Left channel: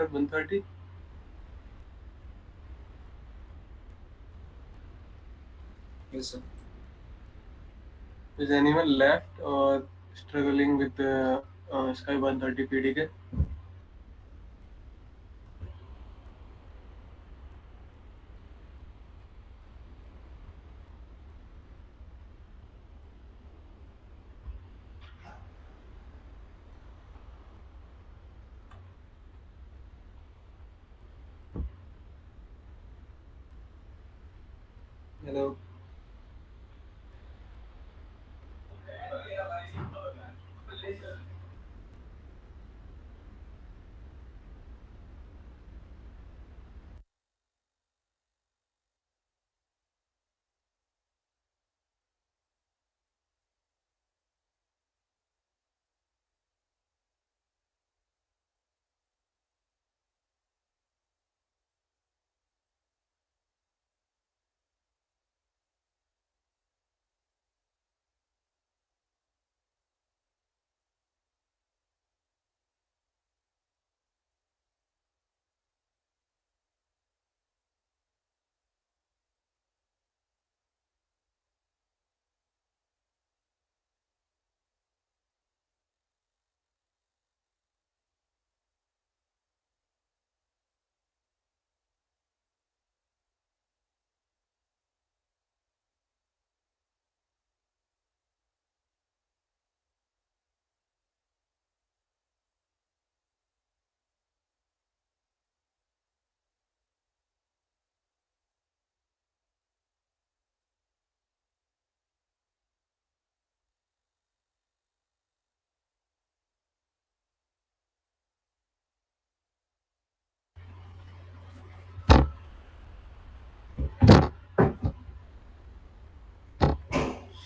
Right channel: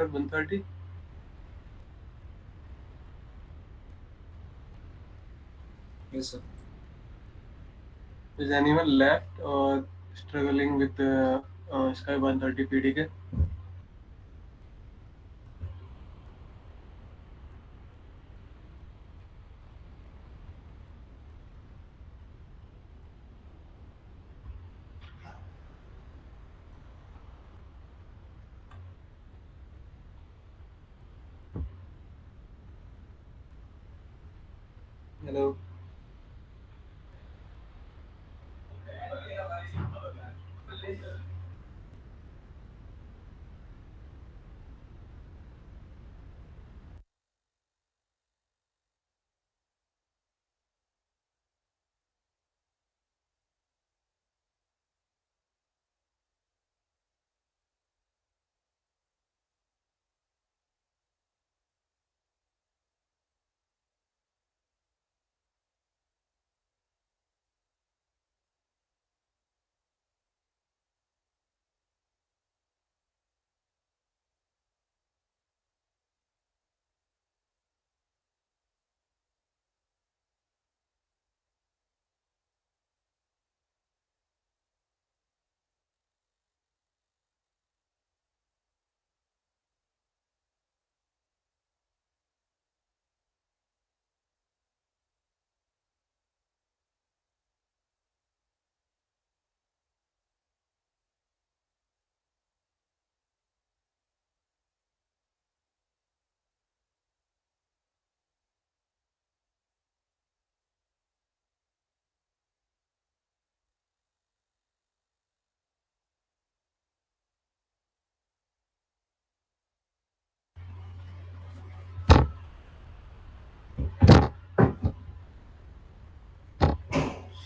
inverter 130? Yes, sir. Is anyone left or struggling with the Sky 130 PDK? Hello.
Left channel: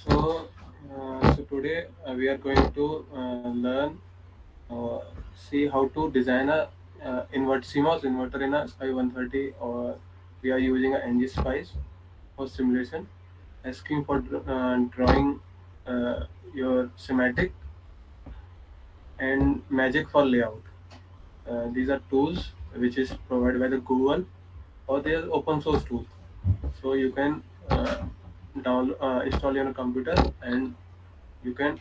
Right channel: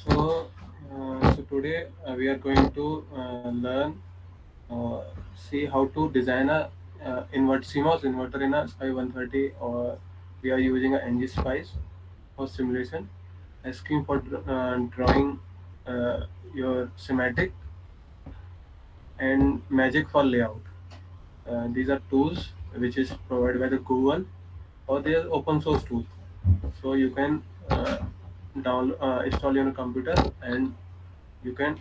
So, so today we are going to learn, uh, see how to design a Cmos inverter in a Sky 130, or we are using a Ngspice for simulation, asking for drawing your schematic, and magic for layout. These are tools which is provided by the Google, or they are open source tools. So you can download, install on your computer, and you can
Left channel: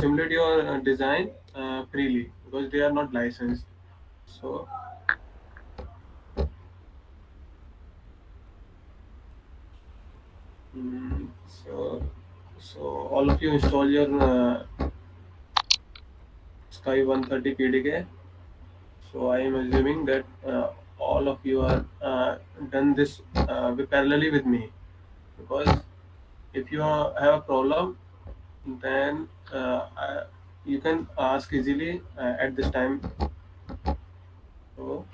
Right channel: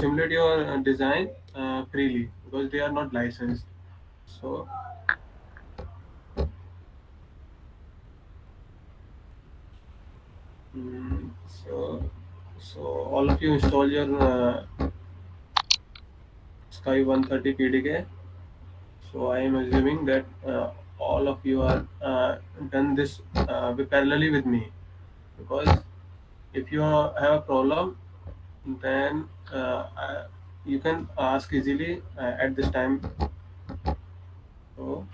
simulate your design freely because they are not licensed. So, so all of you install your Sky 130 PDK. So I am assuming that all of you are done this parallelly with me, because if you have a problem, then you can ask easily at this time. So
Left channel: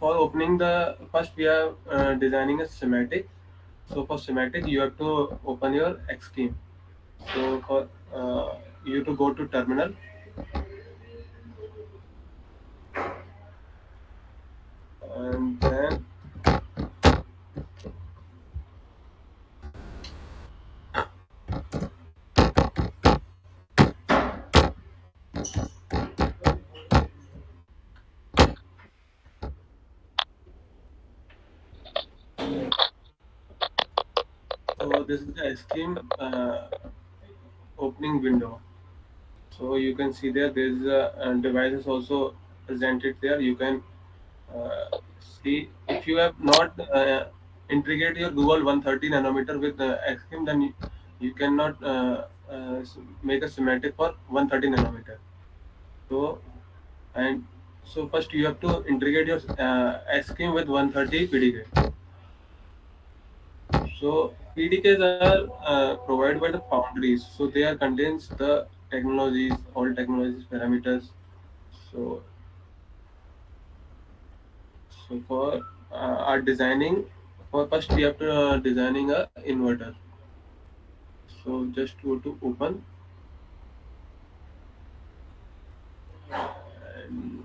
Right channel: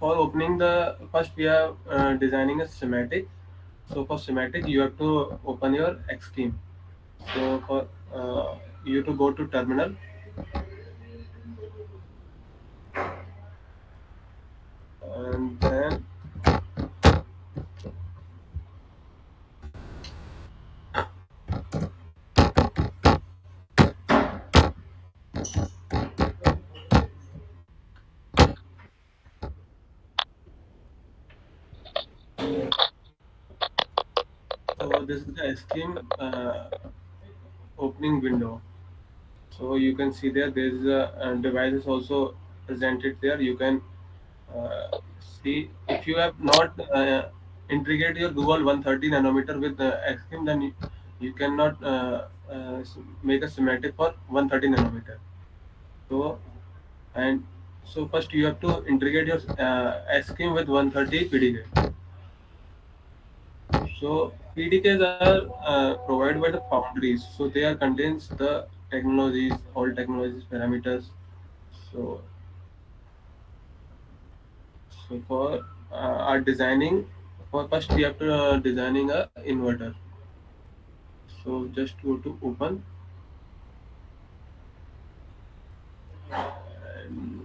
for opening the first, we are designing a schematic. So for schematic, you have to open your Xschem. So for you to go to terminal, and then so this is the Xschem opening window. So you can see there is a devices also presented there. You can uh, see if you have not integrated your Google 130 nanometer with Xschem, then you cannot make a schematic for 130 nanometer. So and so first you have to integrate your Xschem with 130 PDK. So PDKs are provided by the foundries, so they are contains the technologies, all technologies parameters. So so for our designing, for first we have to designing a inverter. So just go to open, and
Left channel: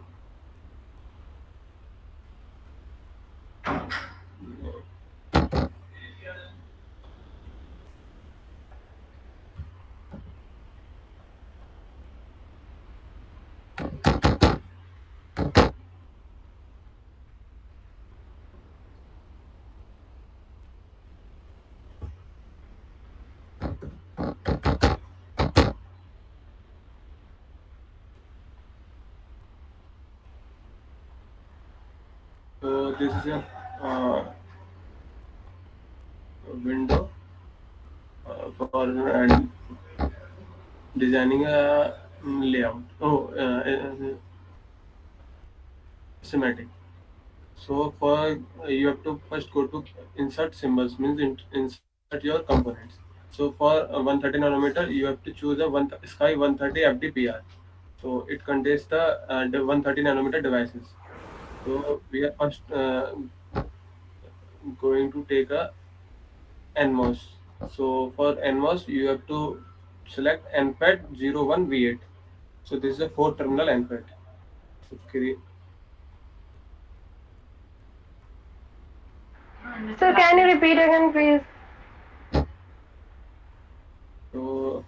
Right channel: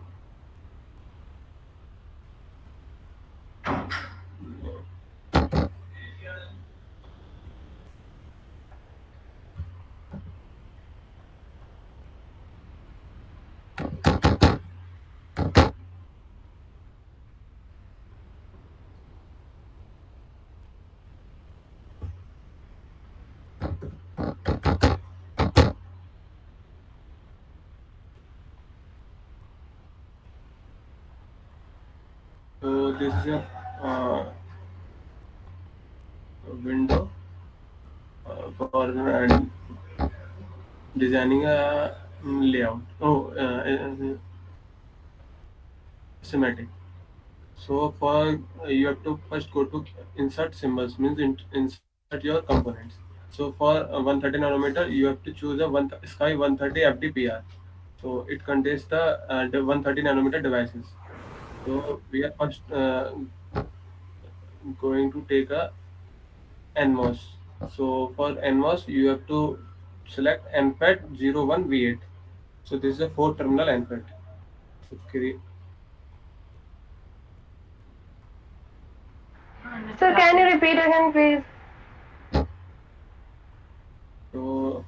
So this is a window for designing a layout. Schematic. So for you have to first go to insert symbols, means insert your components. So for 130 nanometer, you have to choose a Sky 130 FDPR. So it contains the 130 nanometer devices. So we are first going to take a NMOS. So for NMOS, you have to select NFET 01V8. So this is a four terminal NFET. So, So can you repeat again, please? so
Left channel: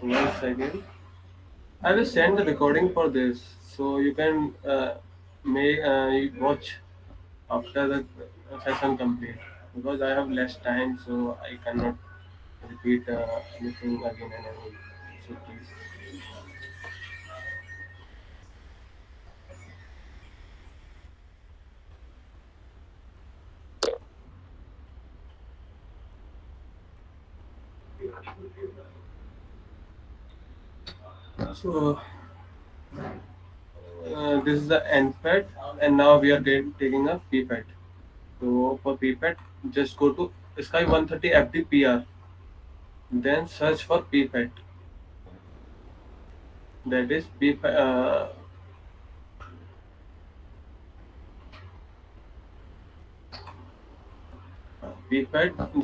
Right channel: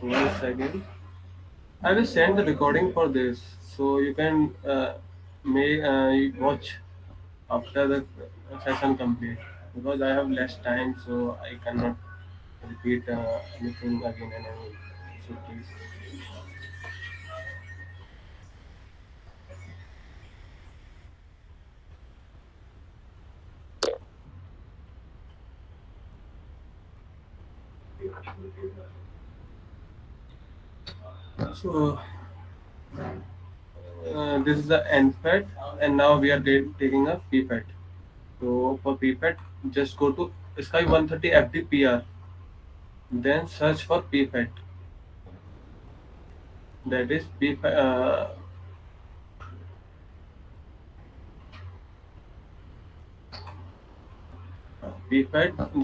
1 second. I will send the recording for this, so you can you watch after the session complete. Because I have less time, so I cannot repeat anything again and again. So please. So this is the NFET, and now we are taking a PFET. So for PFET, just go to Sky 130 FDPR, then search for PFET. That is PFET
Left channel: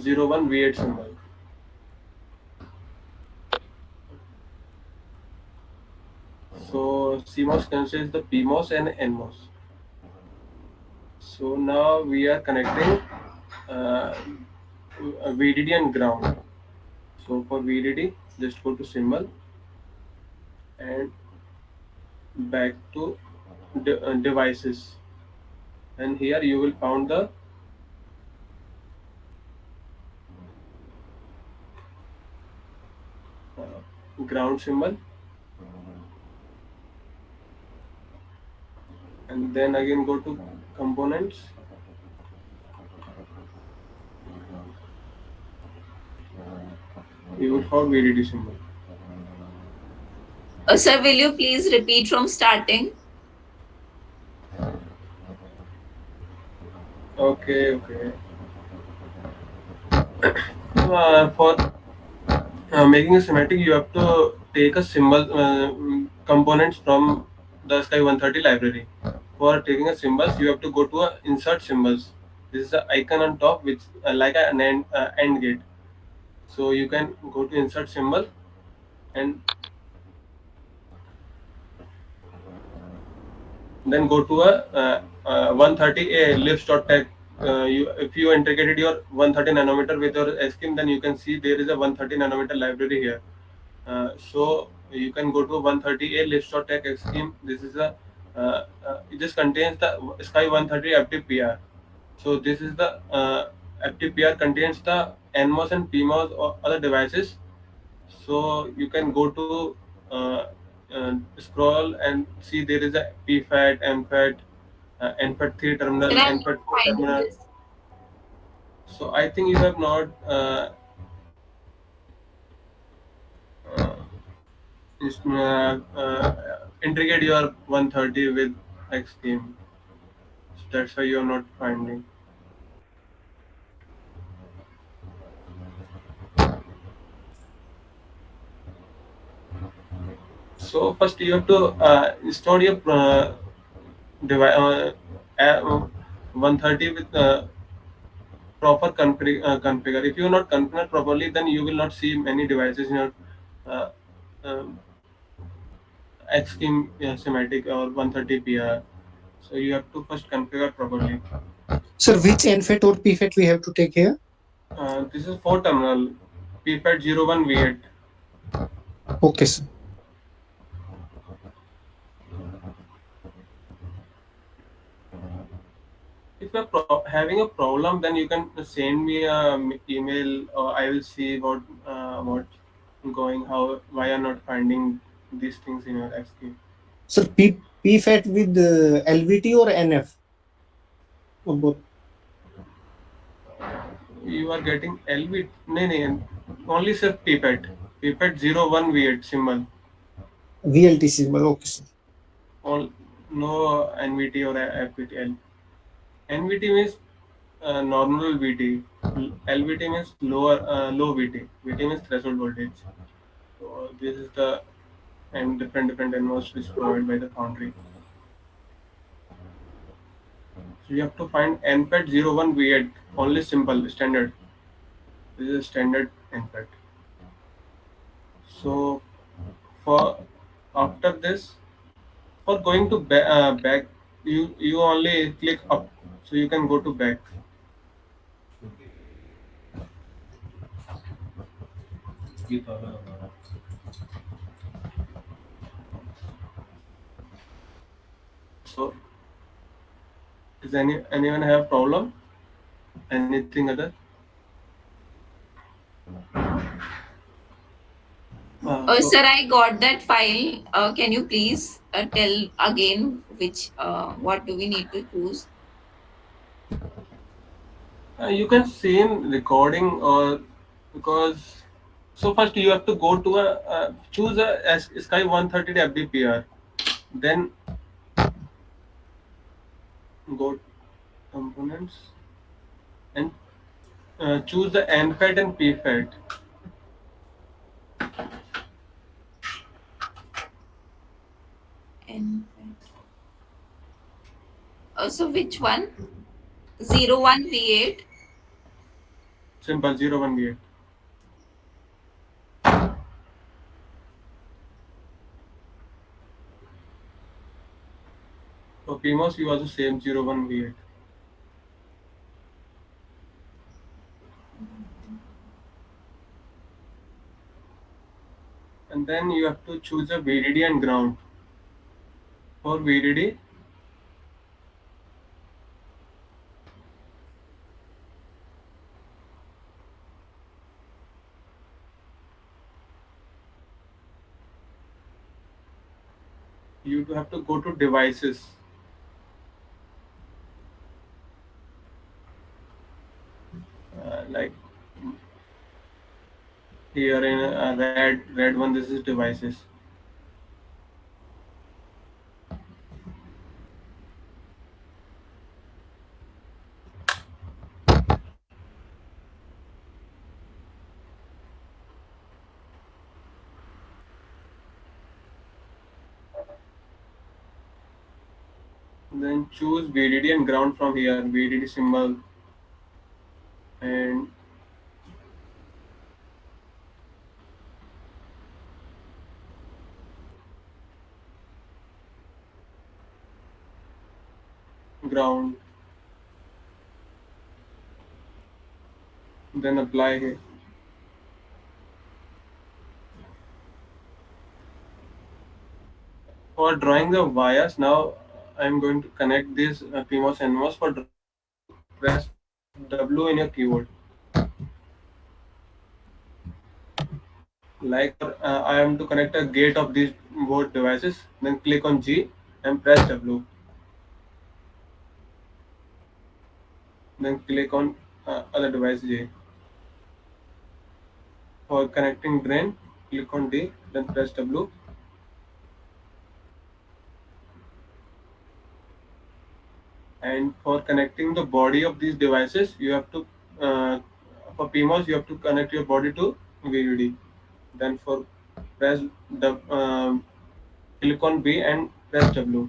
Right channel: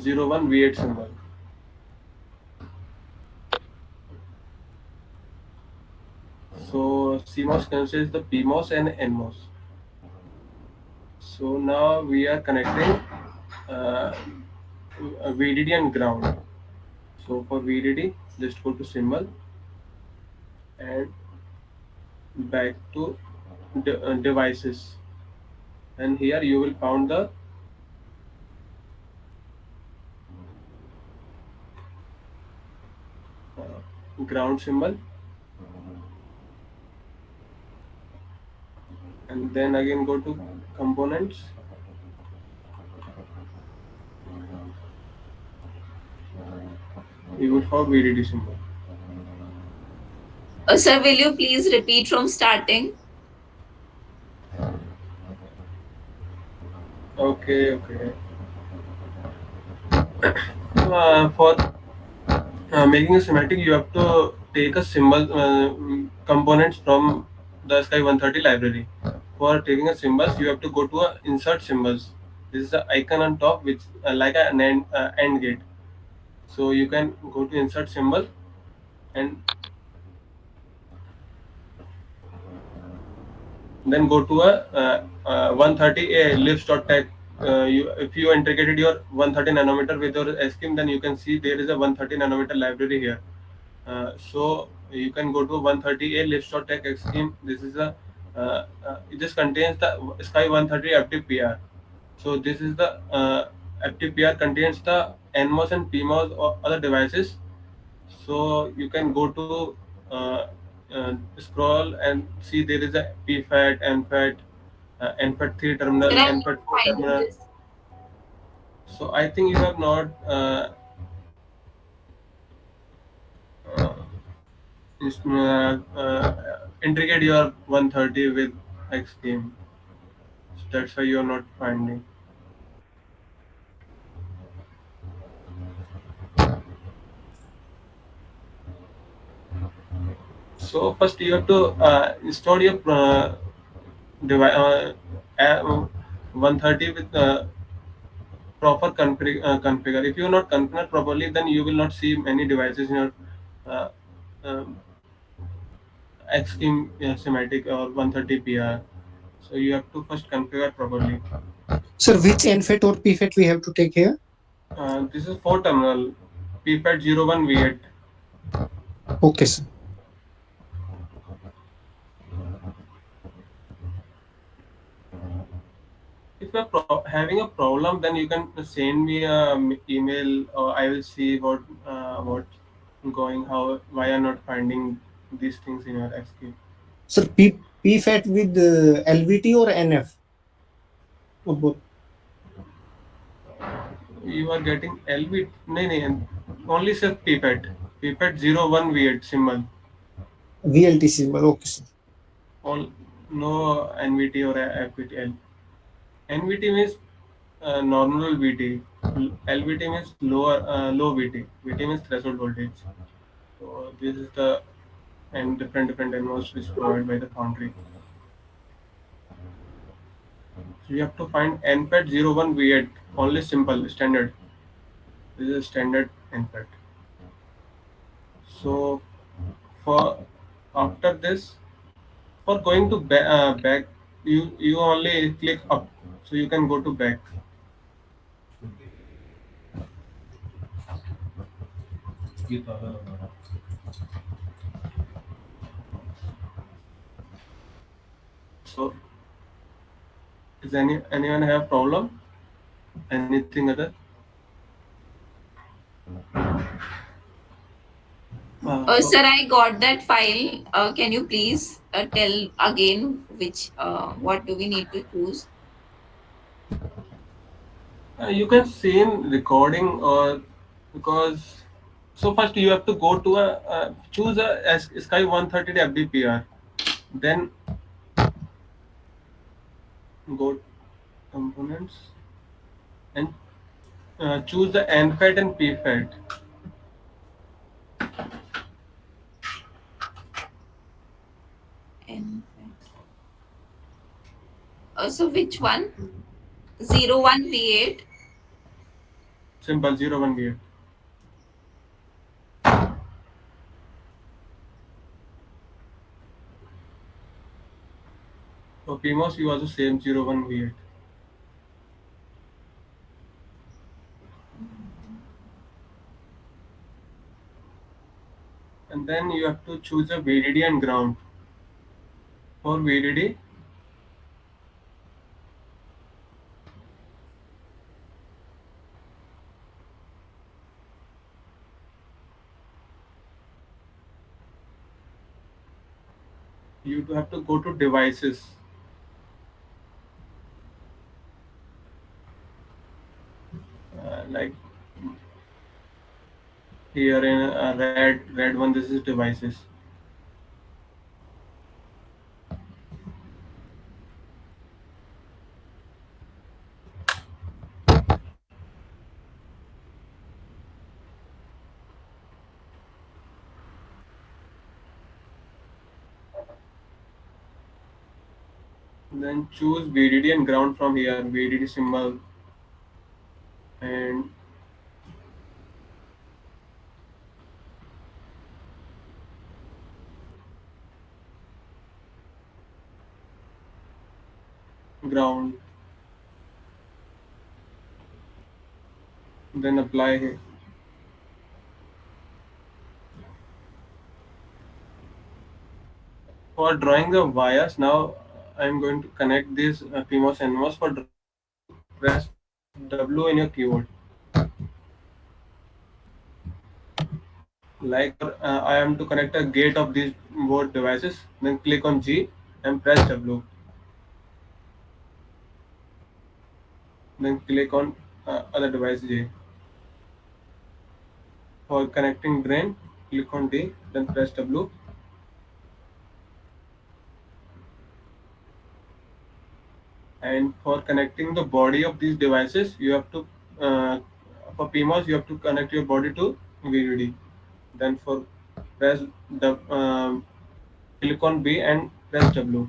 01V8 symbol. So CMOS considers the PMOS and NMOS. So now we are connecting uh, VDD and ground. So for VDD, just go to symbol and back to devices, and here you will found the ground symbol, and then again go to components. You will find VDD symbol. Sir, will you please repeat from starting? Okay, okay. For making a schematic, you have to take a symbol components from the Sky 130 library. For taking a symbols, you have to go to a insert symbols. This is the icon on top, which like an end gate. So you can go to insert symbol and then go to a 130 a lips.tech. If you integrated your 130 nanometer with your scheme, then you can see there is a 130 nanometer library here. So you can go to 130 a lips.tech scheme. This is a it just contains the Sky 130 FTPR. So this is the FTPR contains the NMOS and PMOS or other devices. So you can go to scroll and see there is a PFAT, NFAT, NFAT 3 Sir, terminal, I'm not NFAT 4 finding terminal. this. So I think you have not uh, integrate your 130 with X game. So that's why you are not finding. So first you have to install your device 130 with configure. If you are not configured properly, then you will not see many devices in your uh, um, Xschem schematic or 130 PR. So you have to first configure properly. Sir, which NFET or PFET we have to take here? This is 4 terminal PFAT 01V8. Okay, sir. If you're having a problem, then you can send me a email, or I will see what going how why are not finding these things in your XQ. Sir, P PFET with LVT or NF or both? You are getting LV. No, no, only say pipette. Pipette 01V8 symbol. VLT symbol. Okay, sir. All, no NVT or FVT. NVT means normal VT. LVT means low VT. VT means threshold voltage. So this is the and different NMOS is provided by the foundry. So you have to find NPET 01V8 only simple standard. This is standard NPET. So for after this, for going to back, you only click up, so you can go to back. So is anyone have problem? Anything other? So Sir, I got that file. Can you please tell again which what do we need to choose? you can see in recording or because so first you have to go to a choose a SKY130 FDPR, then go components and choose the NFET and PFET. And so which one? 01V8. Simple 01V8. For PMOS you also same 01V8. And then you have to choose a VDD and ground. For VDD, you have to go to devices. Like here in red one, this is devices. Then choose VDD and ground from here. VDD symbol and ground. Then apply here. For drawing the wires, now I'm going to connect this PMOS and NMOS. For drawing, you have to press W in your keyboard. Like I am to connect a gate of these both devices. Then click on G and press W. Then click on other device J. For connecting drain, click on D. Then press W. And for connecting the body of these devices, you have to for PMOS you have to connect your body to VDD. Then for press the click on B and press W.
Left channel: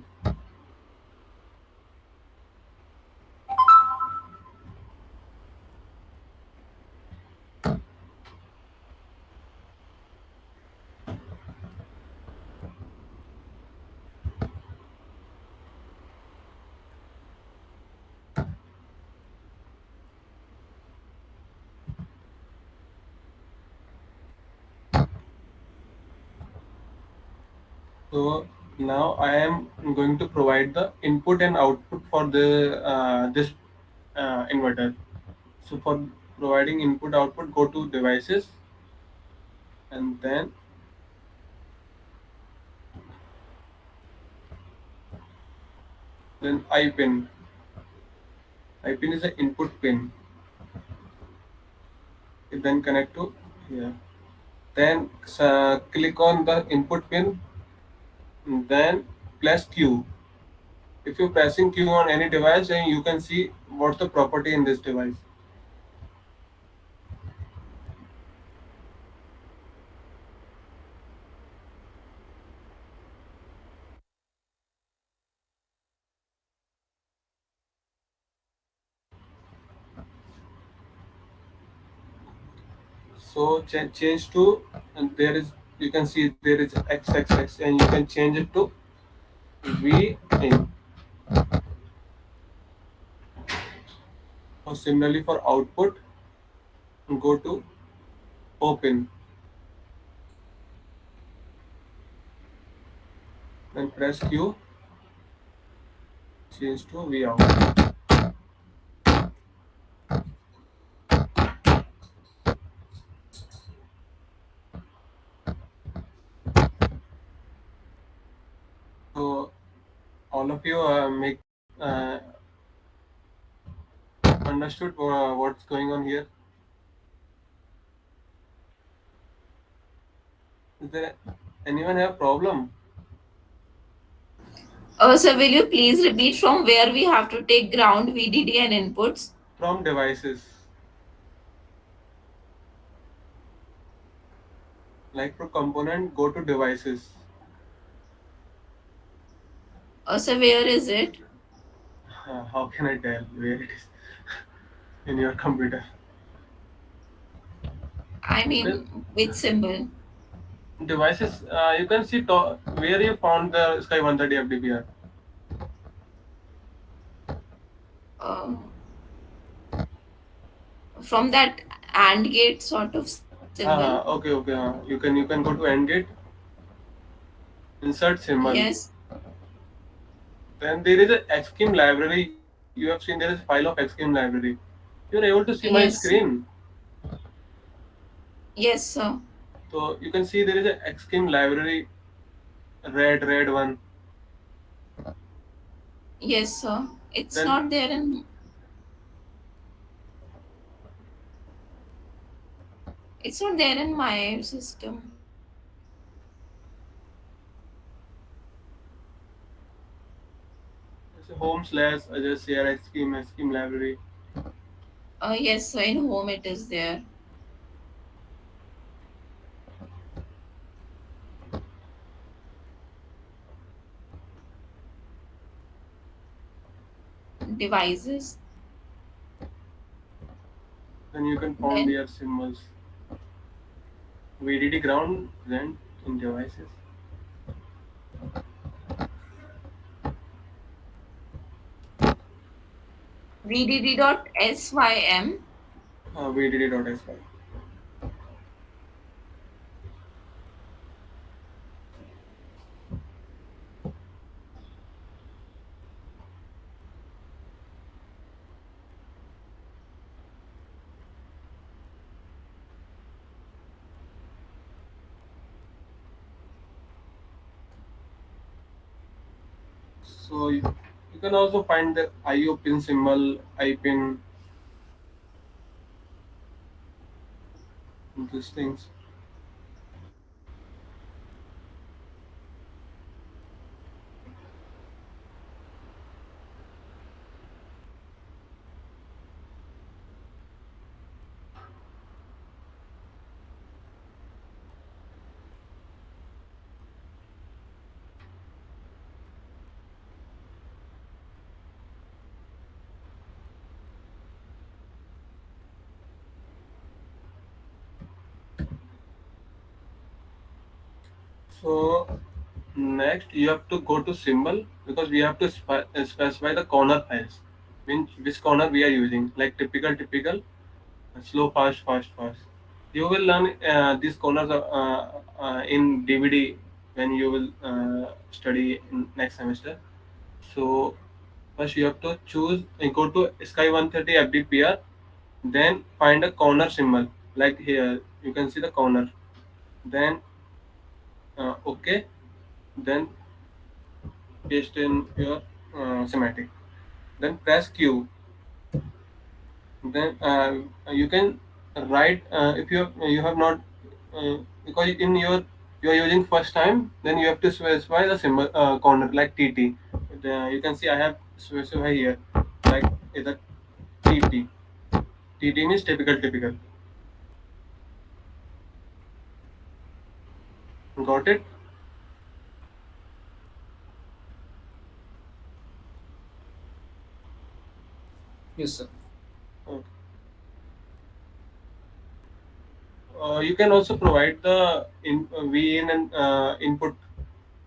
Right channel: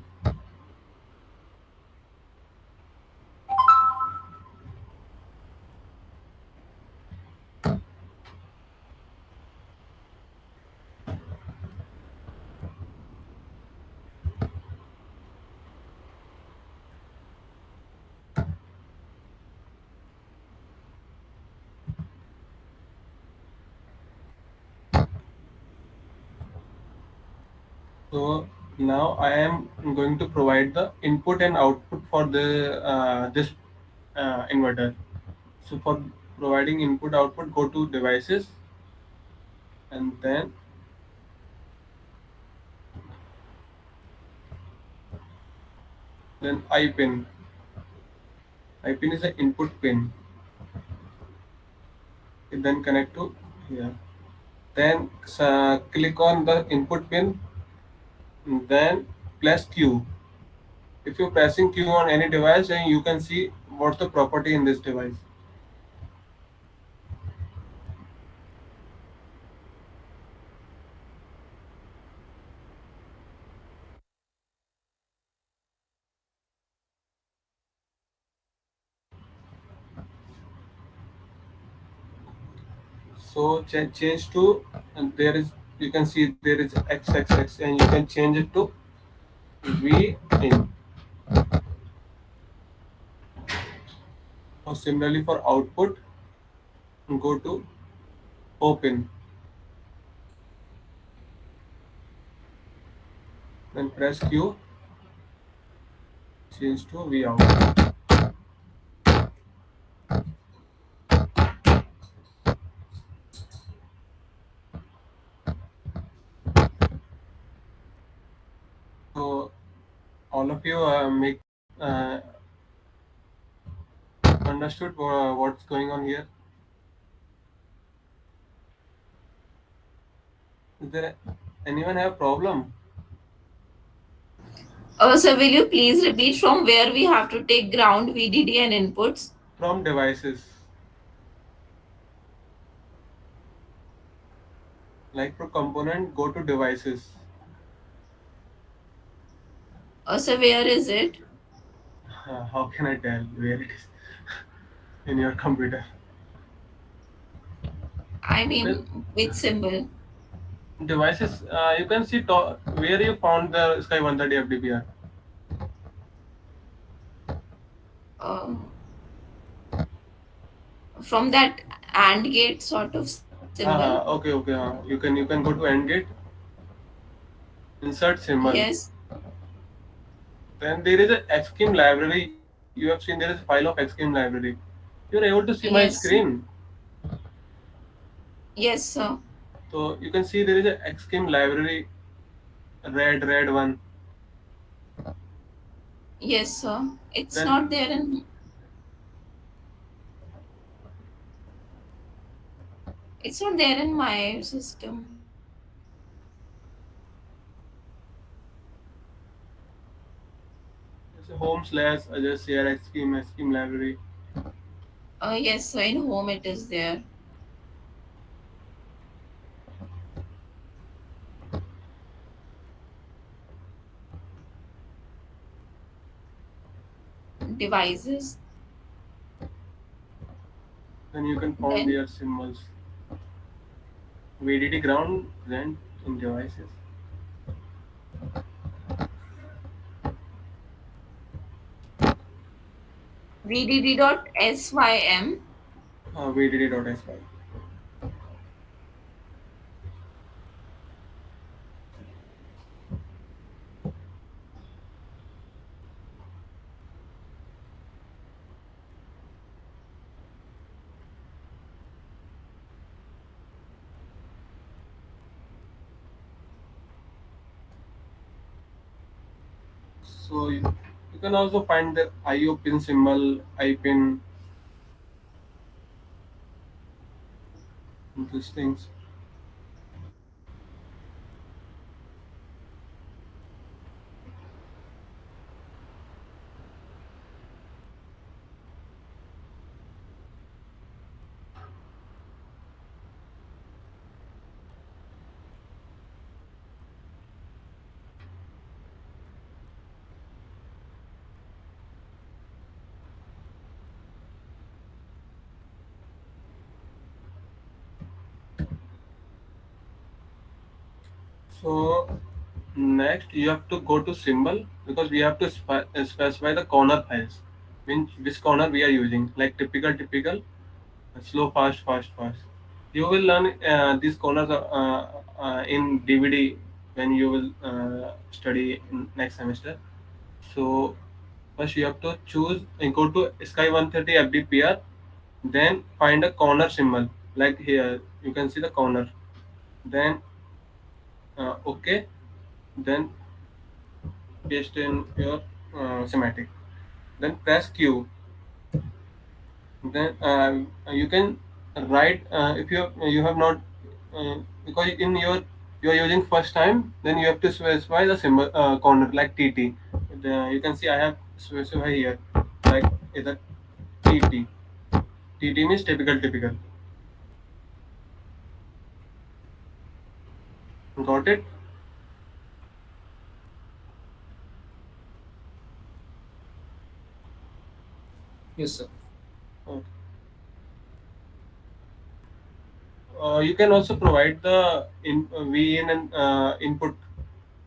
So now I am going to provide the input and output for the this inverter. So for providing input output, go to devices and then Then I pin. I pin is the input pin. You then connect to here. Then click on the input pin. Then press Q. If you're pressing Q on any device, then you can see what's the property in this device. So change to, and there is, you can see there is XXX, and you can change it to V in. Or similarly for output, go to open, then press Q, change to V out. So all of you make understood what's going on here. Is there anyone have problem So will you please repeat from where we have to take ground, VDD, and inputs? from devices? Like for component, go to devices. So where is it? How can I tell where it is in your computer? I Well, mean, which symbol? devices, you can see where you found the Sky 130 FDPR. Uh, from that AND gate sort of symbol. Okay, okay. You can go to end gate, insert symbol. Yes, Then there is a Xschem library. You have seen there is a file of Xschem library. You're able to see my yes, screen. yes, sir. So you can see there is a Xschem library, red one. Yes, sir. It's Then not there in. It's not there in my system. there's a home slash just share Xschem library. Yes, sir. In home it is there. Devices. Then you can find Then their symbols. VDD ground present in devices. VDD.SYM. VDD.SY. So you can also find the IO pin symbol, I pin, these things. So next you have to go to symbol, because we have to specify the corner files. Which corner we are using, like typical, slow, fast. You will learn these corners in DVD when you will study in next semester. So first you have to choose and go to Sky 130 FDPR, then find a corner symbol, like here you can see the corner. Then okay, then paste in here. schematic. Then press Q. Then you can write if you have not because in you are using first time, then you have to specify the symbol corner like TT. You can see I have specified here like either TT. TT means typical. Got it? Yes, sir. Okay. You can also provide the VIN and input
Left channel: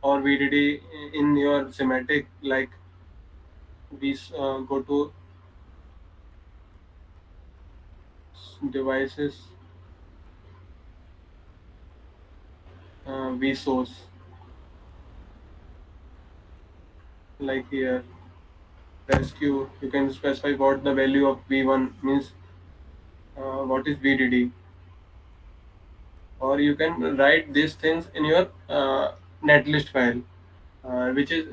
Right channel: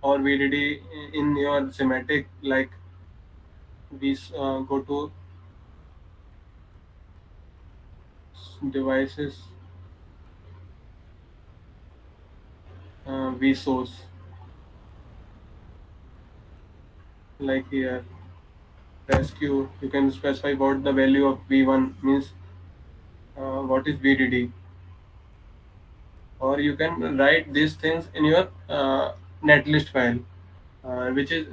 or VDD in your schematic. Like we go to devices, V source, like here. Press Q. You can specify what the value of V1 means. What is VDD, or you can write these things in your netlist file, which is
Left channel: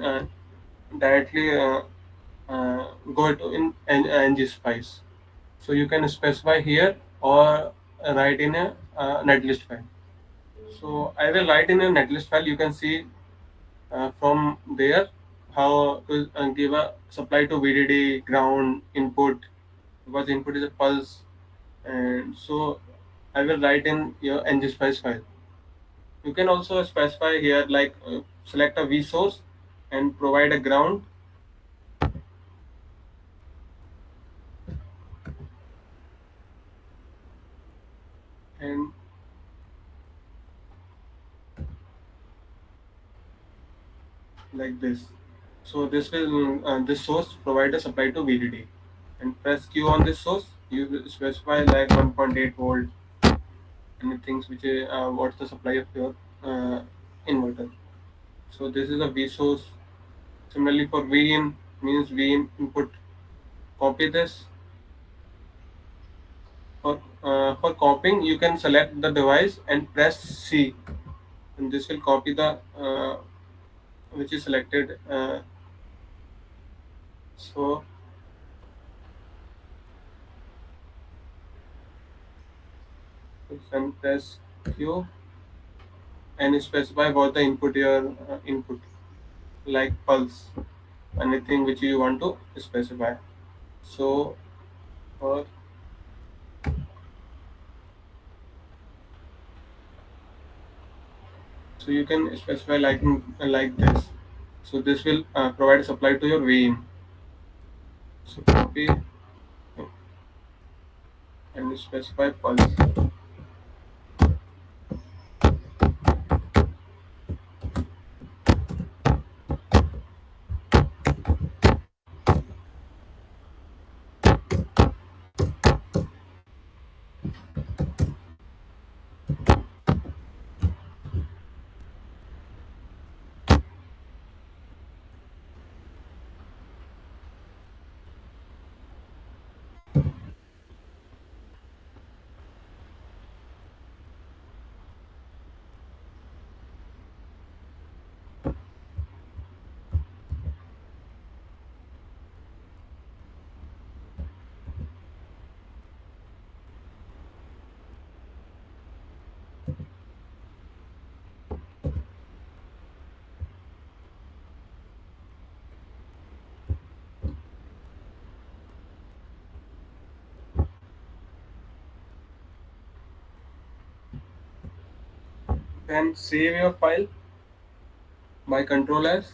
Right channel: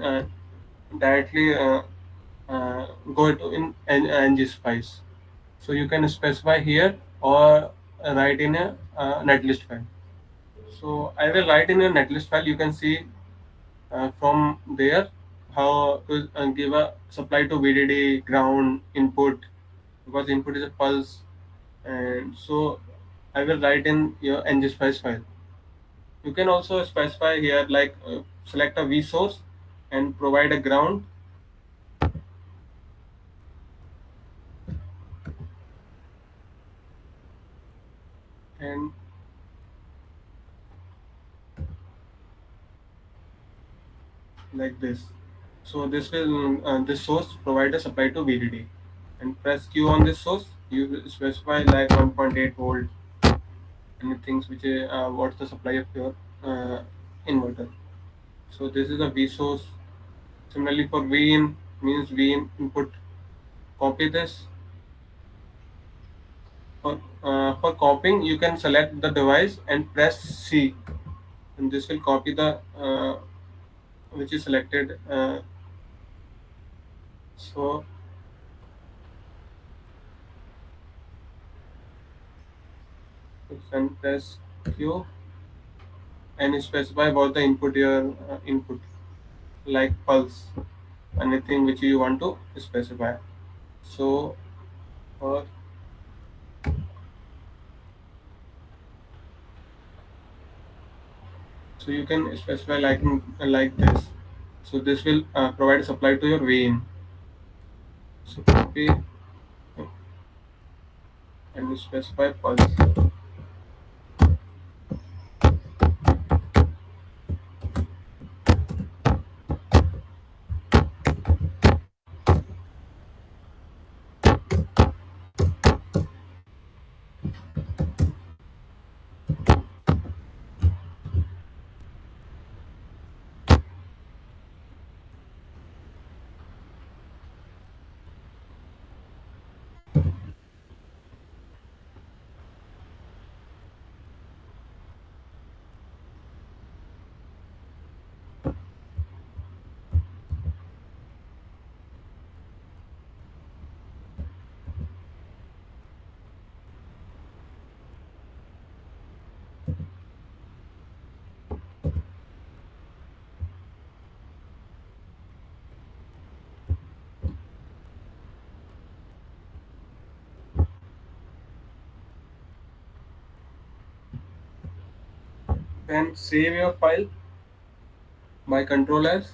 directly go to in Ngspice. So you can specify here or write in a netlist file. So I will write in a netlist file. You can see from there how to give a supply to VDD ground input, because input is a pulse, and so I will write in your Ngspice file. You can also specify here like select a V source and provide a ground, and like this. So this source provide a supply to VDD, and press Q on this source. You will specify like 1.8 volt, anything which is what's the supply of your uh, inverter. So this is a V source. Similarly for V in means V in input. Copy this. For copying, you can select the device and press C, and this will copy the which is selected. So you can press Q and specify what the input your input, like pulse, anything which you want to specify. So or so you can specify like this. So this will provide supply to your VIN. So copy and specify pulse. Then save your file by Control S.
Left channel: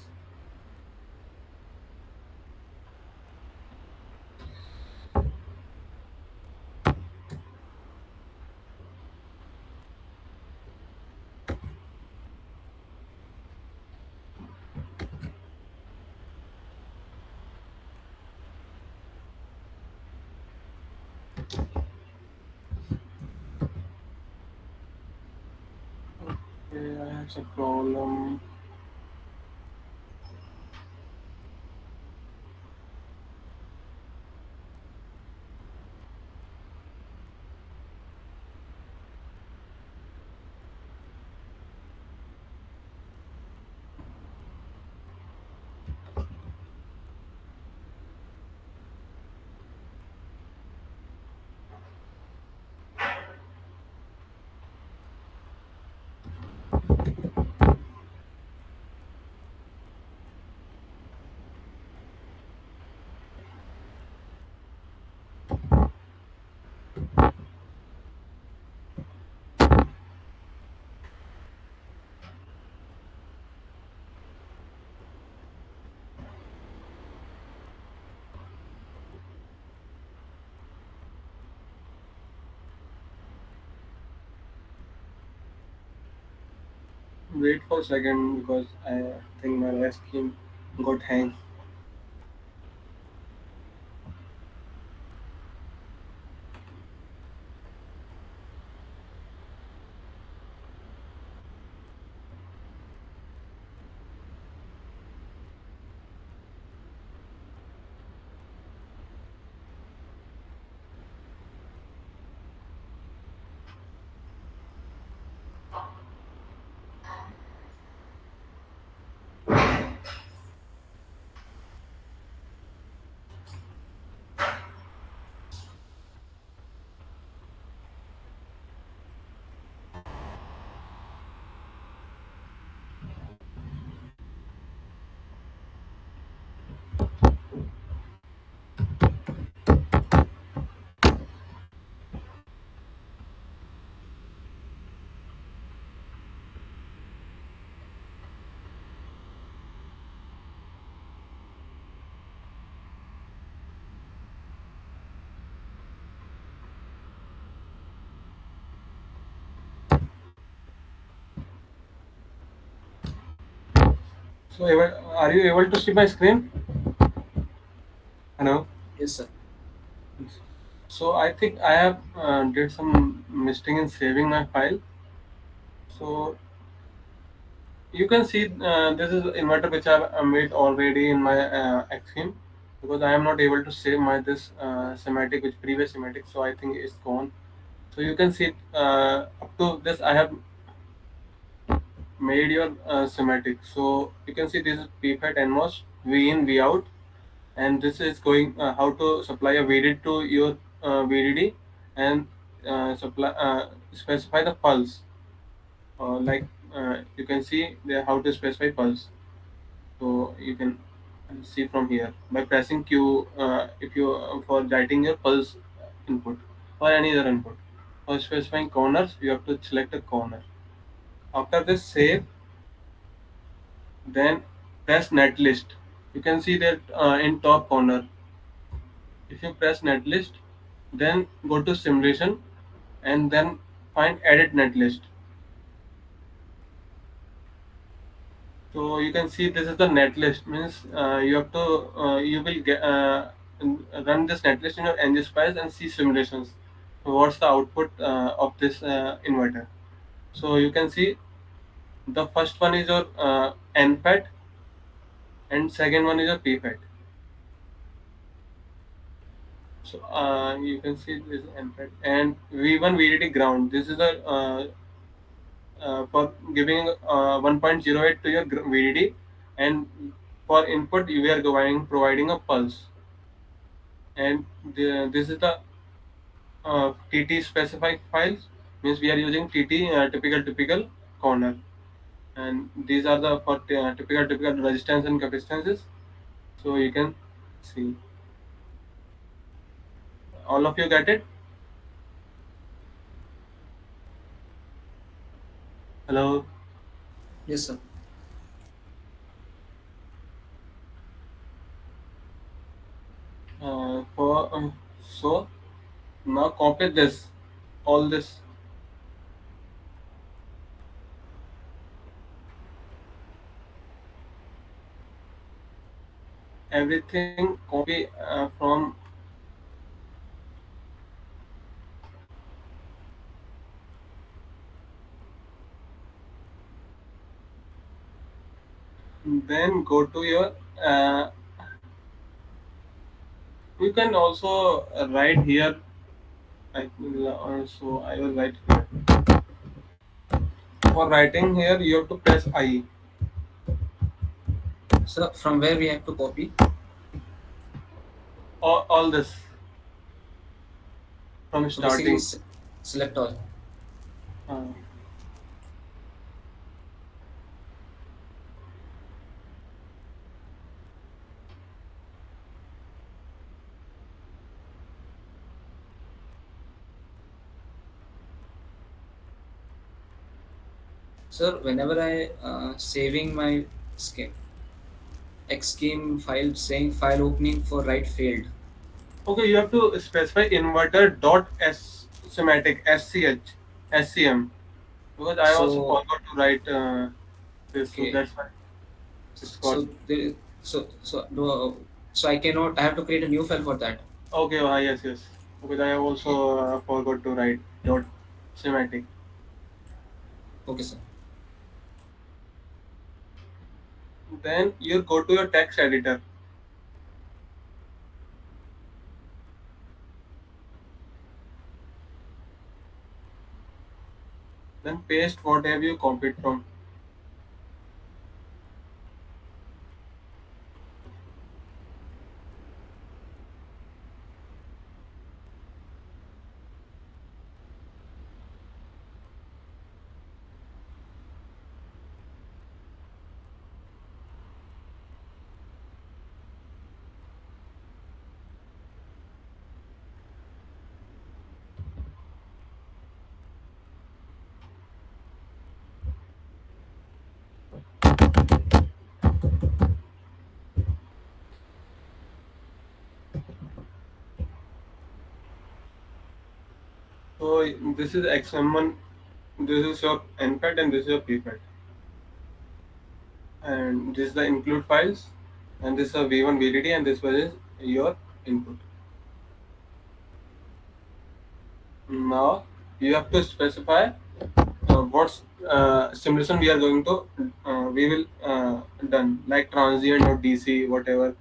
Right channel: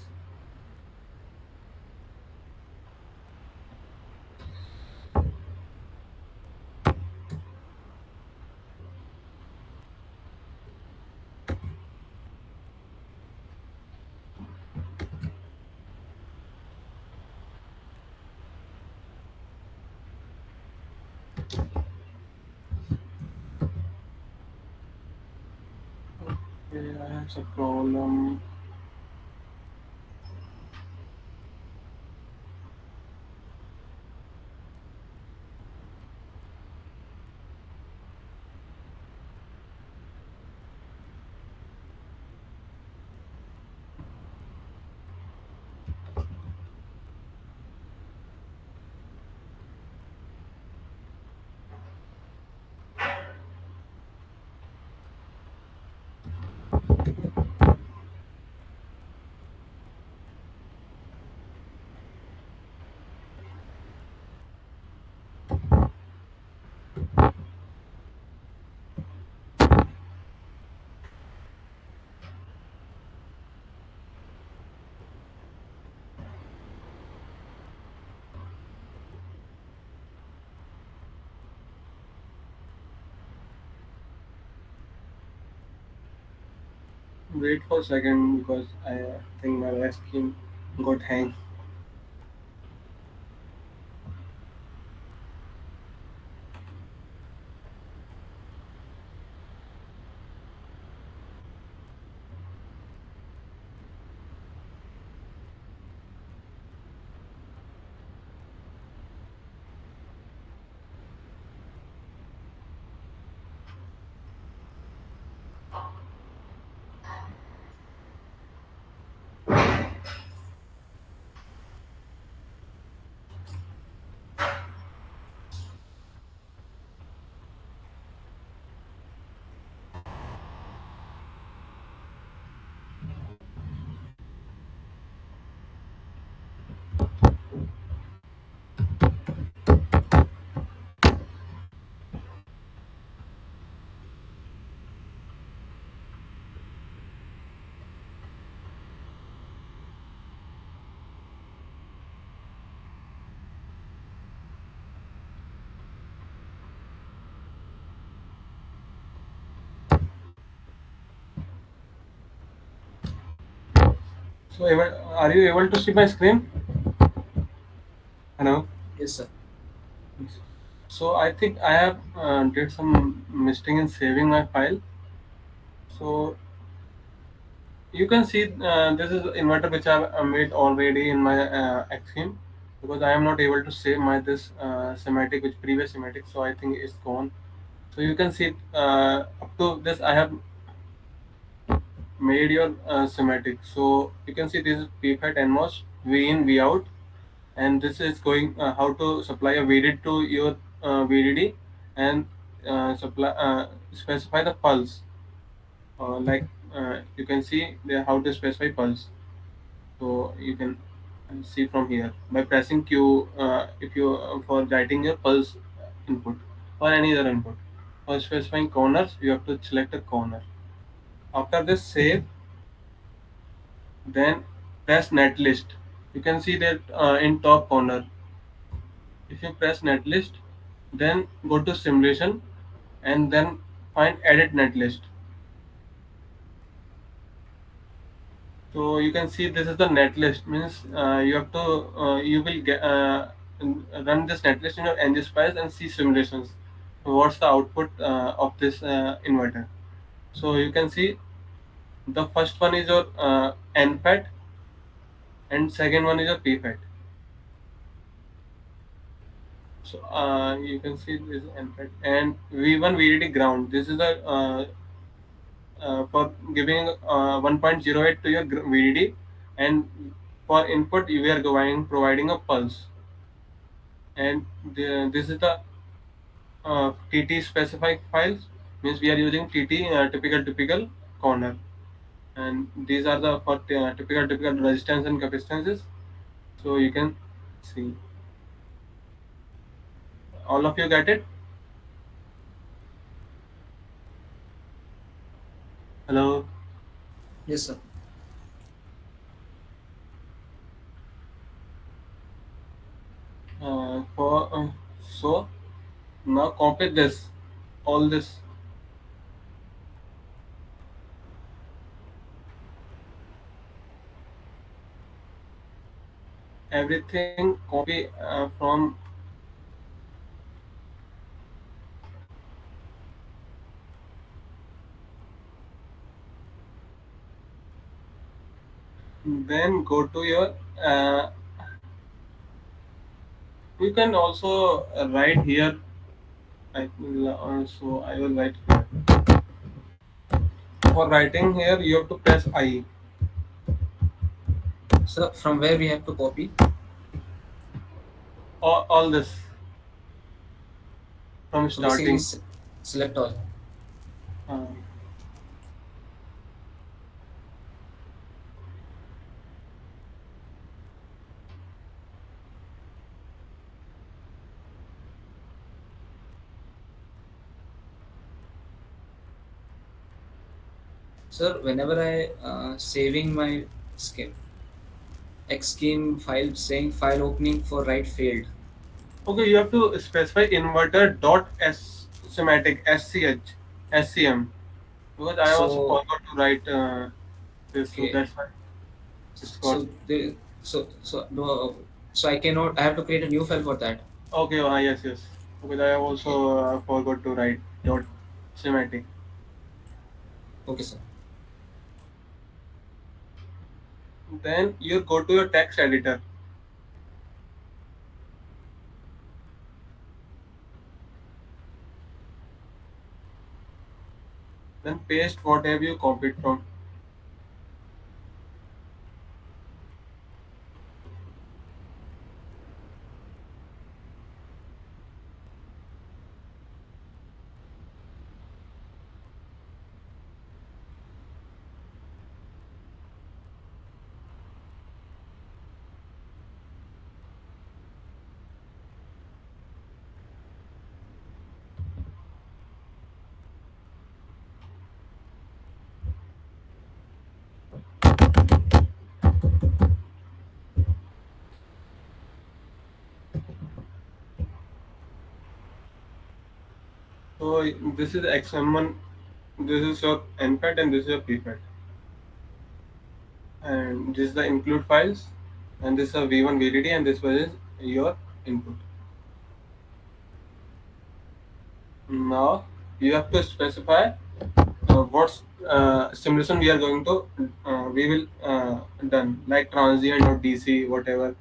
Okay, I have some problem. Wait for a second because I think my last scheme got hang. So, are you able to see my screen? Hello. Yes, sir. So I think I have did some mistake in saving my file. So you can see this is inverter which I have made already in my Xschem, because I am not able to save my this schematic which previous schematic. So I think it's gone. So you can see up to this I have made your schematic. So you can see this is PFAT NMOS V in V out, and this is going how to supply a VDD to your VDD, and supply specify the pulse. Like you can see there how to specify pulse. So you can see from here by pressing Q, if you for writing your pulse input or any other input. For specifying corners, you have to select a corner. After this save, then press netlist. You can see that in top corner. If you press netlist, then go to simulation and then find edit netlist. So you can see this is the netlist, means you have to you will get run this netlist in your Ngspice and see simulations. What's the output of this inverter? So you can see the first one is your NFET and second one is your PFET. So you can see this is NFET and V1 VDD ground. This is the for giving 1.08 to your VDD, and for input we are providing a pulse, and this is the TT specified files, means we are using TT typical corner, and these are the for typical resistance and capacitances. So you can see, all of you get it. Hello. Yes, sir. For so now copy this, all this, everything copy from, then go to your uh, you can also write here. I will write here. For writing here you have to press I. Sir, from where we have to copy? All this from So basically, starting. select all. uh, Sir, whenever I saving my scheme, Xschem file saying file opening for write failed. okay, you have to specify inverter dot s schematic SCH SCM, because I also So forgot to write. this, so Okay. that's why it's got. So the so no, so I cannot. I have to create a new file for that. Okay, yes, yes. Because I have Okay. also forgot to write dot schematic. Okay, sir. Then you go to your text editor. Then paste whatever you copied from. So this is XM1, this is your NFAT, and this is your PFAT. And this is the include files, and this is a V1 VDD, and this one is your input. Now you have to specify what simulation we are going to we will done, like transient or DC, whatever.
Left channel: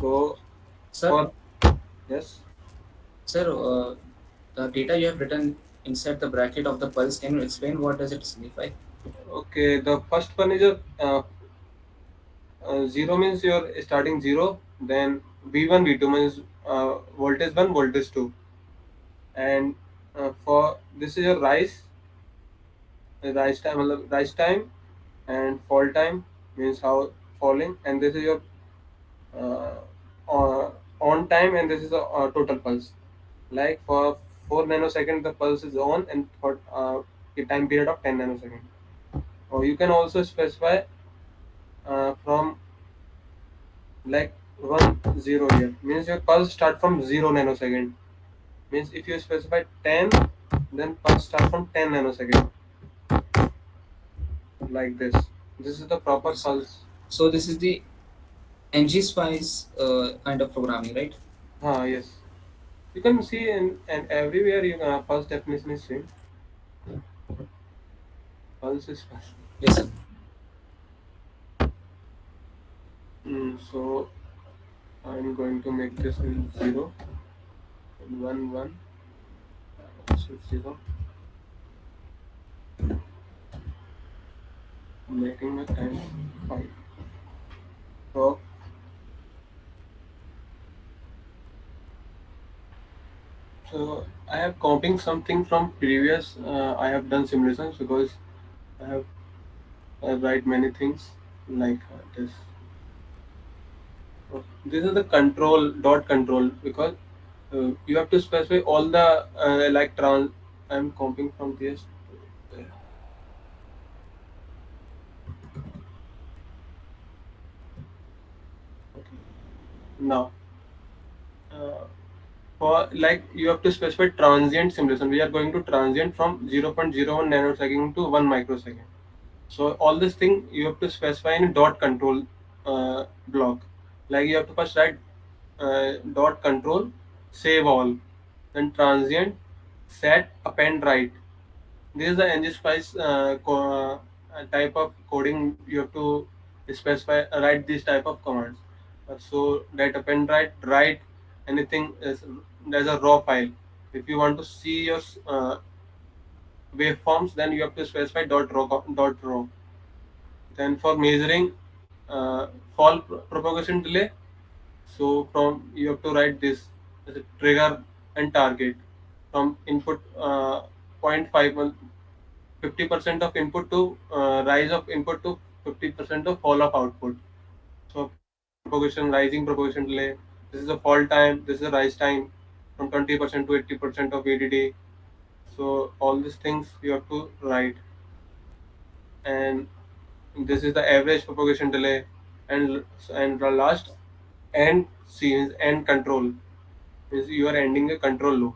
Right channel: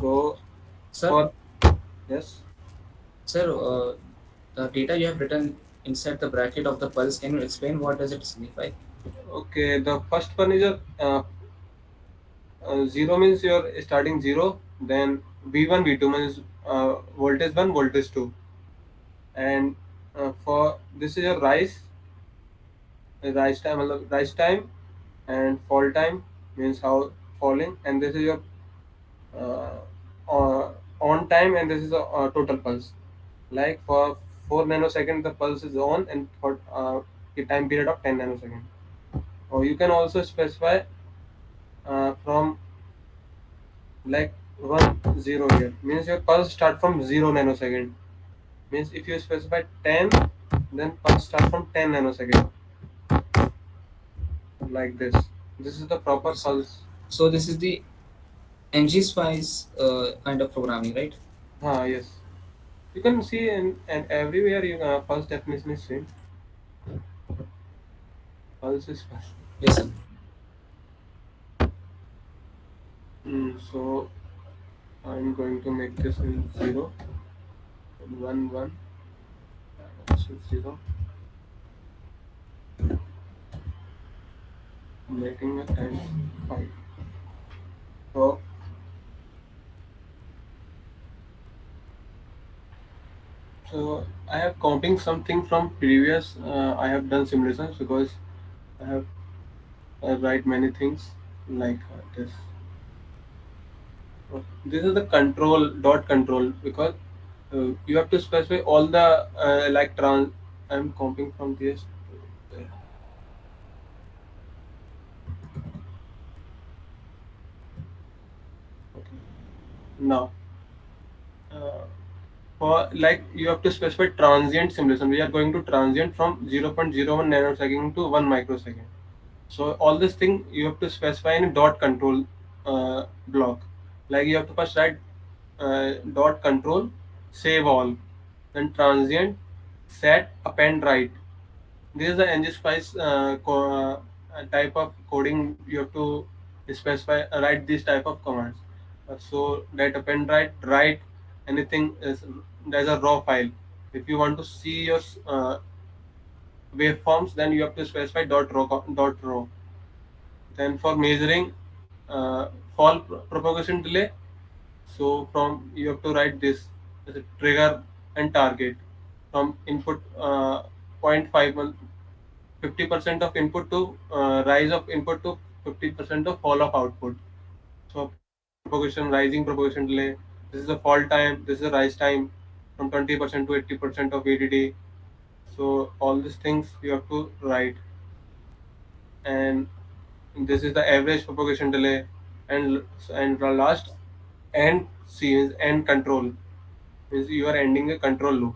So Sir, for yes. sir, the data you have written inside the bracket of the pulse. Can you explain what does it signify? Okay, the first one is a zero means you're starting zero. Then V1 V2 means voltage 1 voltage 2, and for this is your rise time, rise time, and fall time means how falling, and this is your uh, on time, and this is a total pulse. Like for 4 nanosecond the pulse is on, and for a time period of 10 nanosecond. Or you can also specify from like 1 0 here, means your pulse start from 0 nanosecond. Means if you specify 10, then pulse start from 10 nanosecond, like this. This is the proper Okay, sir. pulse. So this is the Ngspice kind of programming, right? Yes. You can see in and everywhere you pulse definition is same. Pulse is fast. Yes, sir. So I'm going to make this in 0 and 1 1. So 0, making a time 5. So so I have copying something from previous. I have done simulations because I have write many things like this. This is the control dot control, because you have to specify all the like trans. I'm copying from this. Okay. Now, uh, for like you have to specify transient simulation. We are going to transient from 0.01 nanosecond to 1 microsecond. So all this thing you have to specify in a dot control block. Like you have to first write dot control, save all, then transient, set, append, write. This is the Ngspice type of coding. You have to specify write this type of commands. So that append, write anything is there's a raw file. If you want to see your waveforms, then you have to specify dot raw. Then for measuring fall propagation delay, so from you have to write this as a trigger and target from input 0.5 50% of input to rise of input to 50% of fall of output. So propagation, rising propagation delay. This is the fall time. This is the rise time from 20% to 80% of VDD. So all these things you have to write, and this is the average propagation delay, and the last end C is end control, means you are ending a control loop.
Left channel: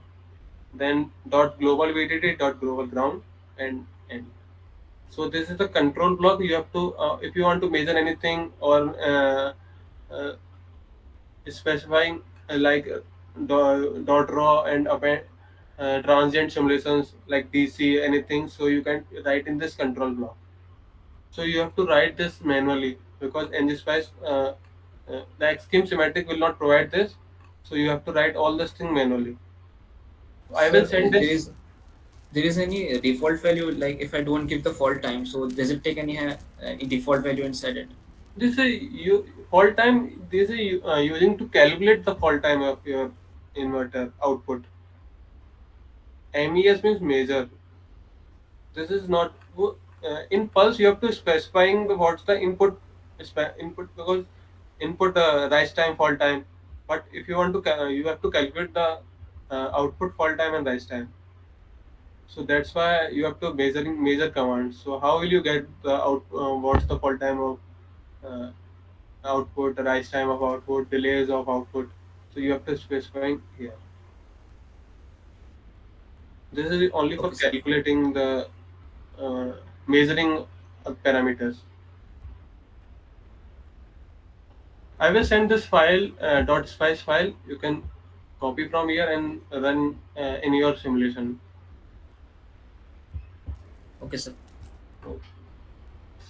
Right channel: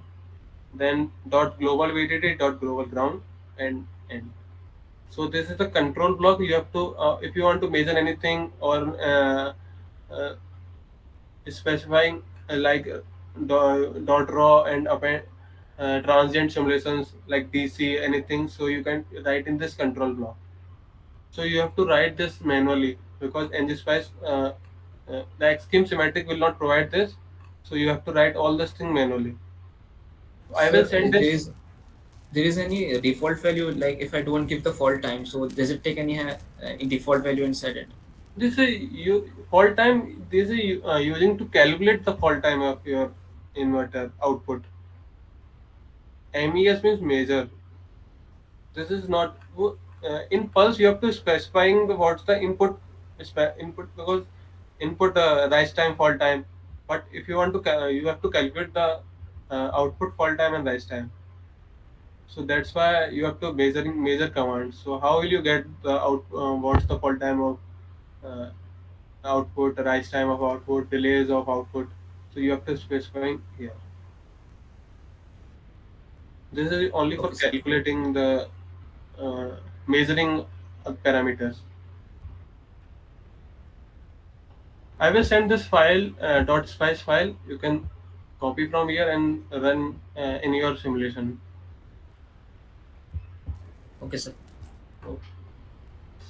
Then dot global VDD dot global ground and end. So this is the control block. You have to if you want to measure anything or uh, specifying dot raw and append transient simulations like DC anything, so you can write in this control block. So you have to write this manually because Ngspice the Xschem schematic will not provide this, so you have to write all this thing manually. I Sir, will send this. there is any default value, like if I don't give the fault time, so does it take any default value inside it? This is you fault time. This is using to calculate the fault time of your inverter output. MES means measure. This is not in pulse. You have to specifying the what's the input input because input rise time fault time. But if you want to you have to calculate the output fault time and rise time. So that's why you have to measuring measure commands. So how will you get the out what's the fault time of uh, output, the rise time of output, delays of output. So you have to specifying here. This is only for Okay, sir. calculating the uh, measuring parameters. I will send this file .spice file. You can copy from here and run in your simulation. Okay, sir. Okay.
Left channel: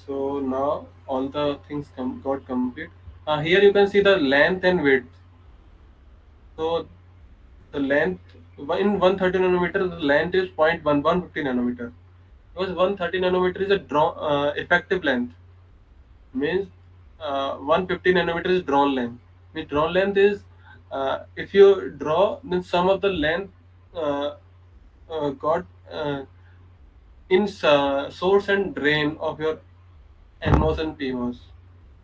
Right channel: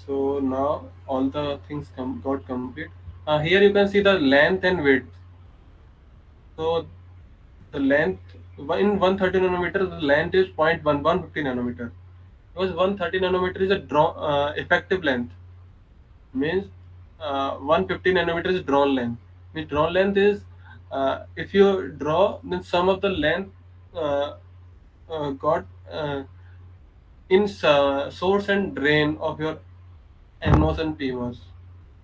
So now all the things got complete. Here you can see the length and width. So the length in 130 nanometer, the length is 0.1150 nanometer. Because 130 nanometer is a effective length, means 150 nanometer is drawn length. Means drawn length is if you draw, then some of the length uh, got in source and drain of your NMOS and PMOS.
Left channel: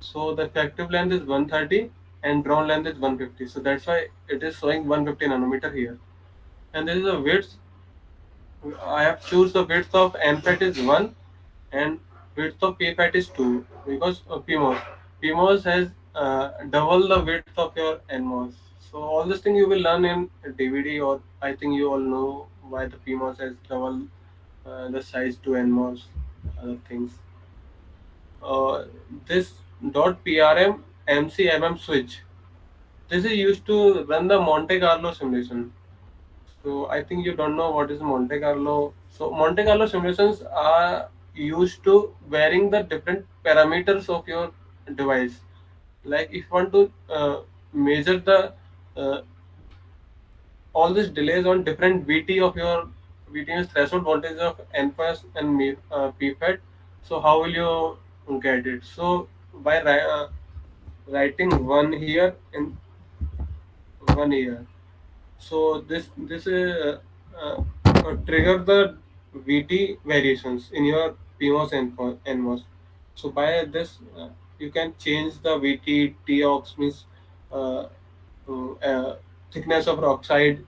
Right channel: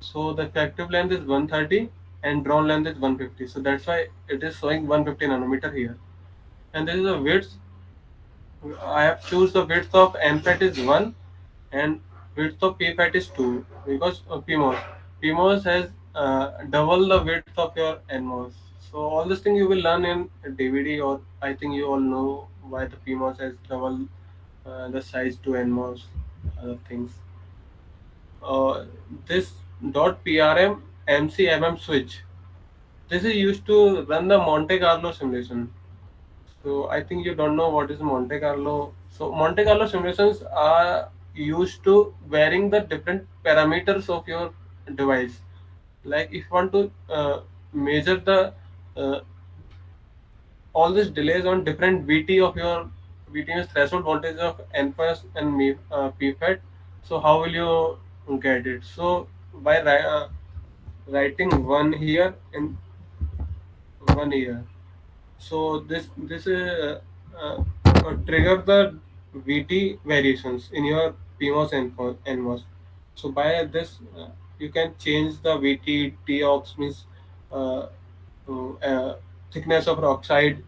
So the effective length is 130 and drawn length is 150. So that's why it is showing 150 nanometer here. And this is a width. I have choose the width of NFET is 1 and width of PFAT is 2 because of PMOS. PMOS has double the width of your NMOS. So all this thing you will learn in DVD, or I think you all know why the PMOS has double the size to NMOS, other things. Uh, this .PRM MCMM switch. This is used to run the Monte Carlo simulation. So I think you don't know what is Monte Carlo. So Monte Carlo simulations are used to varying the different parameters of your device. Like if you want to measure the uh, all these delays on different VT of your VT means threshold voltage of NFS and PFET. So how will you get it? So by writing one here and one here. So this trigger the VT variations in your PMOS and NMOS. So by this you can change the VT TOX means uh, thickness of oxide,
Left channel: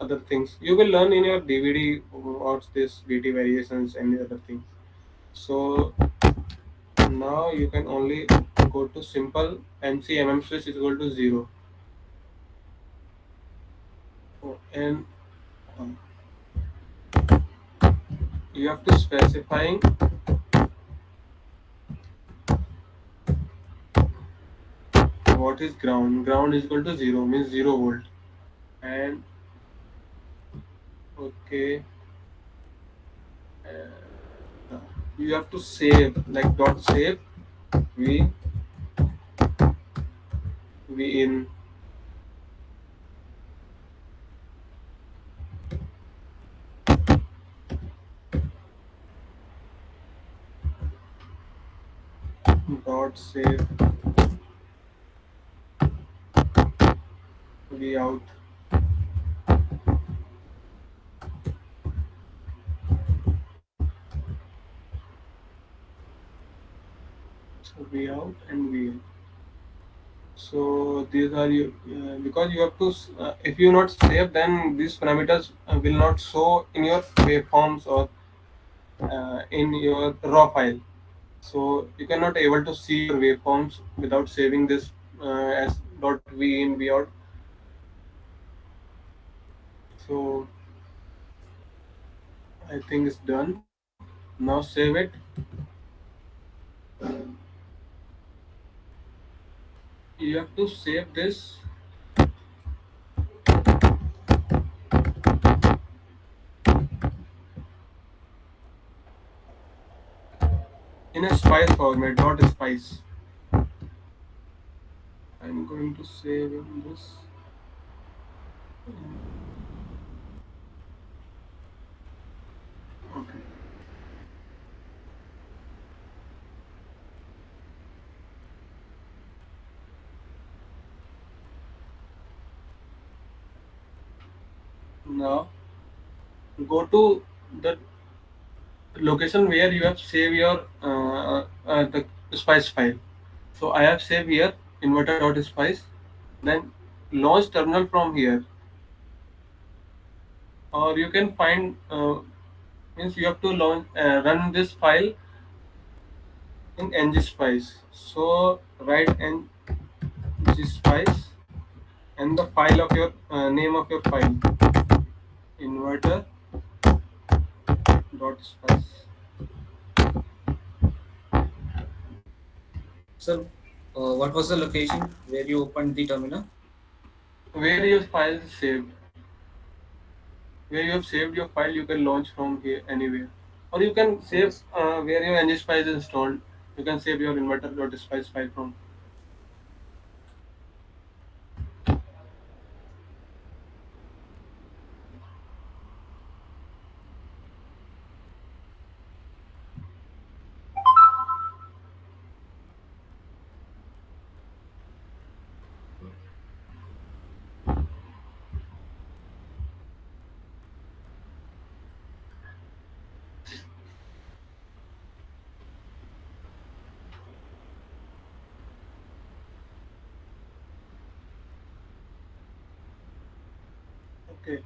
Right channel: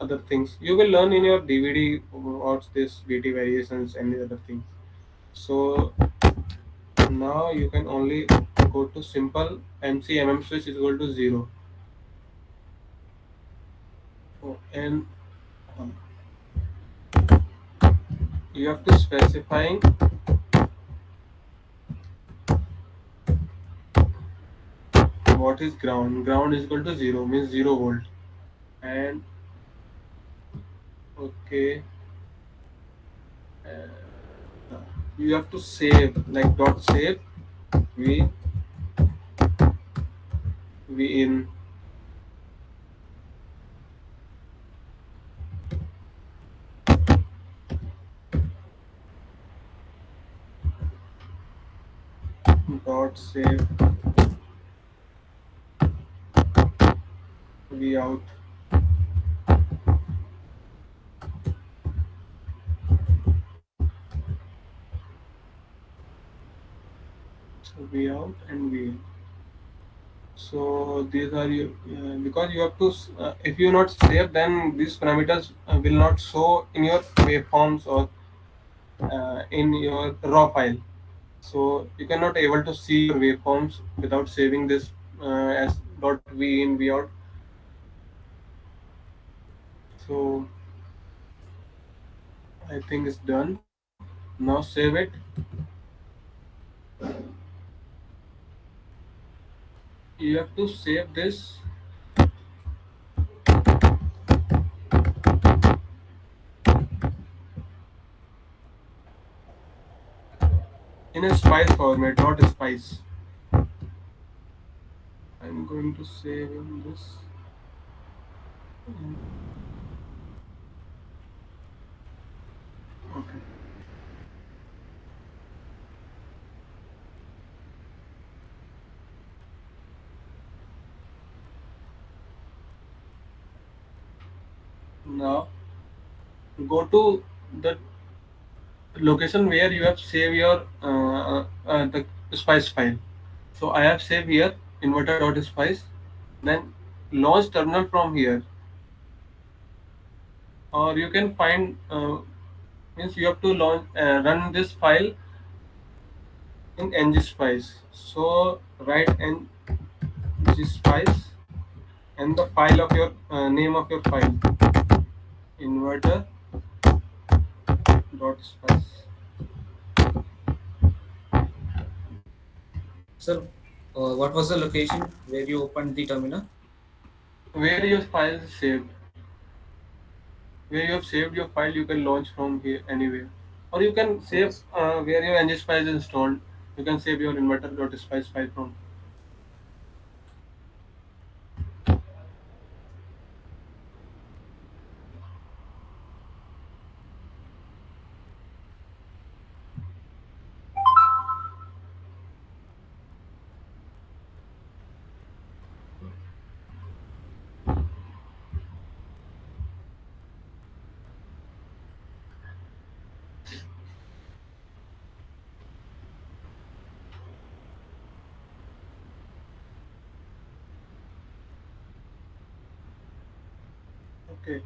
other things. You will learn in your DVD what's this VT variations and other things. So now you can only go to simple MCMM switch is equal to 0. Oh, and uh, you have to specifying what is ground. Ground is equal to 0 means 0 volt. And okay, uh, you have to save like dot save v v in dot save v out v out and v in. So these are you because you have to if you not save, then these parameters will not show in your waveforms or in your raw file. So you cannot able to see your waveforms without saving this as dot v in v out. So I think it's done. Now save it. You have to save this in a spice format, not a spice. I'm going to save in this. Okay. Now go to the location where you have saved your the spice file. So I have saved here inverter.spice. Then launch terminal from here, or you can find means you have to launch run this file in Ngspice. So write Ngspice and the file of your name of your file inverter.spice. Sir, what was the location where you opened the terminal? Where your file is saved, where you have saved your file, you can launch from here anywhere, or you can save Yes. where your Ngspice is installed. You can save your inverter.spice file from. Okay.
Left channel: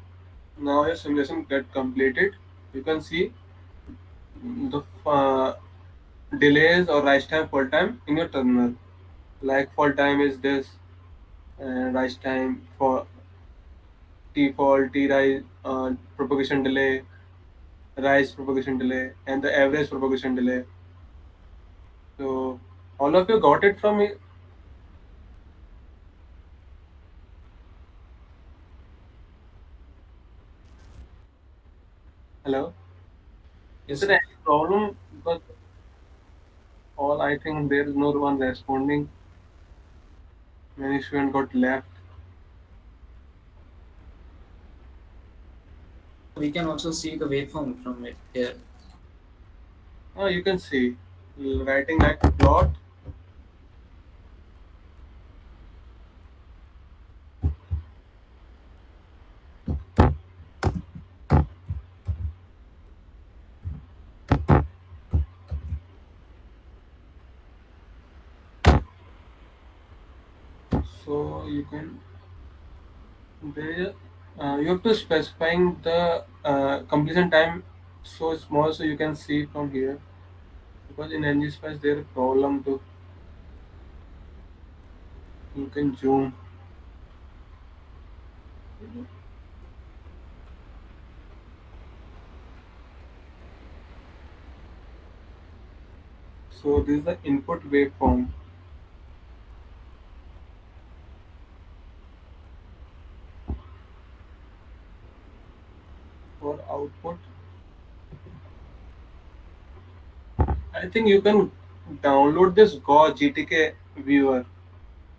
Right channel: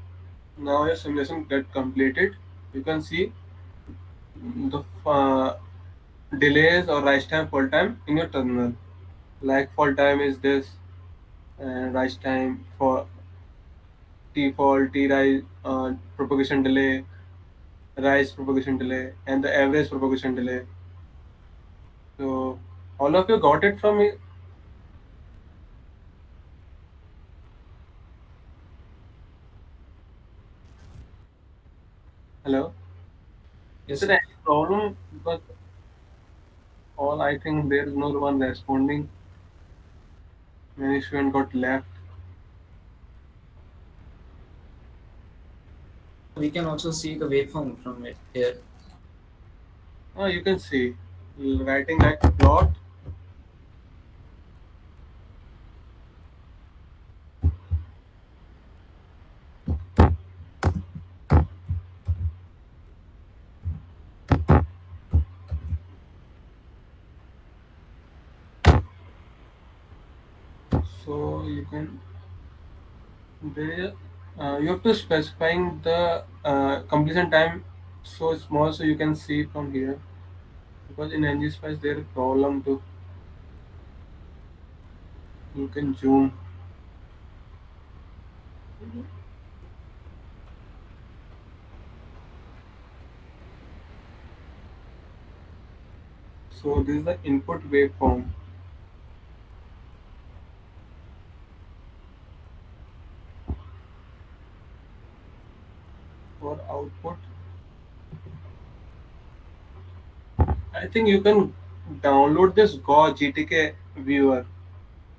Now your simulation get completed. You can see the delays or rise time, fall time in your terminal. Like fall time is this, and rise time for T fall, T rise, propagation delay, rise propagation delay, and the average propagation delay. So all of you got it from me. Hello. Is Yes, there sir. any problem? Because all I think there is no one responding. Many students got left. We can also see the waveform from it here. Oh, you can see writing like plot. So you can there. You have to specifying the completion time so small so you can see from here, because in Ngspice there is problem to you can zoom. So this is the input waveform. For output, I think you can download this Go GTK viewer.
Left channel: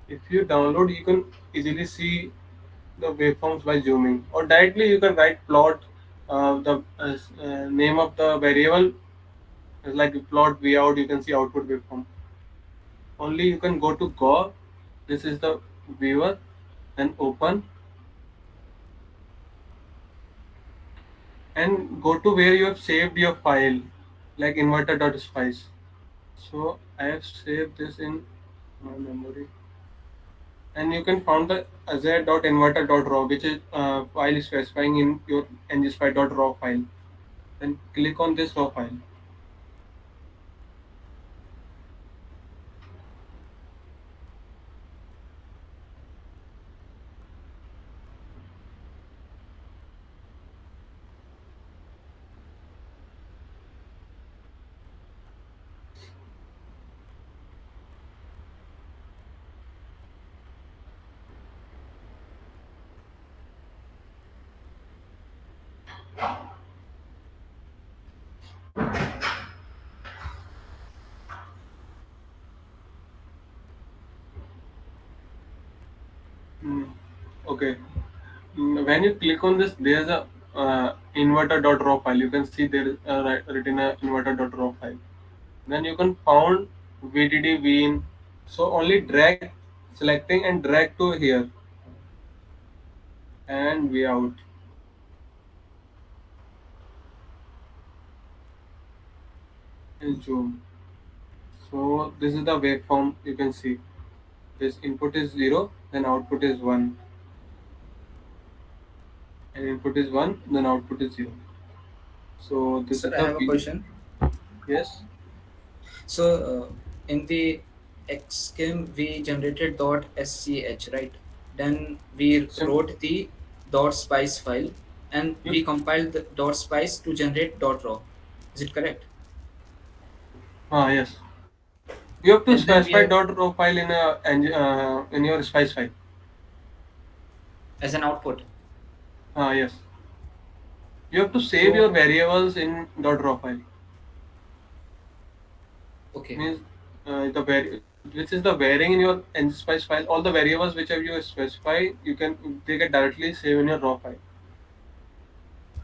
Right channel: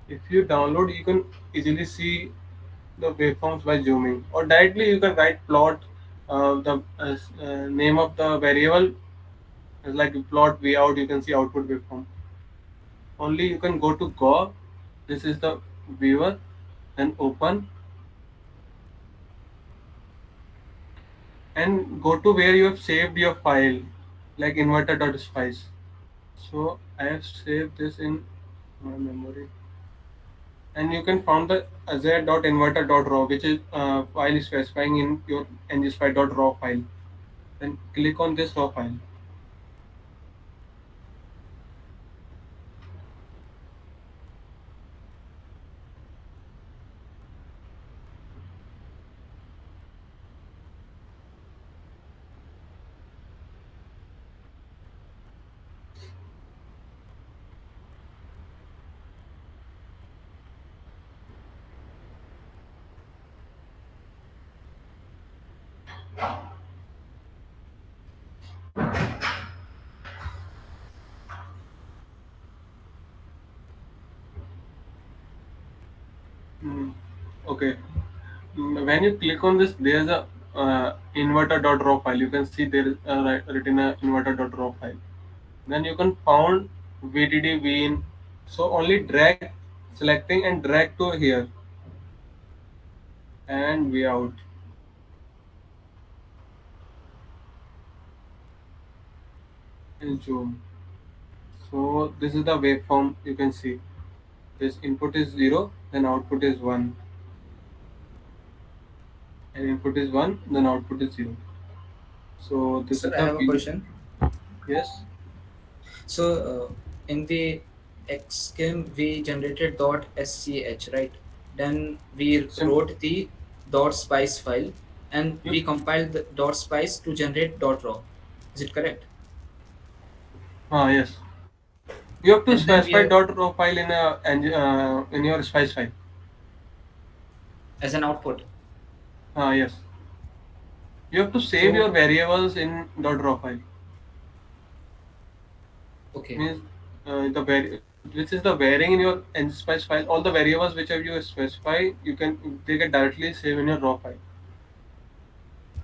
If you download, you can easily see the waveforms by zooming, or directly you can write plot the name of the variable is like plot V out. You can see output waveform. Only you can go to Go. This is the viewer, and open and go to where you have saved your file, like inverter.spice. So I have saved this in my memory, and you can find the z.inverter.raw, which is file specifying in your ngspice.raw file. Then click on this raw file. Mm, okay. When you click on this, there's a inverter.raw file. You can see there is written a inverter.raw file. Then you can found VDD in. So only drag, selecting and drag to here and V out and zoom. So this is the waveform you can see. This input is 0, then output is 1, and input is 1, then output is 0. So this is Sir, I the have a V. question. Yes, So, in the Xschem, we generated .sch, right? Then we simple. wrote the .spice file, and You, we compiled the .spice to generate .raw. Is it correct? yes. You have to And then we specify have .raw file in your spice file. as an output. Yes. You have to save your So, variables in .raw file. okay, Means which is the varying in your Ngspice file. All the variables which have you specify, they get directly save in your raw file.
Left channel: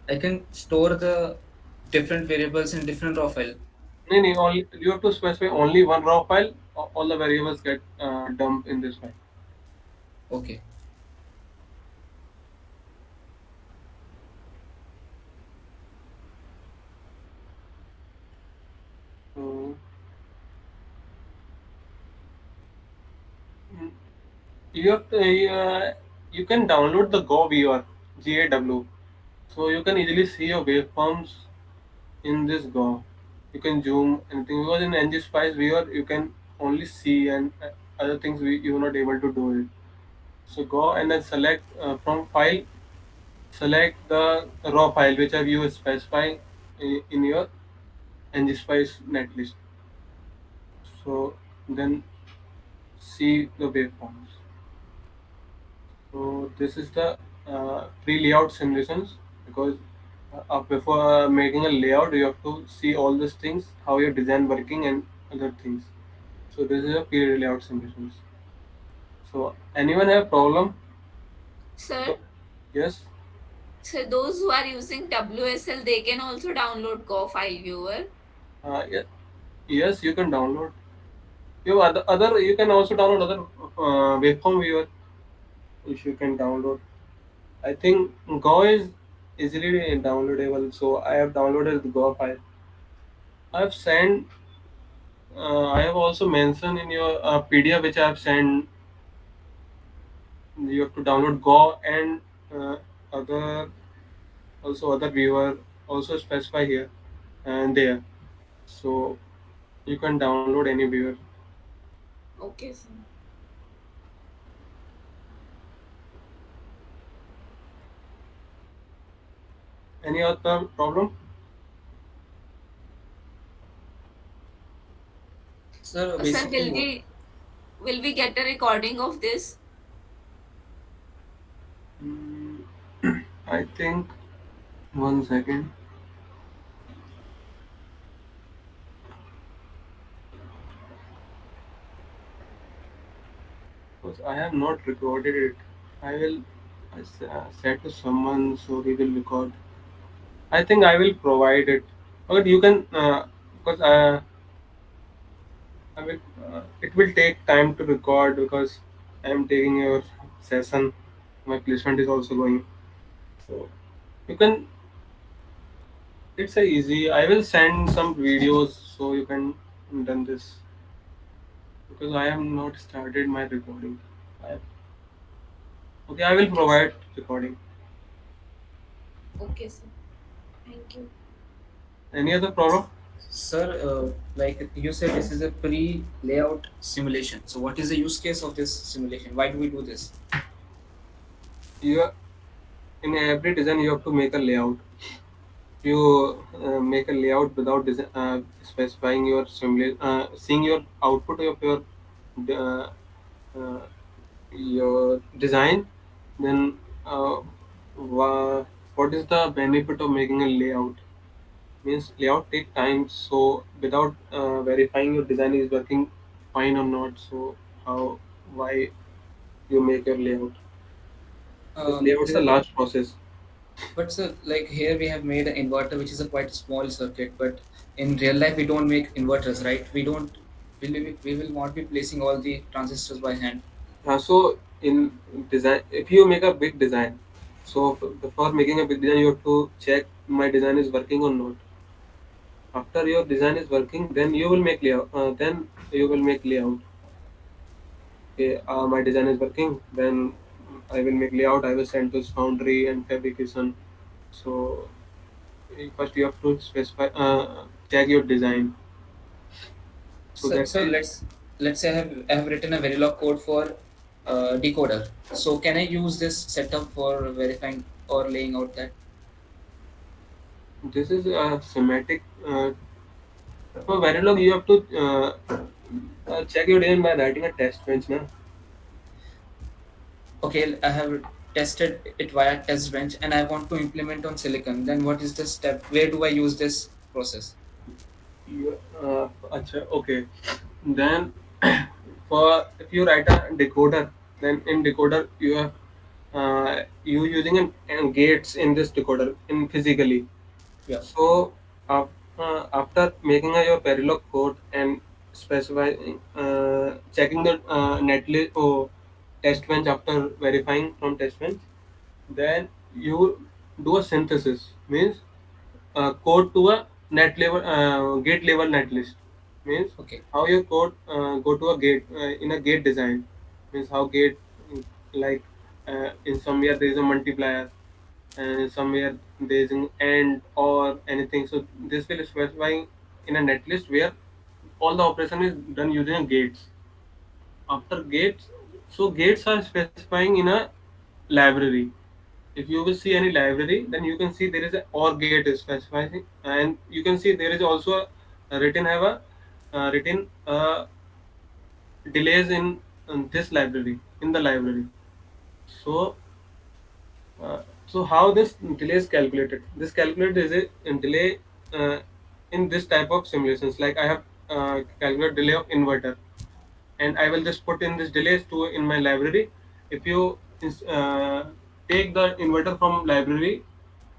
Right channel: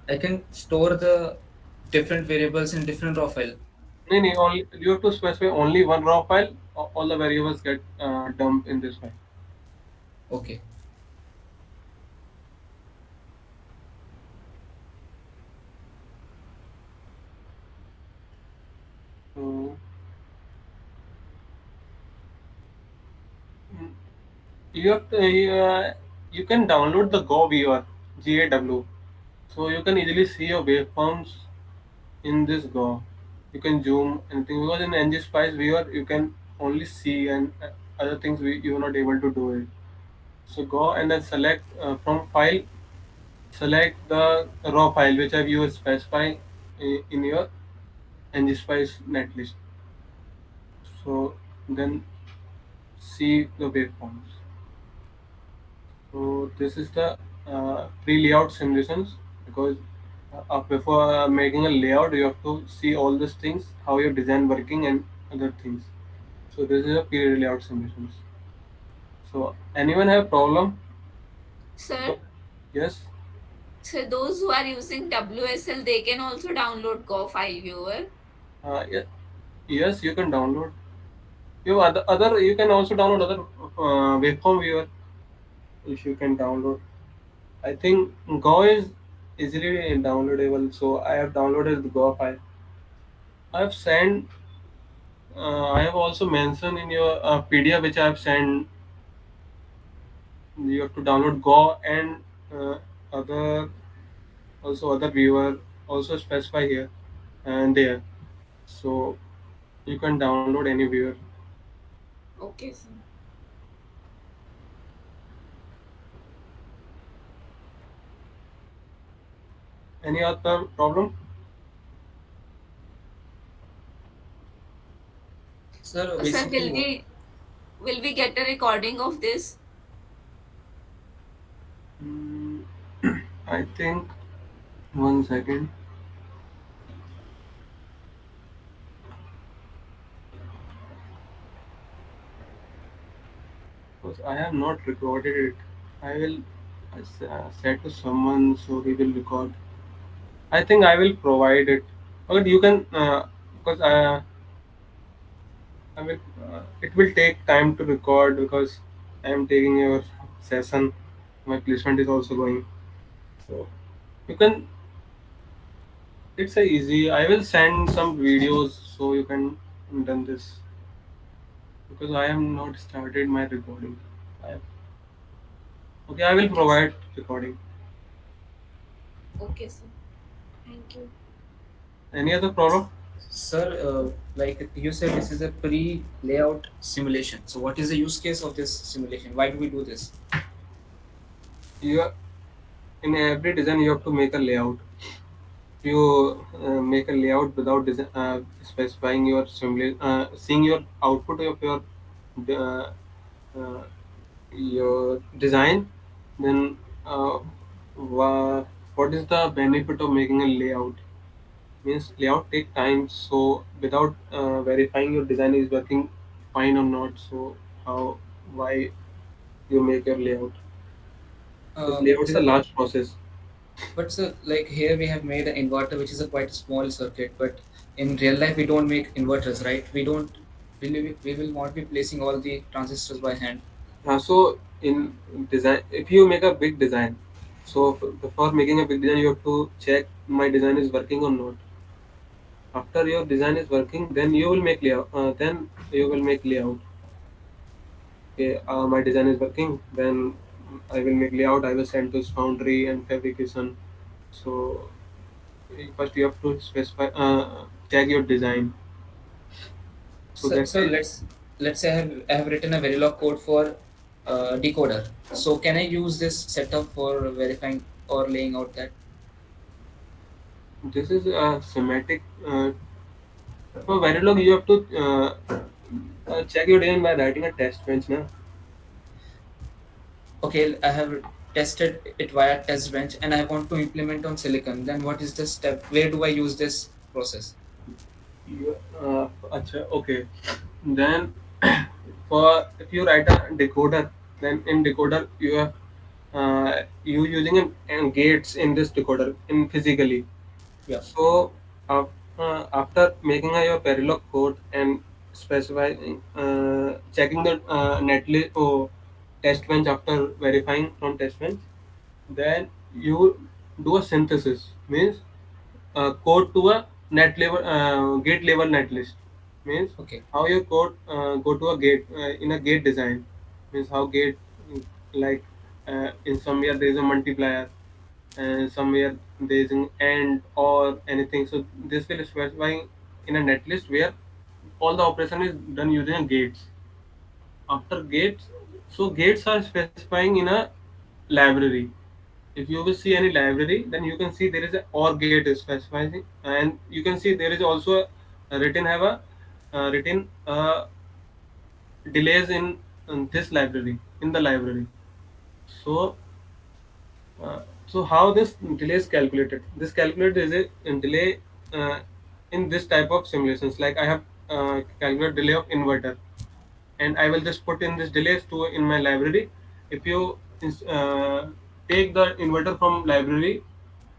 I can store the different variables in different raw file. No, no, only you have to specify only one raw file. All the variables get dumped in this file. Okay. So mm, you have to, you can download the Go viewer GAW. So you can easily see your waveforms in this Go. You can zoom anything because in Ngspice viewer you can only see and other things you are not able to do it. So go and then select from file, select the raw file which have you specify in your Ngspice netlist. So then see the waveforms. So this is the pre-layout simulations because before making a layout you have to see all these things, how your design working and other things. So this is a pre-layout simulations. So anyone have problem? Sir, So yes, so those who are using WSL, they can also download Go file viewer. yeah, yes you can download. You other you can also download other waveform viewer if you can download. I think Go is easily downloadable, so I have downloaded the Go file. I have sent. I have also mentioned in your PDF which I have sent. You have to download Go and other also other viewer also specify here and there. So you can download any viewer. Okay, sir. Any other problem? Sir, Sir, basically, what? will we get a recording of this? Mm, I think 1 second. Because I have not recorded it. I will said to someone so he will record. I think I will provide it. But you can because I will. It will take time to record because I am taking your session. My placement is also going. So you can. It's a easy. I will send some videos so you can done this because I have not started my recording. I, okay, I will Okay, sir. provide recording. Okay, sir. Thank you. Any other problem? Sir, like you said, this is a pre-layout simulation. So, what is the use case of this simulation? Why do we do this? You are, in every design you have to make a layout. You make a layout without specifying your seeing your output of uh, your design, then uh, what is the benefit of making a layout? Means layout take time, so without verifying your design is working fine or not, so how, why you make your layout? This layout is a Sir, large process. but sir, like here we have made an inverter which is a quite small circuit, but in real life we don't make inverters, right? We will not be placing all the transistors by hand. So in design, if you make a big design, so before making a big design, you have to check my design is working or not. After your design is working, then you will make layout. Then you will make layout. Okay, my design is working. Then I will make layout. I will send to foundry and fabrication. So first you have to specify, check your design. So So, that so let's say I have written a Verilog code for decoder. So can I use this setup for verifying or laying out that? this is a schematic. For Verilog, you have to check your design by writing a test bench, na? Okay, I have tested it via test bench and I want to implement on silicon. Then what is the step? Where do I use this process? Acha, okay. Then for if you write a decoder, then in decoder you have you using gates in this decoder in physically. Yeah. So after making your Verilog code and specifying, checking the netlist or test bench after verifying from test bench, then you do a synthesis, means code to a net level, gate level netlist, means Okay. how your code go to a gate, in a gate design, means how gate, like in somewhere there is a multiplier and somewhere there is an and or anything, so this will specify in a netlist where all the operation is done using a gates. After gates, so gates are specifying in a library. If you will see any library, then you can see there is a or gate is specifying, and you can see there is also a written have a written delays in this library, in the library. So so how this delay is calculated? This calculated is a delay uh, in this type of simulations. Like I have calculated delay of inverter, and I will just put in this delays to in my library. If you take the inverter from library,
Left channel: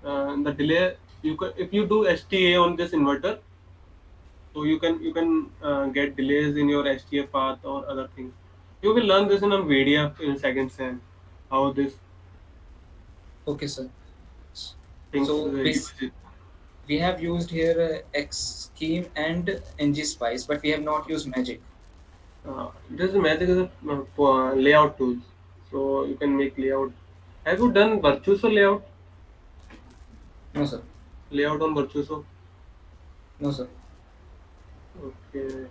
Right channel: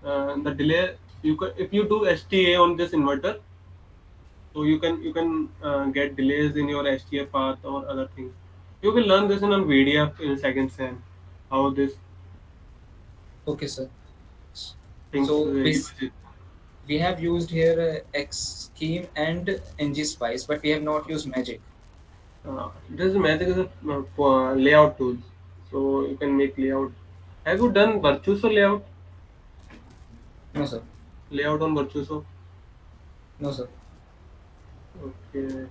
the delay, you can, if you do STA on this inverter, so you can get delays in your STA path or other things. You will learn this in a video in second sem, how this Okay, sir. things So use it. we have used here Xschem and Ngspice, but we have not used Magic. This magic is a for layout tool, so you can make layout. Have you done Virtuoso layout? No, sir. Layout on Virtuoso. No, sir. Okay.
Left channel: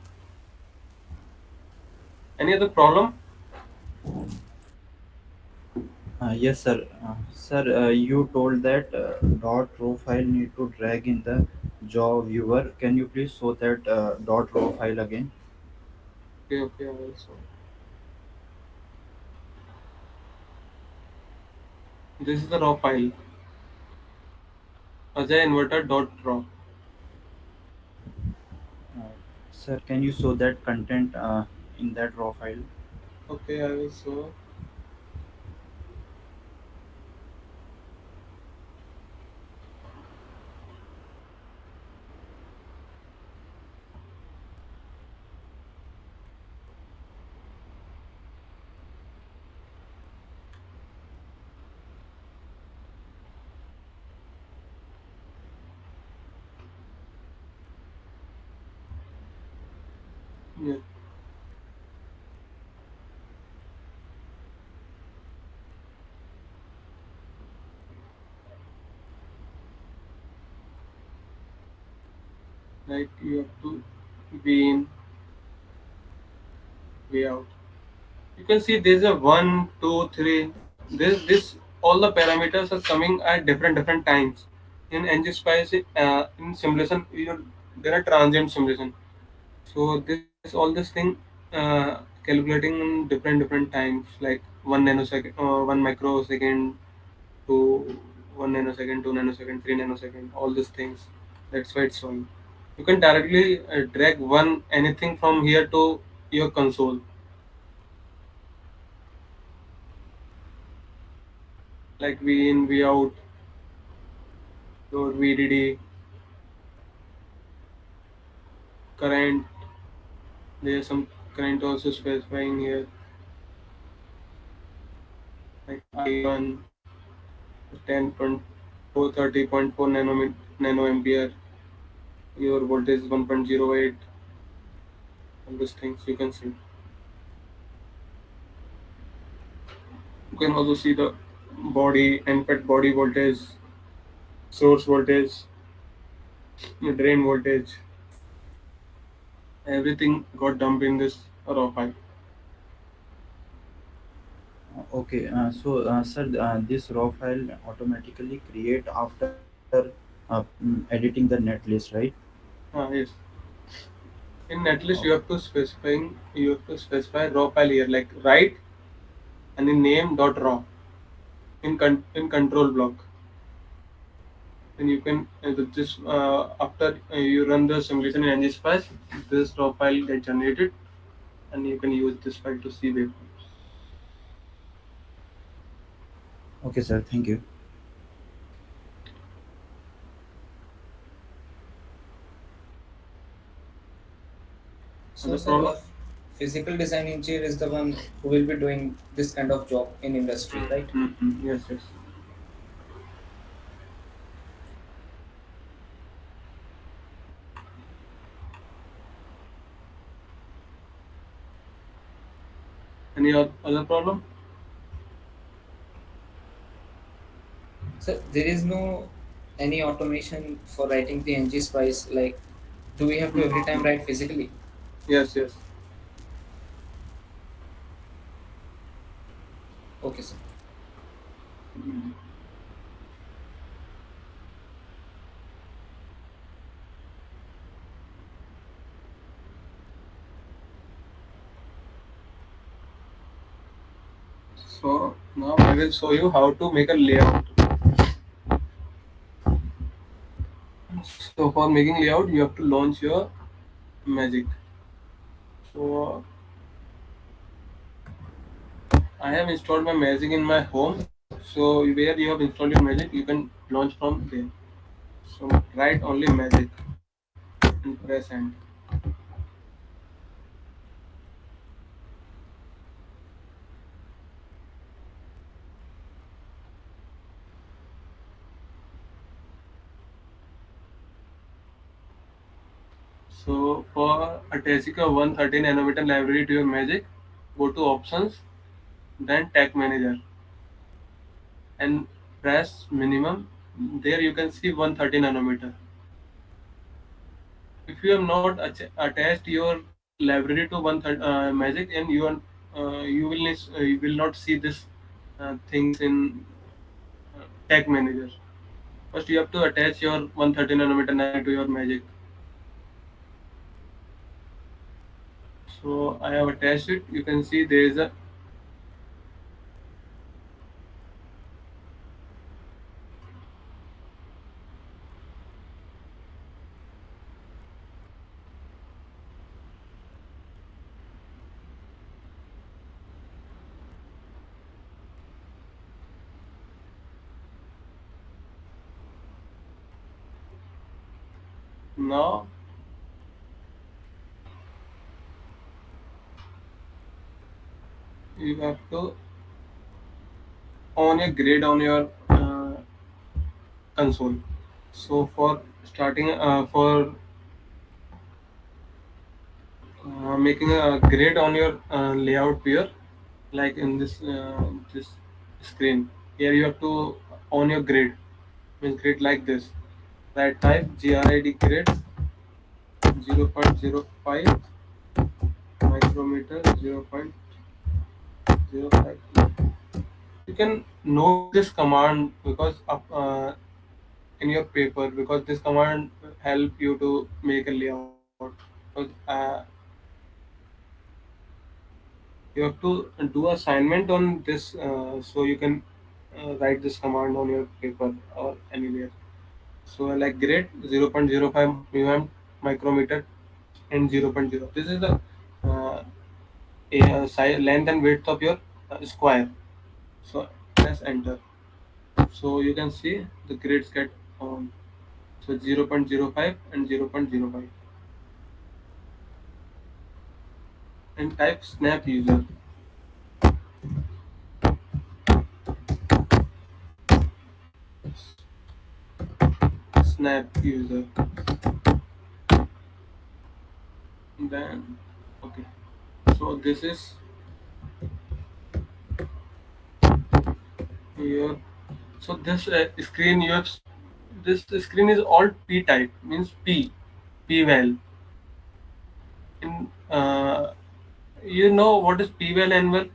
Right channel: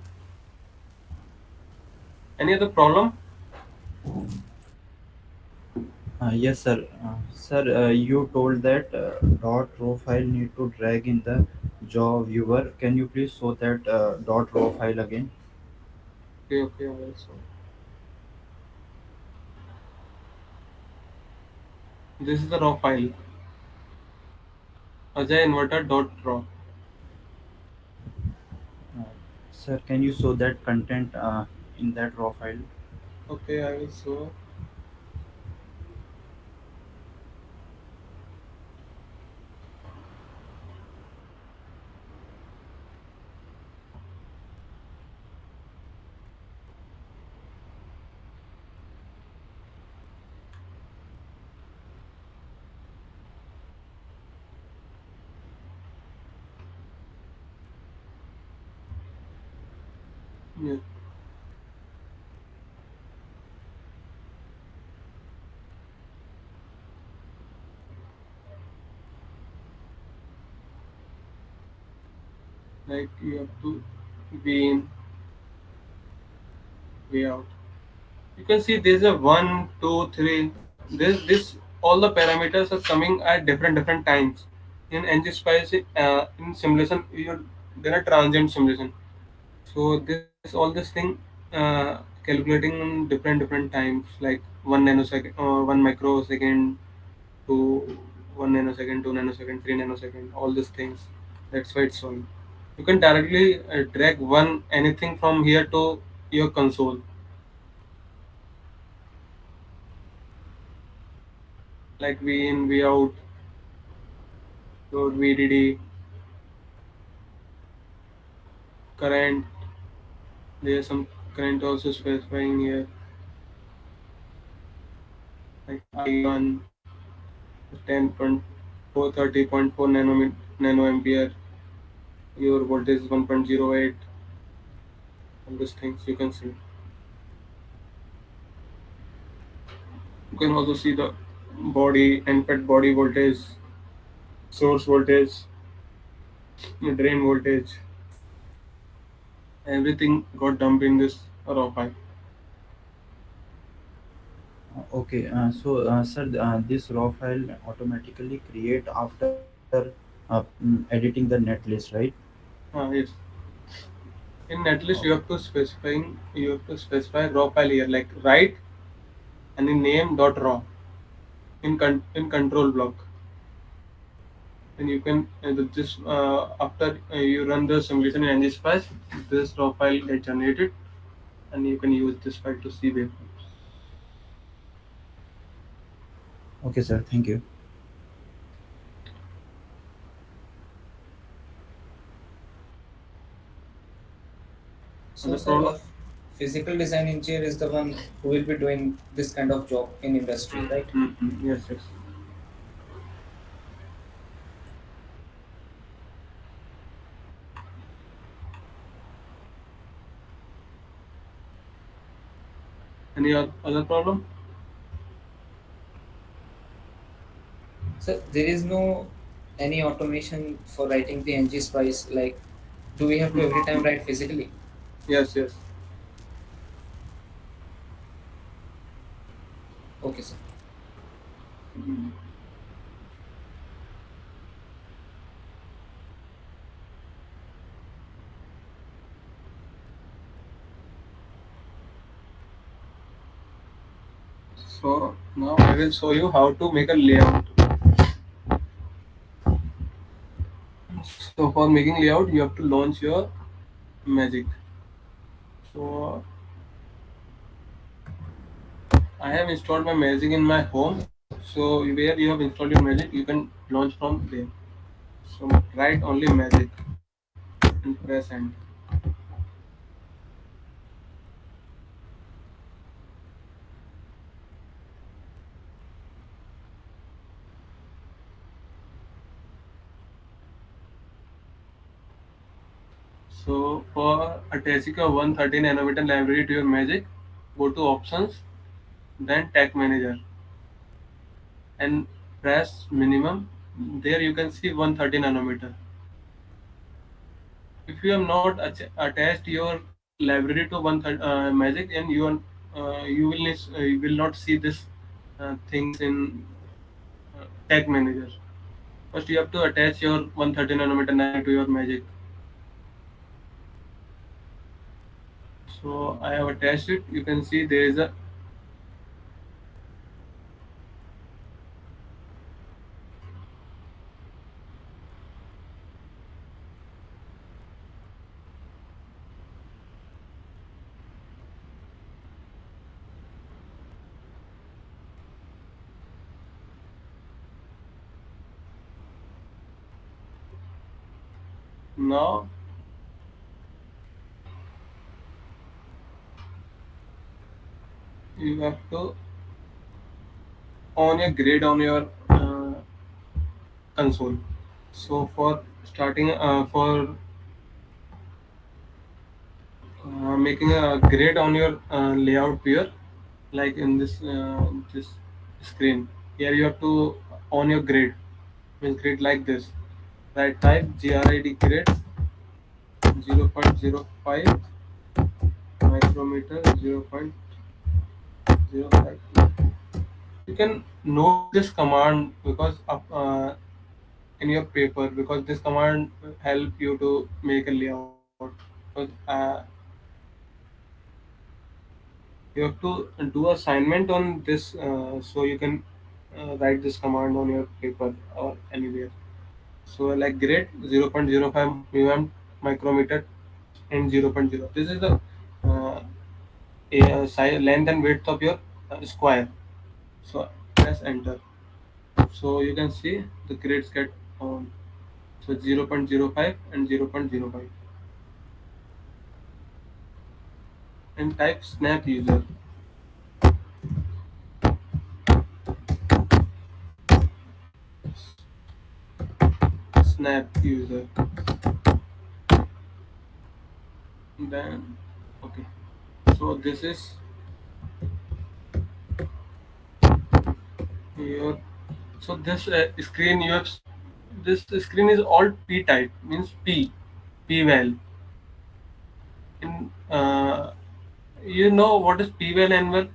Any other problem? Yes, sir. Sir, you told that .raw file need to drag in the jaw viewer. Can you please show that .raw file again? Okay, okay. Also, this is the raw file. Ajay inverter dot raw. Uh, Sir, can you show that content in that raw file? Okay, I will show. Yeah, like you have to be in, way out. You can see there's a one, two, three. This all the parameters are coming at different times. In Ngspice, in simulation, there are transient simulation. So this all this thing calculating in different times, like 1 nanosecond, 1 microsecond to 1 nanosecond, 2 nanosecond, 3 nanosecond, all these things. That's why it's showing. You can directly drag one anything from here to your console, like V in, V out, your VDD, current. There's some current also specifying here, like I1, 10.430.4 nanoampere. Your voltage is 1.08. All these things you can see. You can also see the body and pet body voltage, source voltage, drain voltage. Everything got dumped in this raw file. Okay, sir, this raw file automatically create after editing the net list, right? Yes. In netlist Oh, you have to specify raw file here, like write and in name dot raw in control block. And you can just after you run the simulation in Ngspice, this raw file get generated, and you can use this file to see waveforms. okay, sir. Thank you. So, Other sir, problem? a physical design engineer is the one who will be doing this kind of job in industry, right? Yes, yes. Any other problem? So, there is no any automation for writing the ng spice. Like, do we have to every time Mhm. write physically? Yes, yes. Okay, sir. So now I will show you how to make a layout. So for making layout, you have to launch your Magic. So I have installed my Magic in my home. So where you have installed your Magic, you can launch from there. So write only Magic and press Enter. So for attaching a 130 nanometer library to your Magic, go to Options, then Tag Manager, and press Minimum. There you can see 130 nanometer. If you have not attached your library to Magic, and you will not see this things in Tag Manager. First, you have to attach your 130 nanometer library to your Magic. So I have attached it. You can see there is a now you have to on a grid on your console. So for starting for making a grid on your layout viewer, like in this screen, here you have to on your grid, means grid like this. Right, type grid grid 0.05 micrometer 0.05. You can note this command because in your paper, because this command help you to make a layout. Because you have to do assignment on this, so you can write this command on your paper or anywhere. So like grade 0.05 mm micrometer and 0.0. This is the uh, size, length and width of your square. So press enter. So you can see the grids get on. So 0.05 and 0.05 and type snap user. Snap user. Then okay. So this is your so this screen you have this screen is all P type means P well in you know what is P well and well.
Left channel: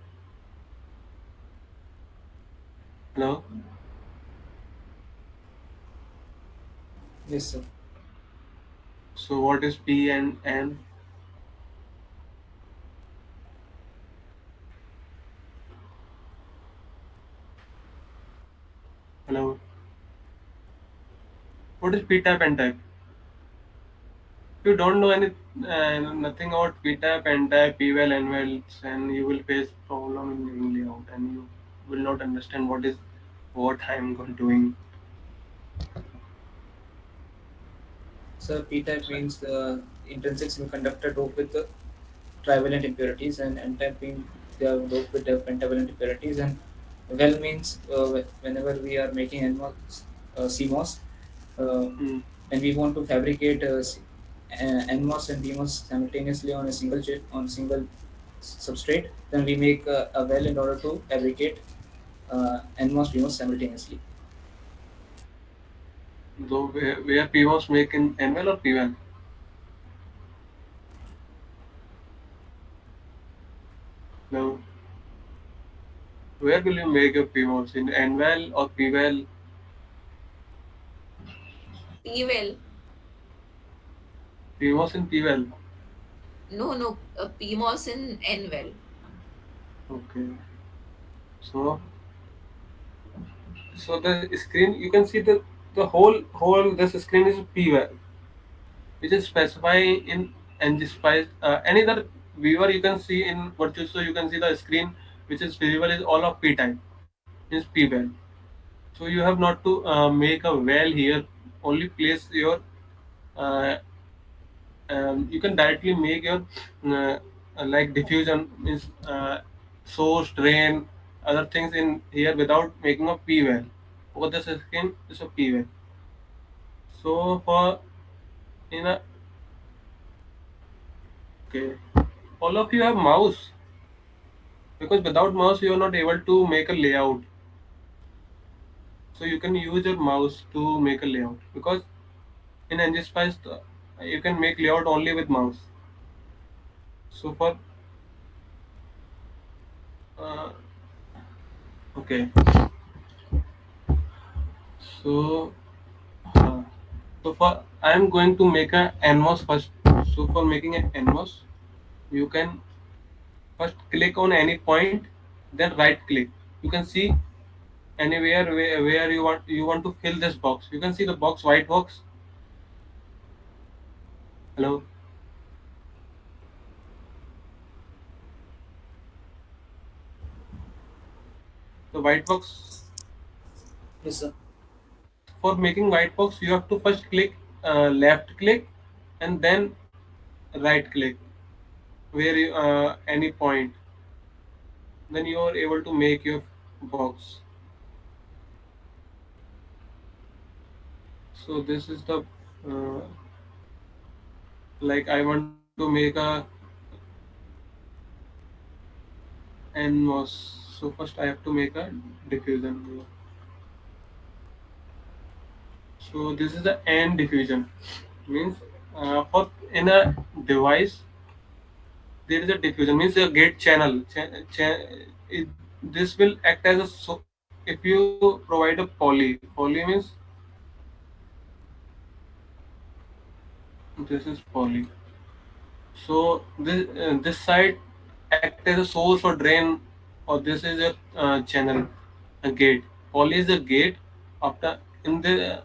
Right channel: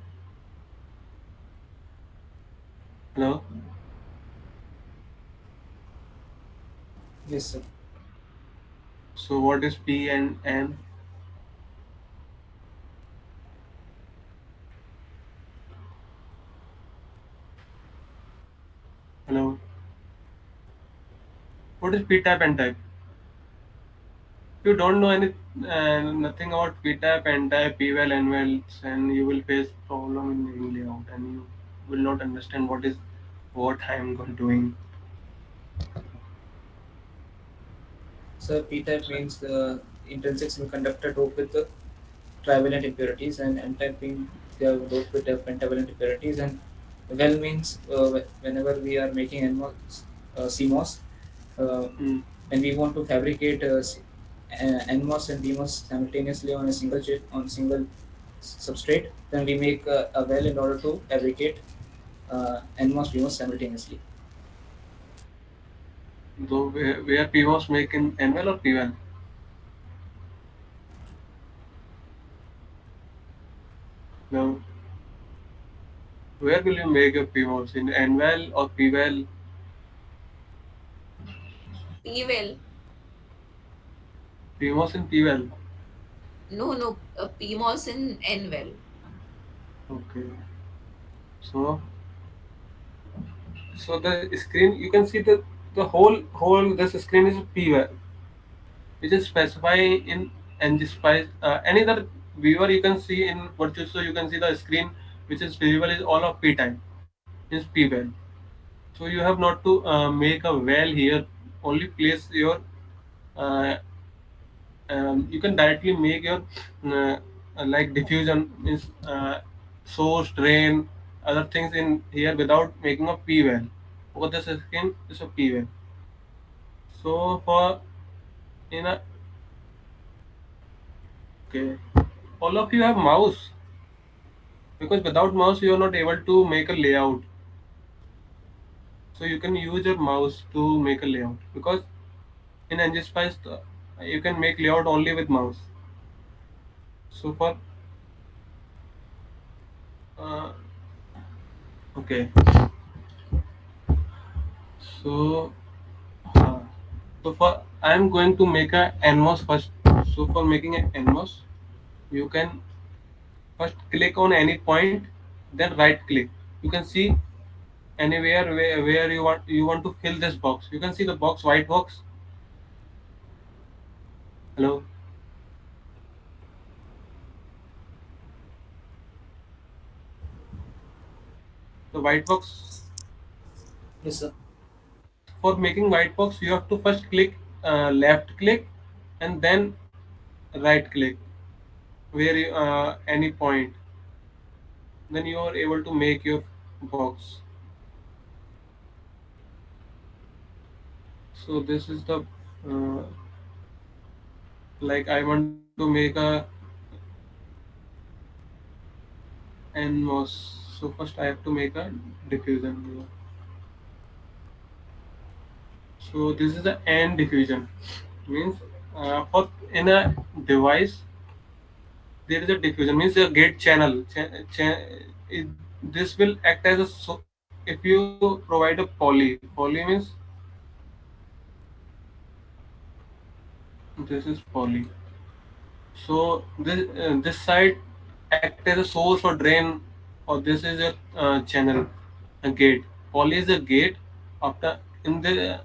No. Yes, sir. So what is P and N? Hello. What is P type and type? If you don't know nothing about P type and type, P well and wells, and you will face problem in doing layout, and you will not understand what I am doing. So p-type means the intrinsic semiconductor doped with the trivalent impurities, and n-type means they are doped with the pentavalent impurities. And well means whenever we are making NMOS, CMOS, uh, Hmm. when we want to fabricate NMOS and PMOS simultaneously on a single chip on single substrate, then we make a well in order to fabricate NMOS PMOS simultaneously. So where P was make in N well or P well? No. Where will you make your P was in N well or P well? P well. P was in P well. No, no. PMOS in N well. Okay. So so the screen you can see the whole this screen is P well, which is specified in Ngspice. Any other viewer you can see in Virtuoso, you can see the screen which is visible is all of P type, is P well. So you have not to make a well here. Only place your you can directly make your uh, like diffusion means source, drain, other things in here without making a P well. Because the screen is a P well. So for in a okay, all of you have mouse because without mouse you are not able to make a layout. So you can use your mouse to make a layout because in Ngspice you can make layout only with mouse. So for uh, okay, so uh, so for I am going to make a NMOS first. So for making an NMOS, you can first click on any point, then right click. You can see anywhere where you want to fill this box. You can see the box, white box. Hello. The white box. Yes, sir. For making white box, you have to first click left click and then right click where any point. Then you are able to make your box. So this is the uh, like I want to make a NMOS. So first I have to make a diffusion here. So this is the N diffusion means for in a device there is a diffusion means a gate channel. It, this will act as a if you provide a poly means this is poly. So this side act as a source or drain, or this is a channel, a gate. poly is a gate. After in the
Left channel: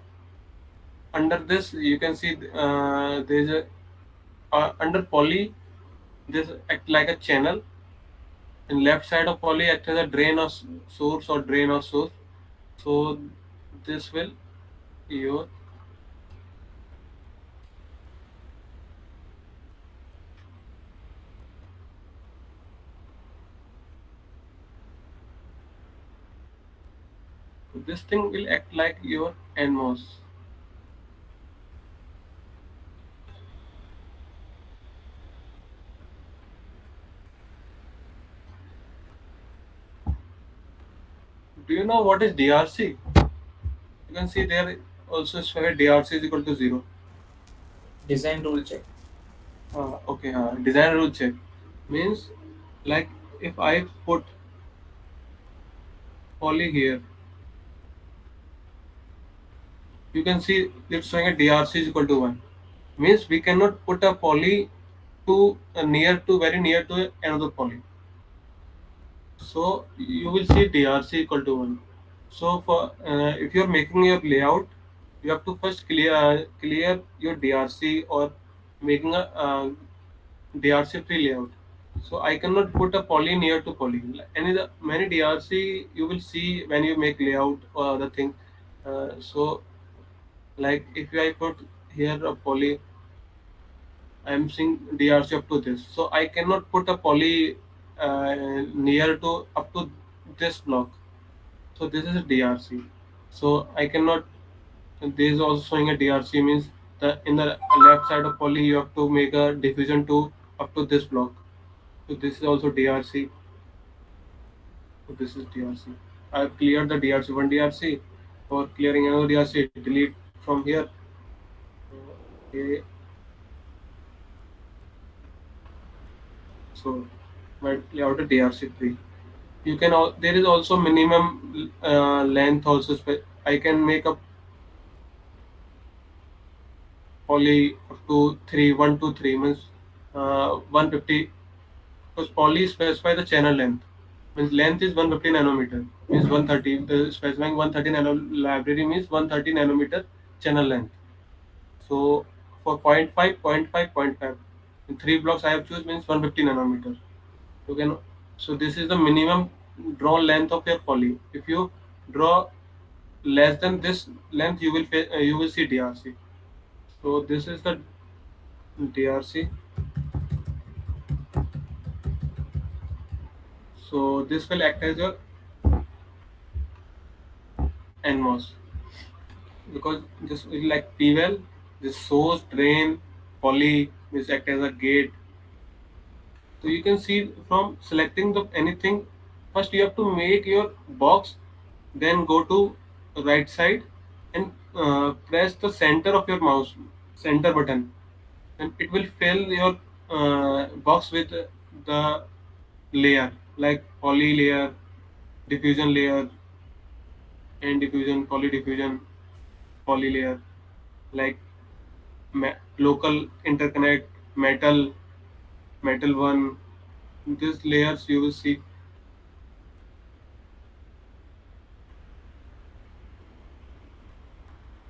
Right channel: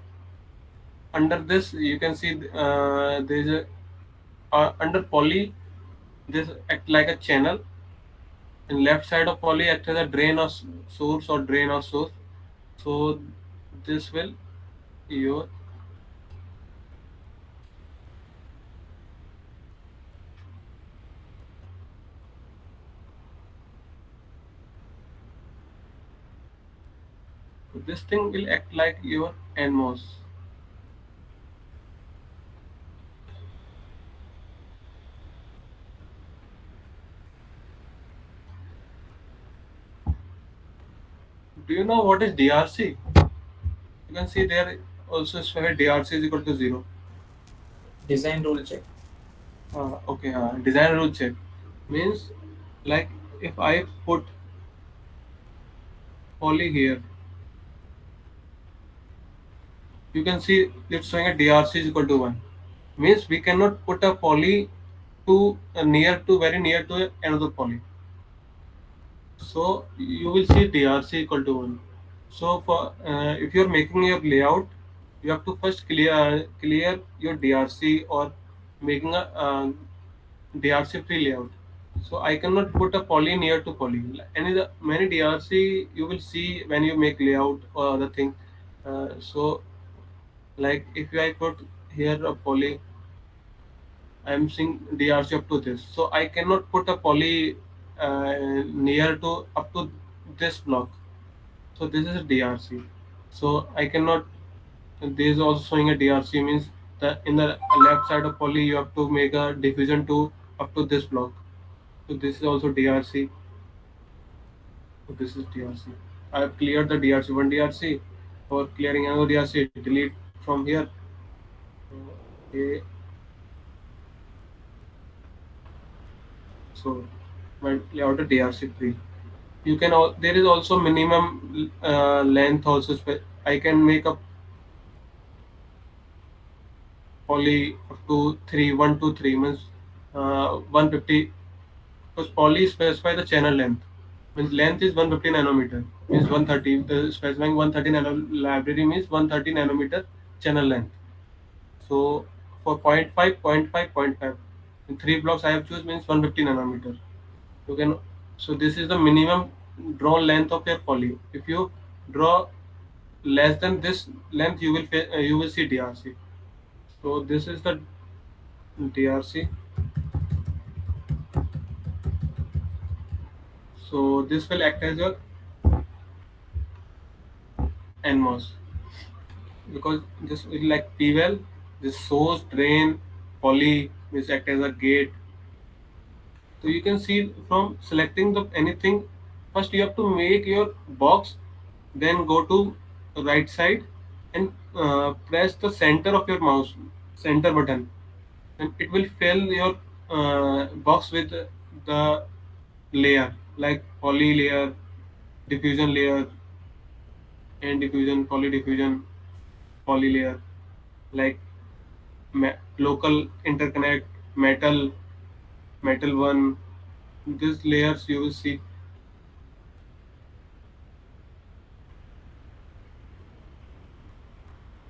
under this you can see there is a under poly this act like a channel, and left side of poly act as a drain or source or drain or source. So this will your this thing will act like your Nmos. Do you know what is DRC? You can see there also specified DRC is equal to 0. Design rule check. Okay, design rule check means like if I put poly here, you can see it's showing a DRC is equal to 1. Means we cannot put a poly to near to very near to another poly. So you will see DRC equal to 1. So for if you are making your layout, you have to first clear your DRC or making a DRC free layout. So I cannot put a poly near to poly. Any the many DRC you will see when you make layout or other thing. So like if I put here a poly, I am seeing DRC up to this. So I cannot put a poly near to up to this block. So this is a DRC. So I cannot. This is also showing a DRC means that in the left side of poly you have to make a diffusion to up to this block. So this is also DRC. So this is DRC. I have cleared the DRC one DRC. For clearing another DRC, delete from here. Okay. So my layout is DRC free. You can there is also minimum length also. I can make a poly up to 3, 1 to 3 means 150, because poly specify the channel length, means length is 150 nanometer means 130, the specifying 130 nano library means 130 nanometer channel length. So for point 0.5, point 0.5, point 0.5 in 3 blocks I have choose means 150 nanometer. You can, so this is the minimum draw length of your poly. If you draw less than this length, you will see DRC. So this is the DRC. So this will act as your NMOS, because this is like PWell, this source, drain, poly, this act as a gate. So you can see from selecting the anything, first you have to make your box, then go to right side and press the center of your mouse, center button, and it will fill your box with the layer like poly layer, diffusion layer, and diffusion, poly diffusion, poly layer, like local interconnect, metal, metal one. These layers you will see.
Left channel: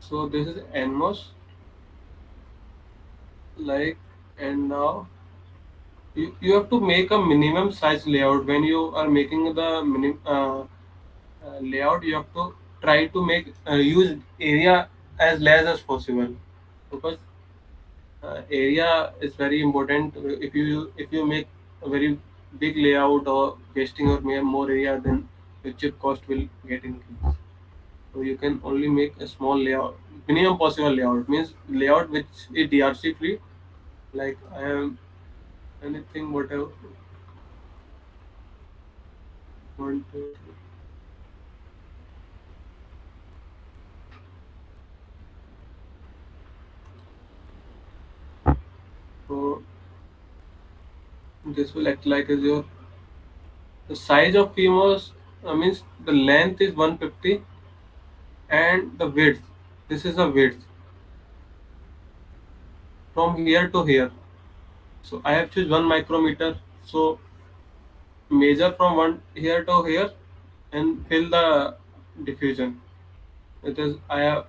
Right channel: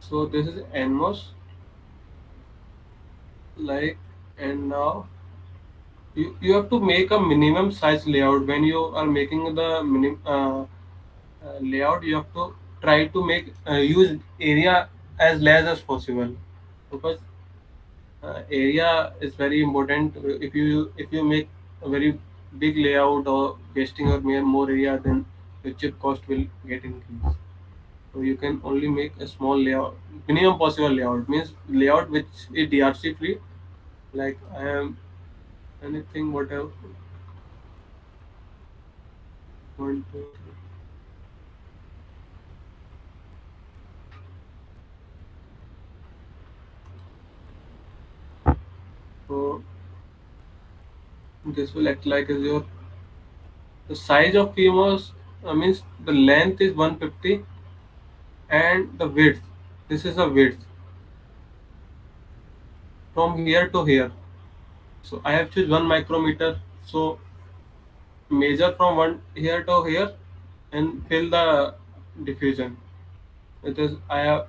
So this is NMOS, like, and now you have to make a minimum size layout when you are making the layout. You have to try to make use area as less as possible, because area is very important. If you make a very big layout or wasting or more area, then your chip cost will get increased. So you can only make a small layout, minimum possible layout means layout which is DRC free. Like I am anything whatever want to. So this will act like as your the size of PMOS, means the length is 150 and the width. This is the width from here to here. So I have choose 1 micrometer. So measure from one here to here and fill the diffusion. It is I have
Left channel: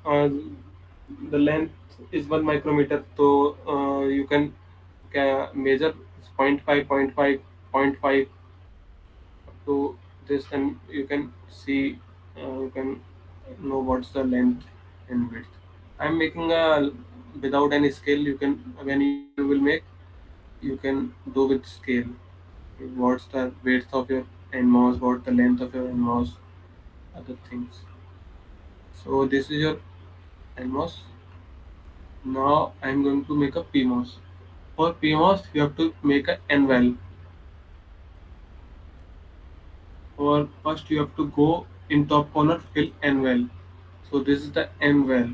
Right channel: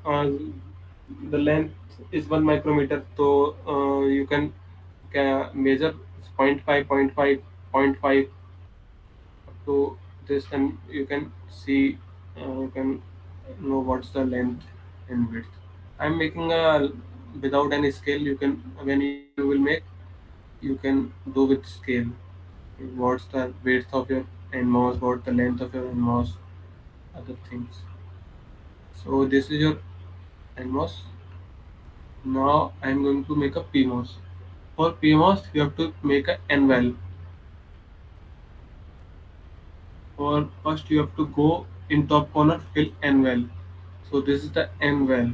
the length is 1 micrometer, so you can measure point 0.5, point 0.5, point 0.5 up to this, and you can see, you can know what's the length and width. I'm making a without any scale. You can, when you will make, you can do with scale. What's the width of your Nmos, what the length of your Nmos, other things. So this is your Nmos. Now I'm going to make a PMOS. For PMOS, you have to make a N well. For first, you have to go in top corner, fill N well. So this is the N well.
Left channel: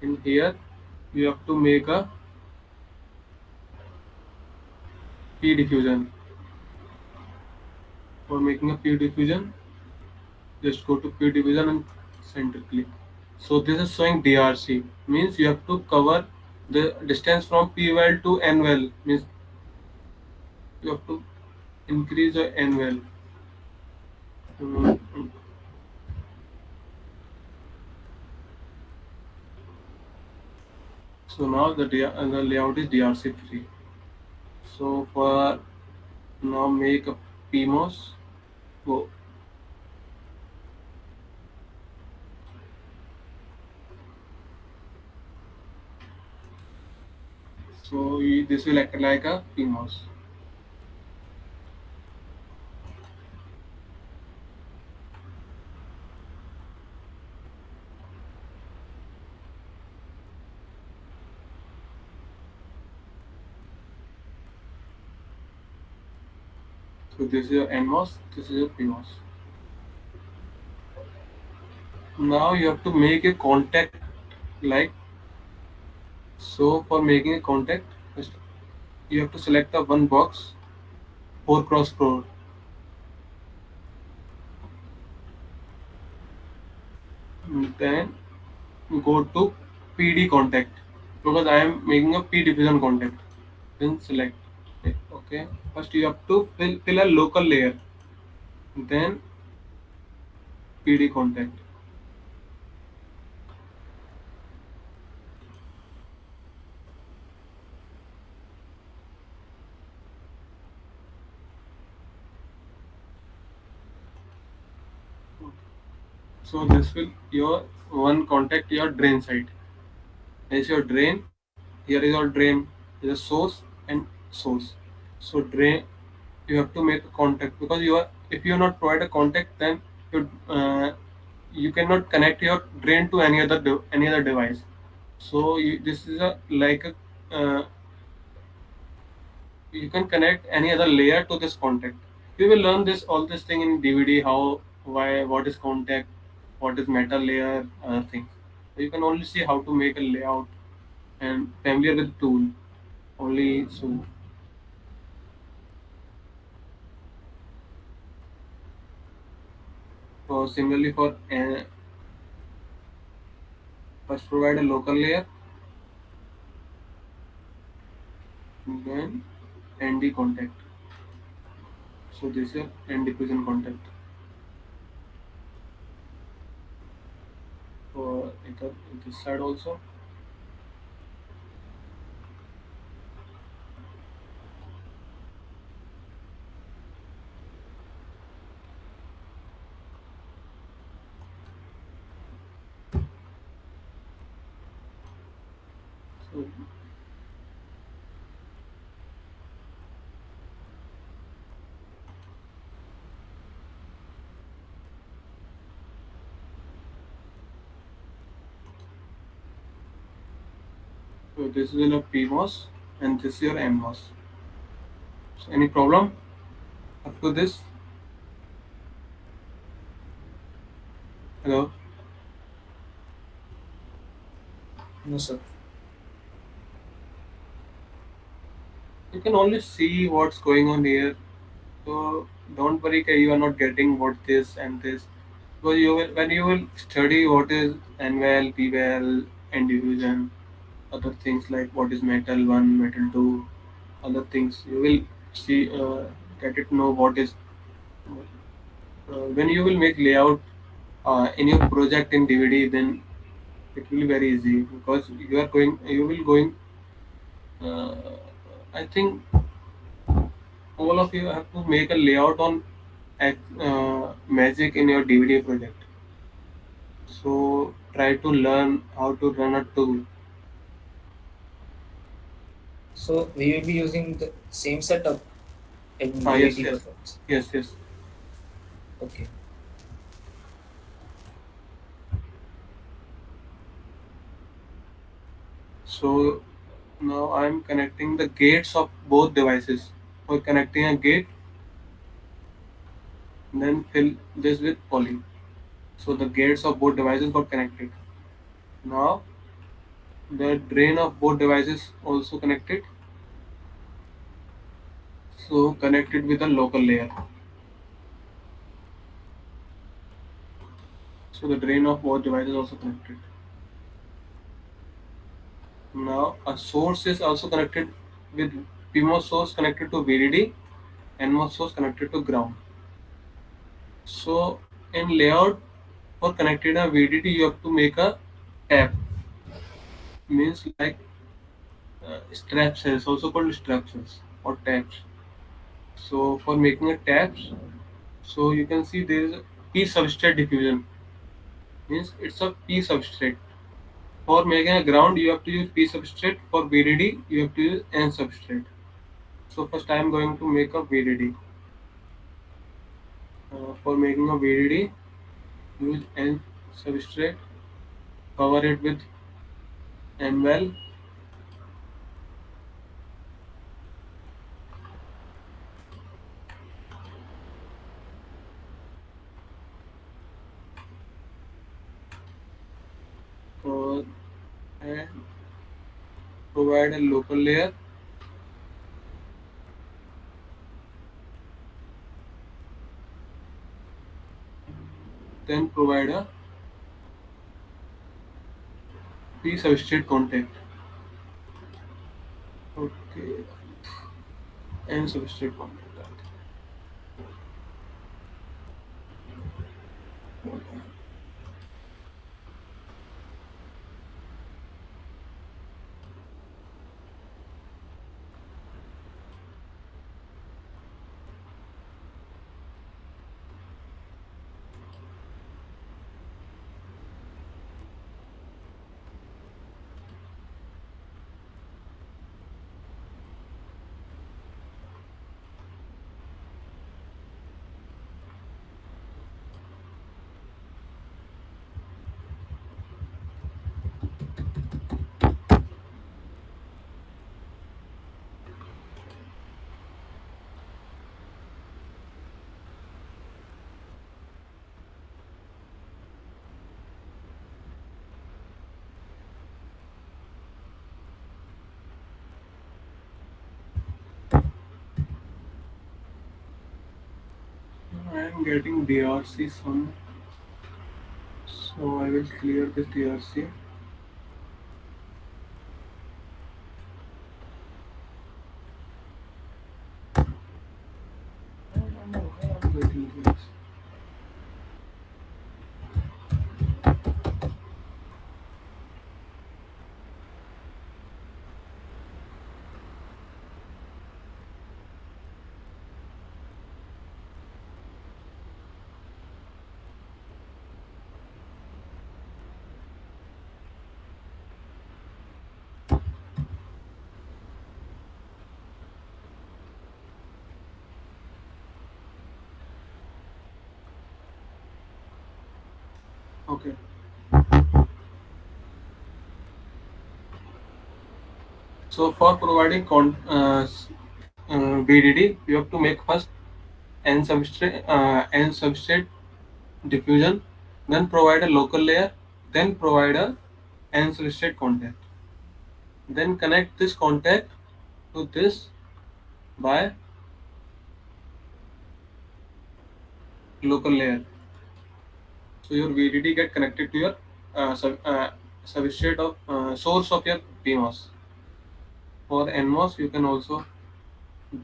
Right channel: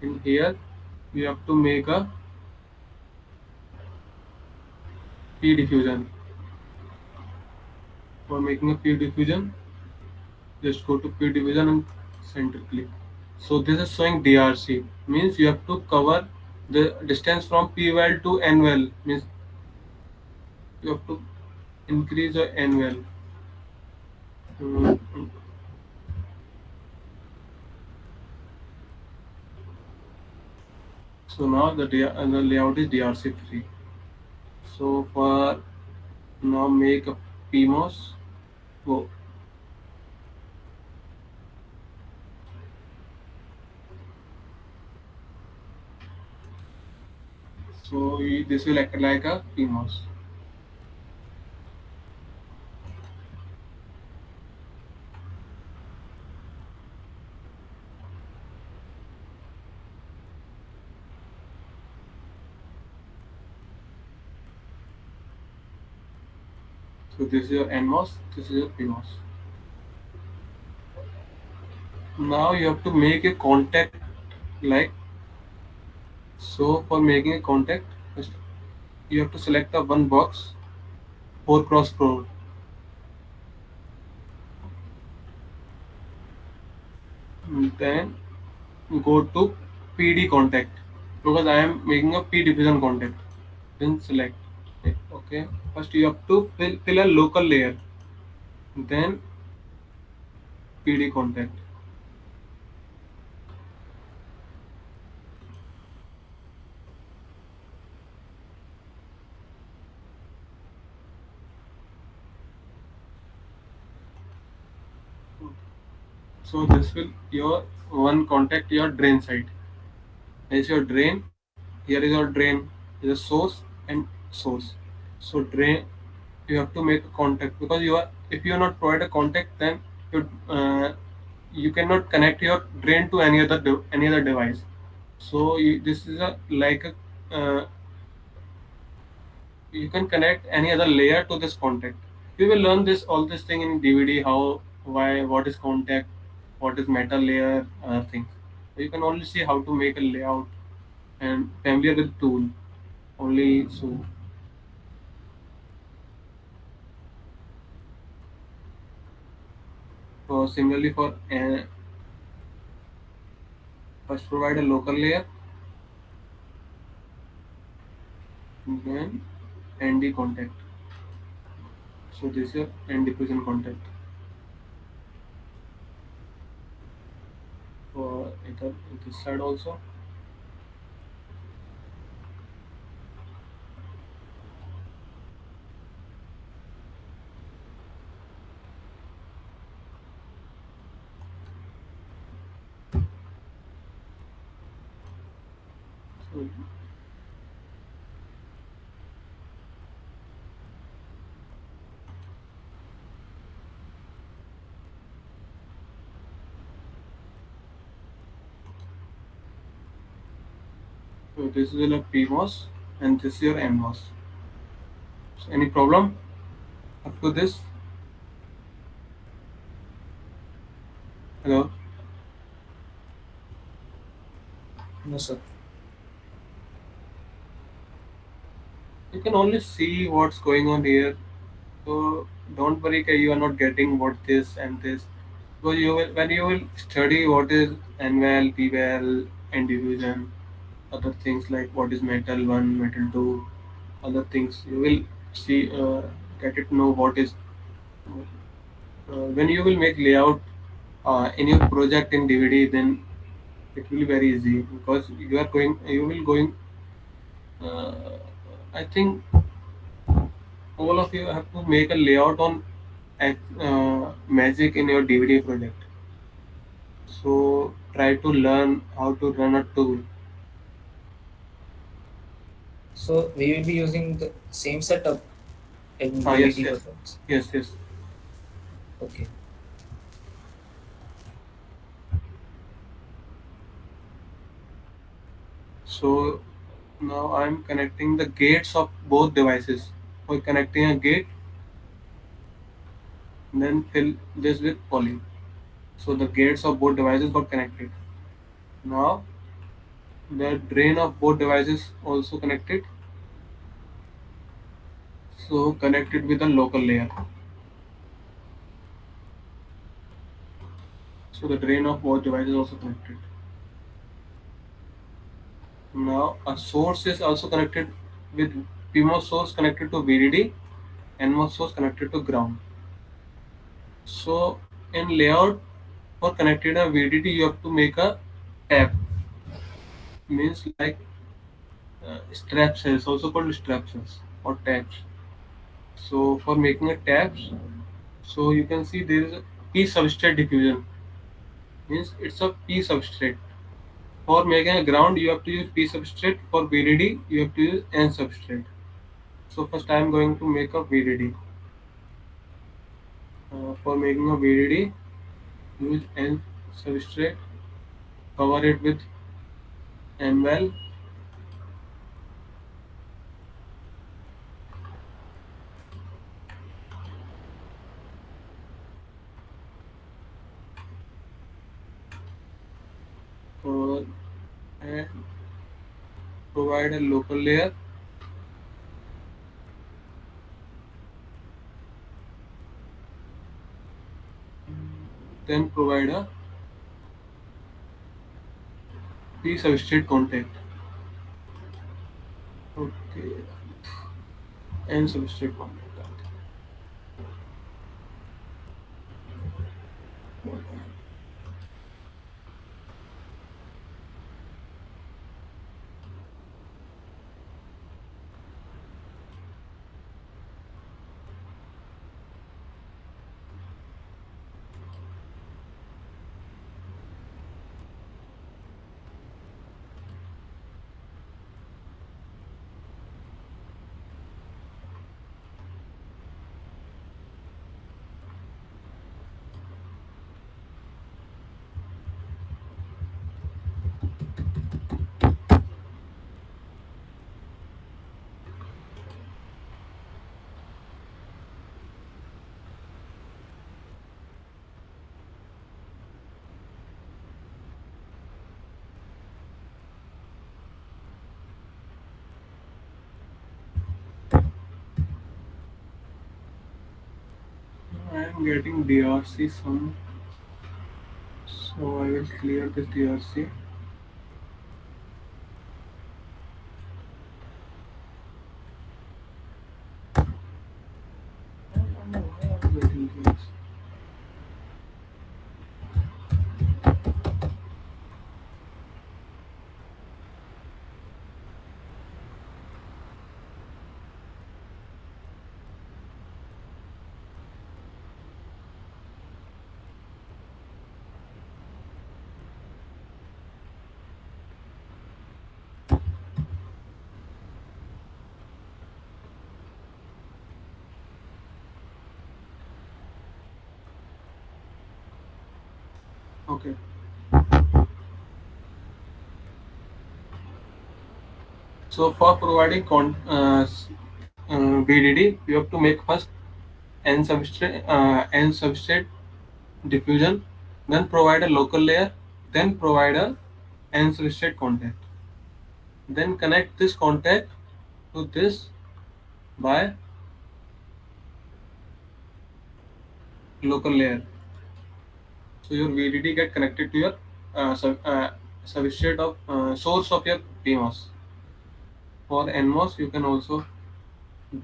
In here, you have to make a P diffusion. For making a P diffusion, just go to P diffusion and center click. So this is showing DRC, means you have to cover the distance from P well to N well, means you have to increase your N well. Mm, So now the layout is DRC free. So for now make a PMOS. Go. So this will act like a PMOS. So this is your NMOS. This is your PMOS. Now you have to make a contact like so. For making a contact, first you have to select the one box 4x4. Then go to PD contact because I am making a P diffusion contact. Then select. Okay. First you have to fill a local layer. Then PD contact. So this will your one contact your drain side. This is your drain. Here is your drain. Is a source and source. So drain, you have to make a contact because you are, if you are not provide a contact, then you you cannot connect your drain to any other any other device. So this is a like a you can connect any other layer to this contact. We will learn this all this thing in DVD, how, why, what is contact, what is metal layer, other things. So you can only see how to make a layout and familiar with tool only. So similarly for first provide a local layer, then ND contact. So this is N diffusion contact for either this side also. So, so this is your PMOS and this is your NMOS. So any problem up to this? Hello. No, sir. You can only see what's going on here. So don't worry that you are not getting what this and this. Because you will, when you will study what is NVAL, PVAL, and diffusion, other things like what is metal one, metal two, other things, you will see get it know what is. When you will make layout in your project in DVD, then it will be very easy because you will going. Uh, I think all of you have to make a layout on Magic in your DVD project. So try to learn how to run a tool. So we will be using the same setup in Yes, DVD yes, projects. yes, yes. Okay. So now I'm connecting the gates of both devices. For connecting a gate, then fill this with poly. So the gates of both devices got connected. Now the drain of both devices also connected. So connected with a local layer. So the drain of both devices also connected. Now a source is also connected with PMOS source connected to VDD, NMOS source connected to ground. So in layout for connected a VDD you have to make a tab, means like strap cells, also called strap cells or tabs. So for making a tabs, so you can see there is a P substrate diffusion, means it's a P substrate. For making a ground you have to use P substrate, for VDD you have to use N substrate. So first I am going to make a VDD. For making a VDD, use N substrate, cover it with N well, and provide a local layer, then provide a P substrate contact. Okay, N substrate contact. I am getting DRC some, so I will clear this DRC. Getting this. Okay. So for providing BDD, you have to make first N substrate diffusion, then provide a local layer, then provide a N substrate contact. Then connect this contact to this by local layer. So your VDD get connected to your substrate of source of your PMOS. For NMOS you can also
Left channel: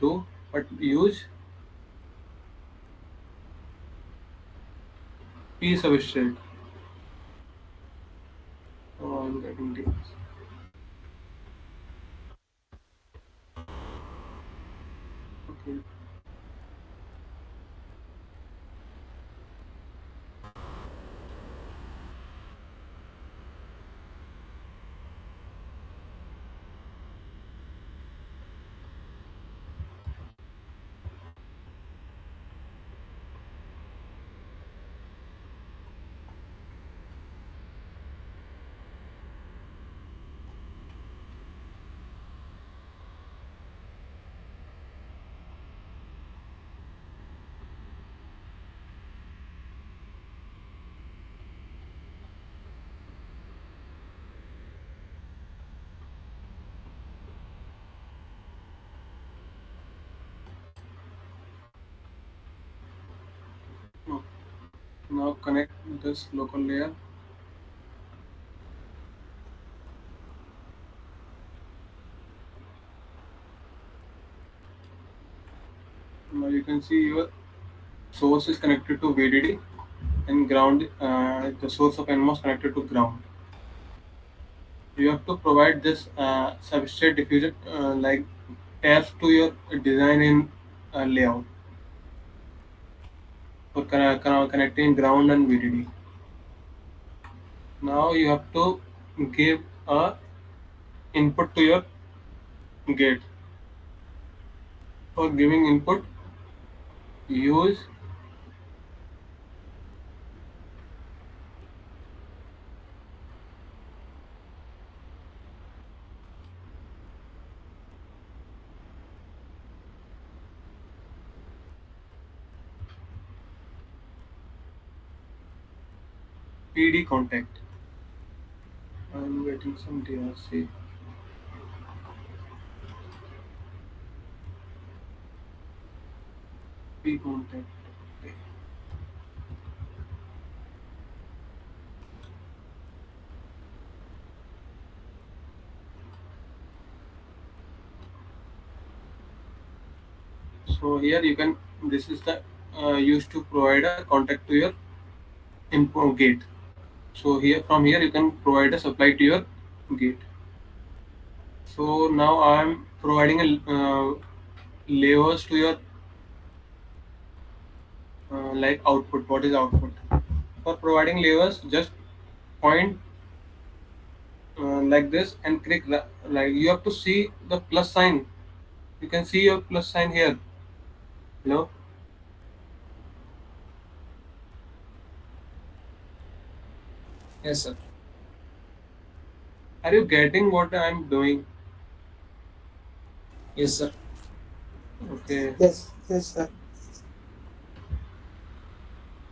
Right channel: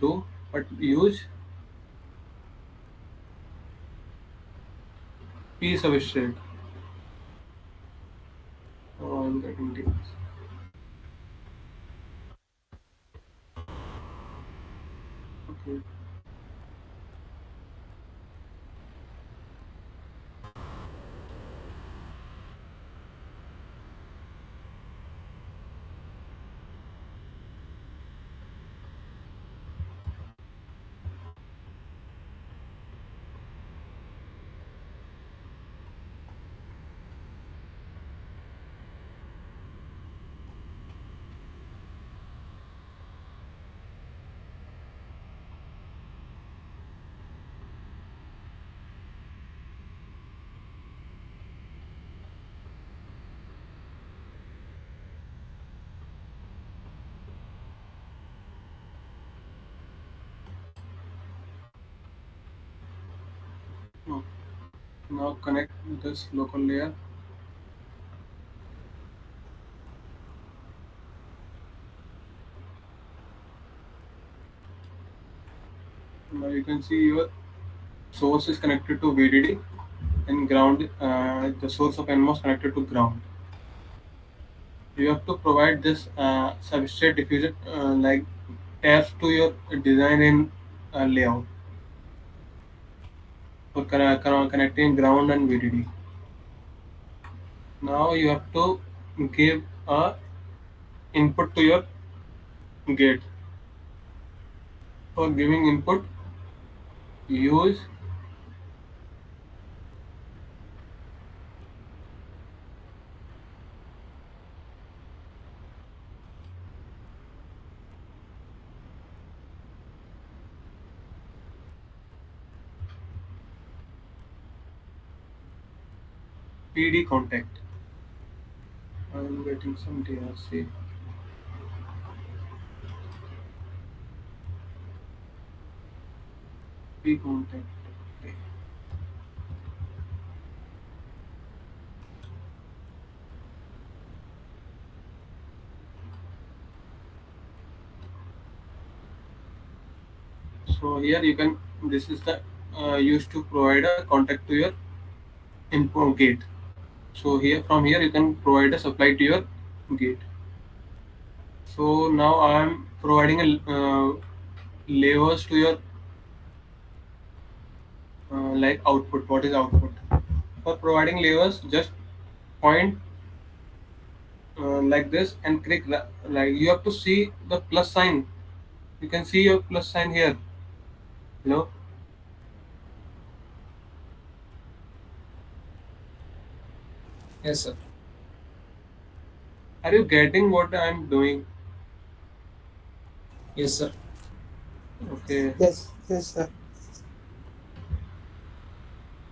do, but use P substrate. Oh, I'm getting this. Okay. Oh. Now connect this local layer. Now you can see your source is connected to VDD and ground. The source of NMOS connected to ground. You have to provide this substrate diffusion like tabs to your design in layout for connecting ground and VDD. Now you have to give a input to your gate. For giving input, use PD contact. I'm getting some DRC. P contact. Okay. So here you can. This is the used to provide a contact to your input gate. So here from here you can provide a supply to your gate. So now I am providing a levers to your like output. What is output? For providing levers, just point like this and click like you have to see the plus sign. You can see your plus sign here. Hello, Yes, sir. are you getting what I am doing? Yes, sir. Okay. Yes, yes, sir.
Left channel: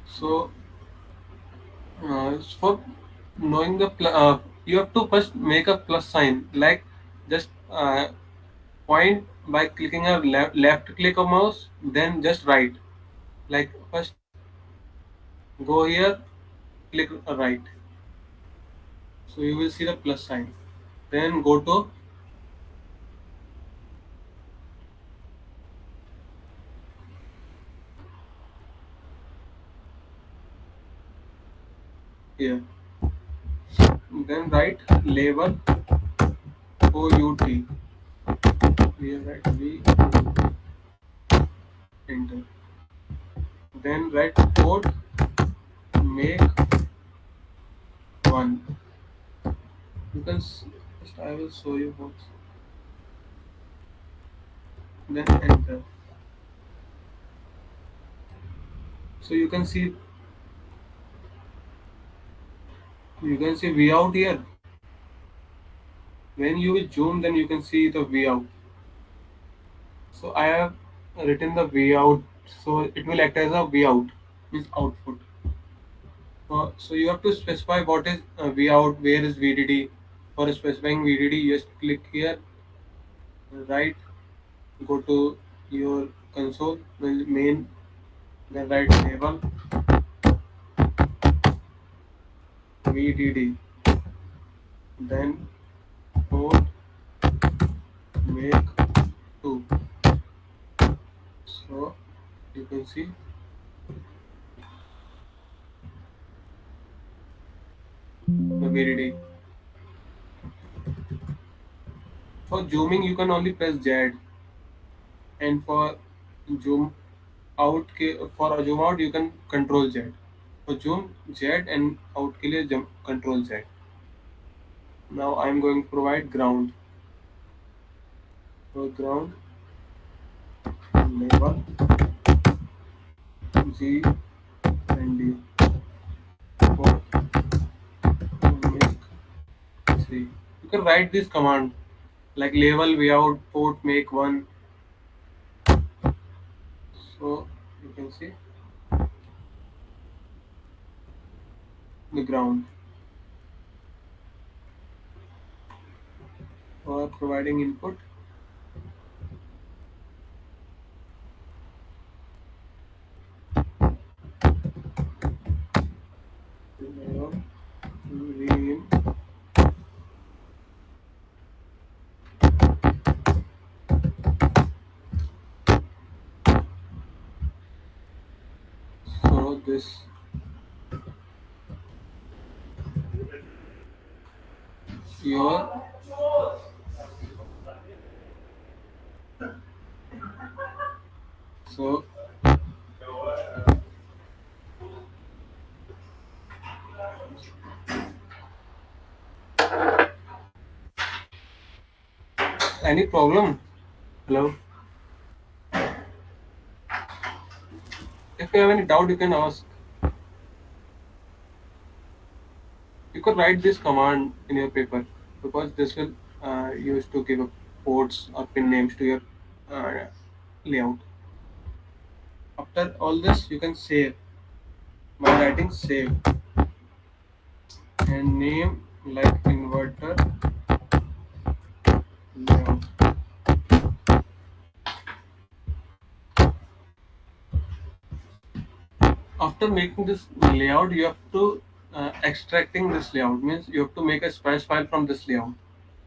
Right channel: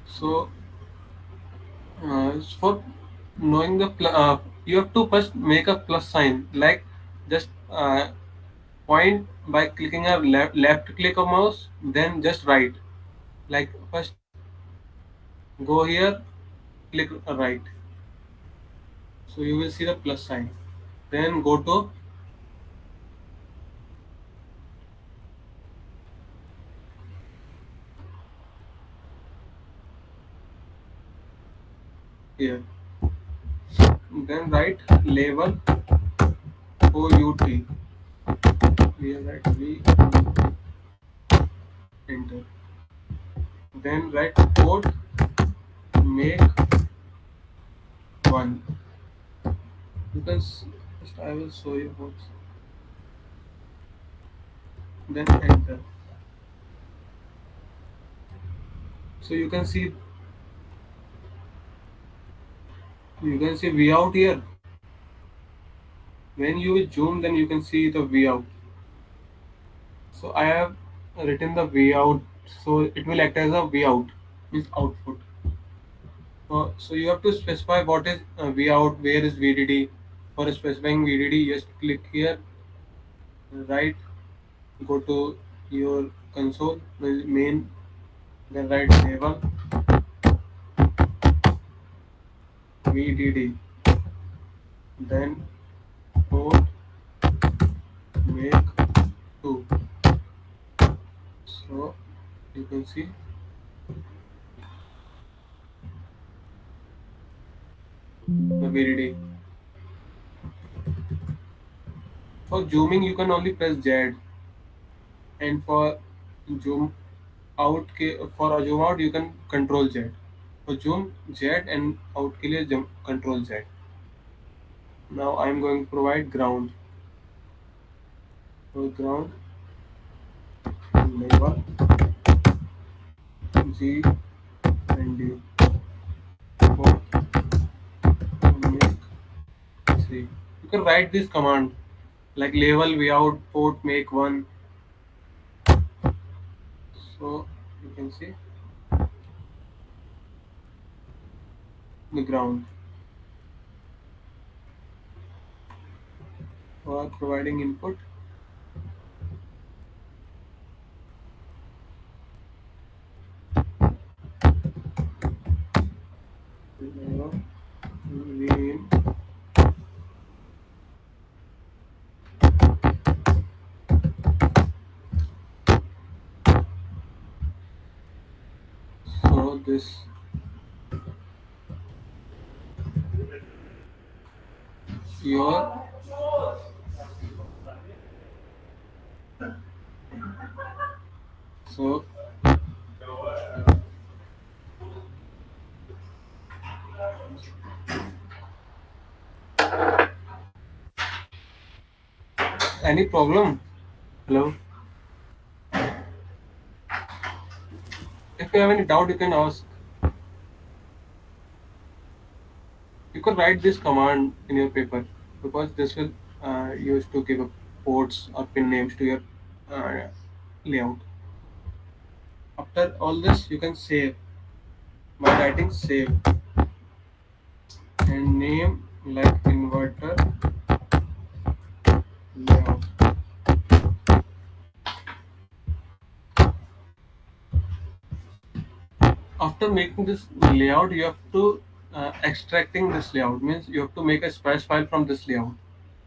So for knowing the you have to first make a plus sign like just point by clicking a left click of mouse, then just right. Like first go here, click right. So you will see the plus sign. Then go to here. Then write label OUT. Here write V, enter. Then write port make one. You can just I will show you what. Then enter. So you can see V out here. When you will zoom, then you can see the V out. So I have written the V out. So it will act as a V out, means output. So you have to specify what is V out, where is VDD. For specifying VDD, just click here, right, go to your console, main, then write label VDD, then port make 2. So you can see VDD. For zooming, you can only press Z, and for zoom for a zoom out, you can control Z. For zoom Z and out के लिए control Z. Now I am going to provide ground. For ground, label G and D. For make 3. You can write this command like label vout port make 1. So you can see the ground. For providing input, Vin. So this your so any problem? Hello. If you have any doubt, you can ask. You could write this command in your paper because this will use to give ports or pin names to your uh, layout. After all this, you can save by writing save and name like inverter layout. After making this layout, you have to extracting this layout means you have to make a spice file from this layout.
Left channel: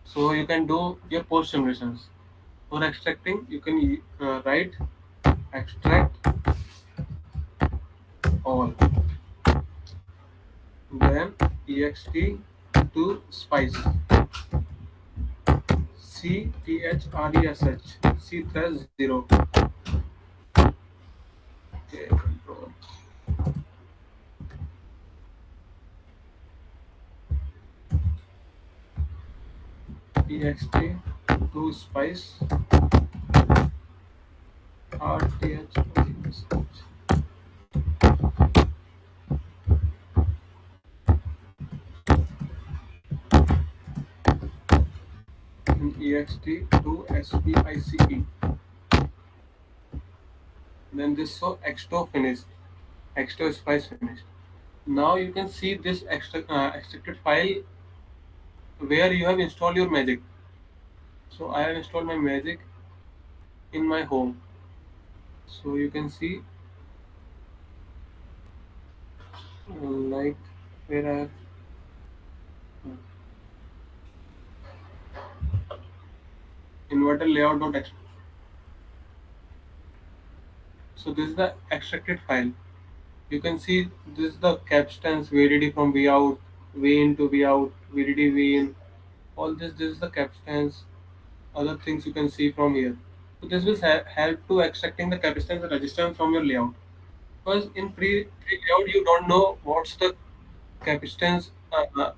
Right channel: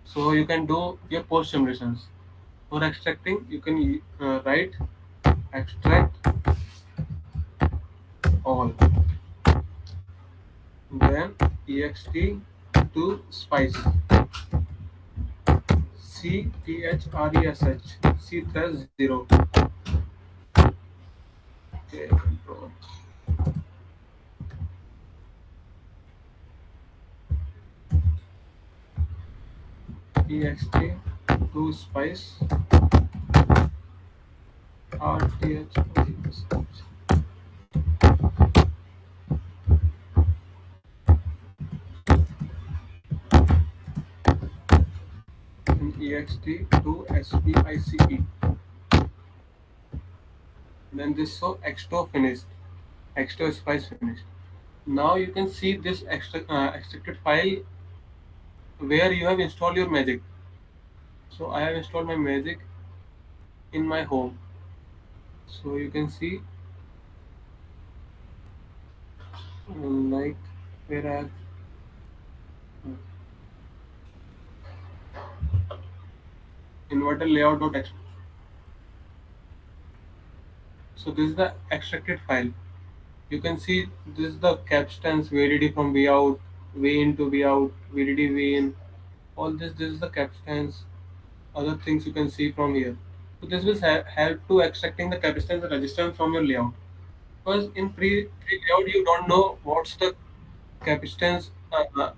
So you can do your post simulations. For extracting, you can write extract all, then ext to spice c thresh 0. Okay, control ext to spice rth and ext to spice. Then this so exto finished, exto spice finished. Now you can see this extracted file where you have installed your magic. So I have installed my magic in my home. So you can see like where I have inverter layout. So this is the extracted file. You can see this is the capstans VDD from V out, V in to V out, VDD V in. All this is the capstans. Other things you can see from here. So this will help to extracting the capacitance and resistance from your layout. Because in pre layout you don't know what's the capacitance. Hello,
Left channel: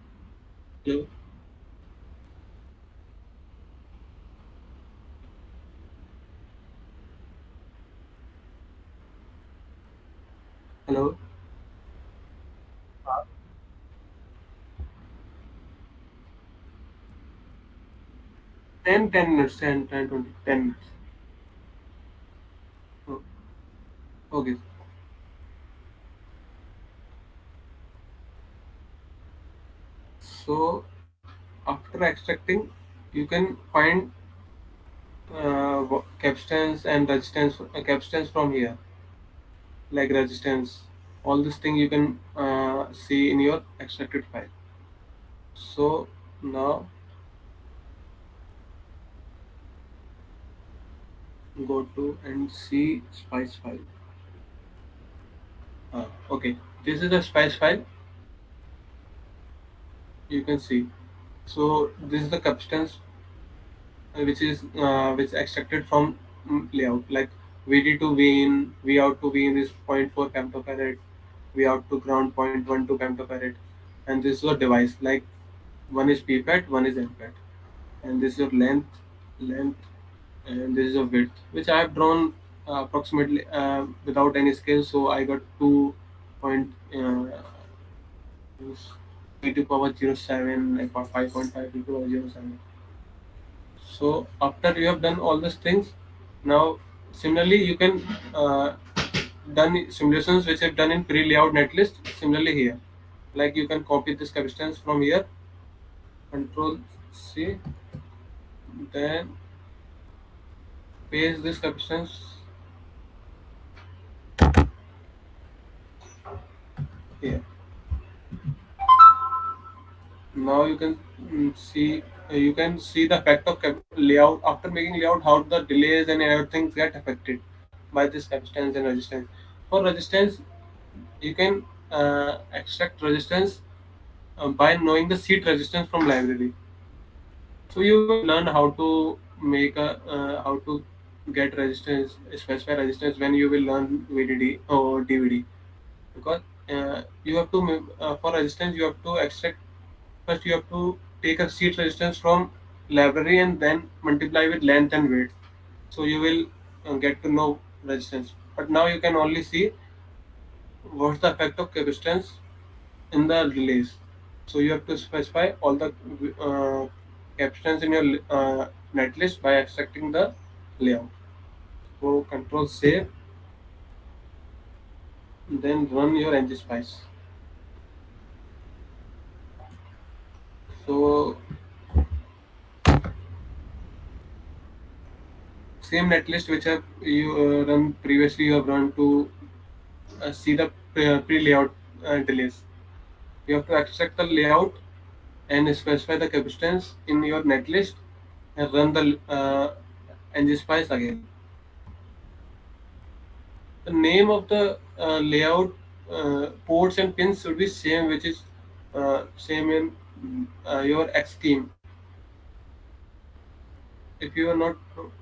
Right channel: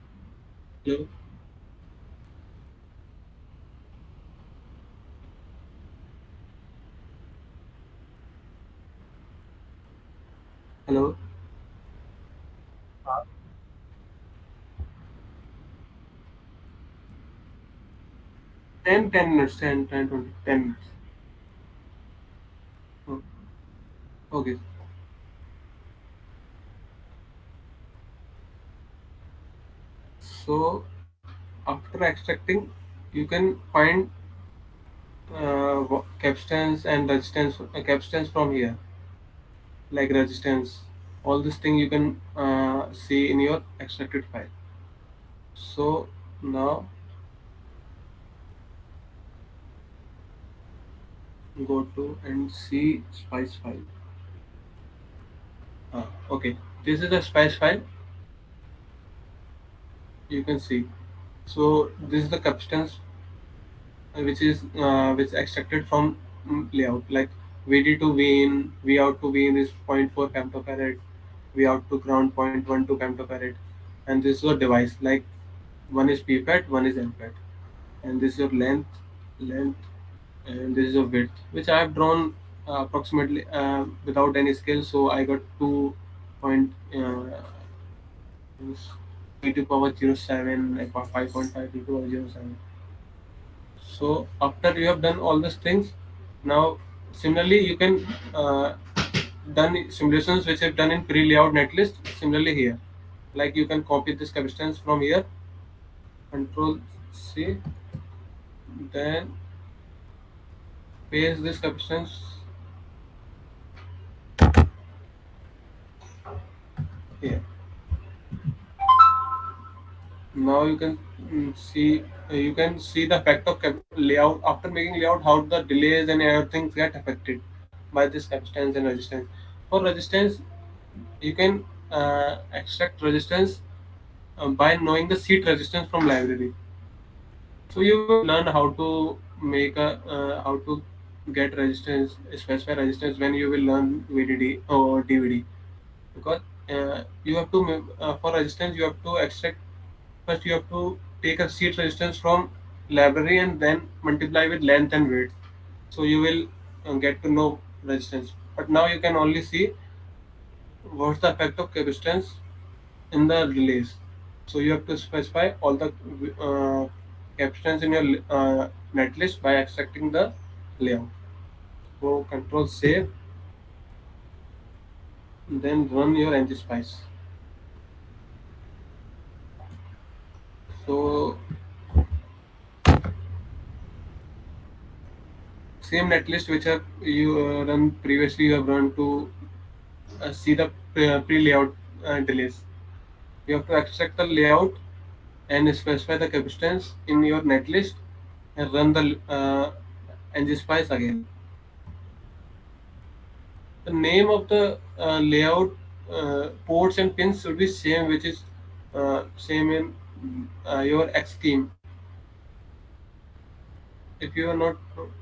hello. 10 minutes, 20, 10 minutes. Oh, okay. So after extracting, you can find capstance and resistance, capstance from here, like resistance. All this thing you can see in your extracted file. So now go to and see spice file. Okay, this is the spice file. You can see. So this is the capacitance which extracted from layout, like VD to V in, V out to V in is zero point 0.4 femtofarad, V out to ground 0.12 femtofarad, and this is your device, like one is pfat, one is nfat, and this is your length, and this is your width, which I have drawn approximately without any scale. So I got 2 point e to power 07, like 5.5 e to power 07. So after you have done all these things, now similarly you can done simulations which have done in pre-layout netlist. Similarly here, like you can copy this capacitance from here, Control C, then paste this capacitance here. Now you can you can see the effect of layout after making layout, how the delays and everything get affected by this capacitance and resistance. For resistance, you can extract resistance by knowing the seat resistance from library. So you will learn how to make a how to get resistance, specify resistance when you will learn VDD or DVD, because you have to for resistance you have to extract. First, you have to take a seat resistance from library and then multiply with length and width. So you will get to know resistance. But now you can only see what's the effect of capacitance in the delays. So you have to specify all the captions in your netlist by extracting the layout. So control save, then run your Ngspice. So same netlist which have you run previously, you have run to see the pre-layout delays. You have to extract the layout and specify the capacitance in your netlist and run the Ngspice again. The name of the layout ports and pins should be same, which is same in your Xschem. If you are not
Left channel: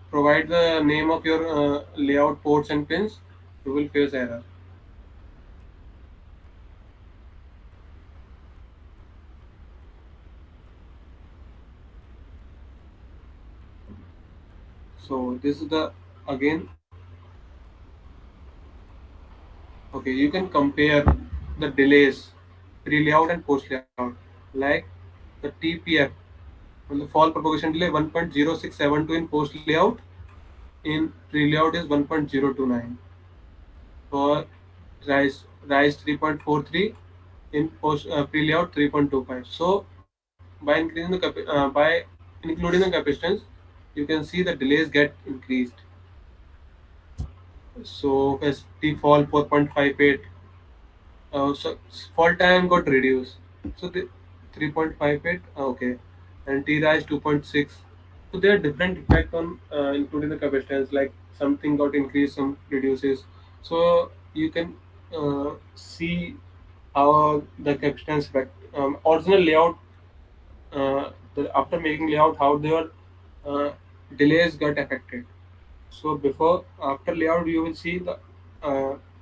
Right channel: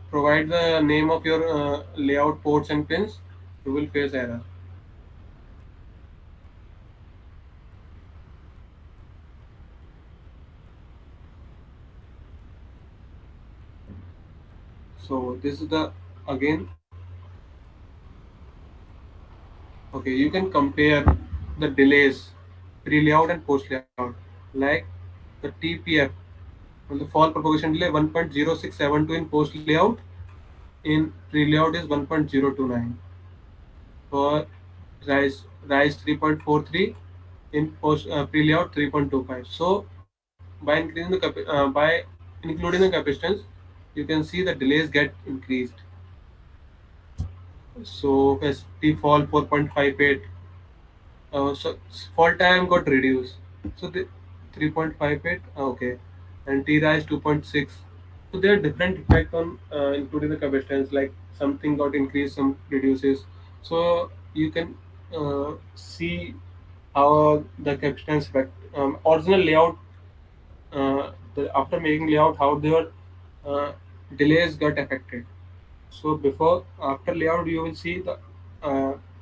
provide the name of your layout ports and pins, you will face error. So this is the again. Okay, you can compare the delays pre-layout and post-layout, like the TPF, well, the fall propagation delay 1.0672 in post-layout, in pre-layout is 1.029. For rise 3.43, in post pre-layout 3.25. So by increasing the by including the capacitance, you can see the delays get increased. So as T fall 4.58, so fall time got reduced. So the 3.58, okay, and T rise 2.6. So there are different effect on including the capacitance. Like something got increased, some reduces. So you can see how the capacitance effect. Original layout, after making layout, how their uh, delays got affected. So before after layout, you will see the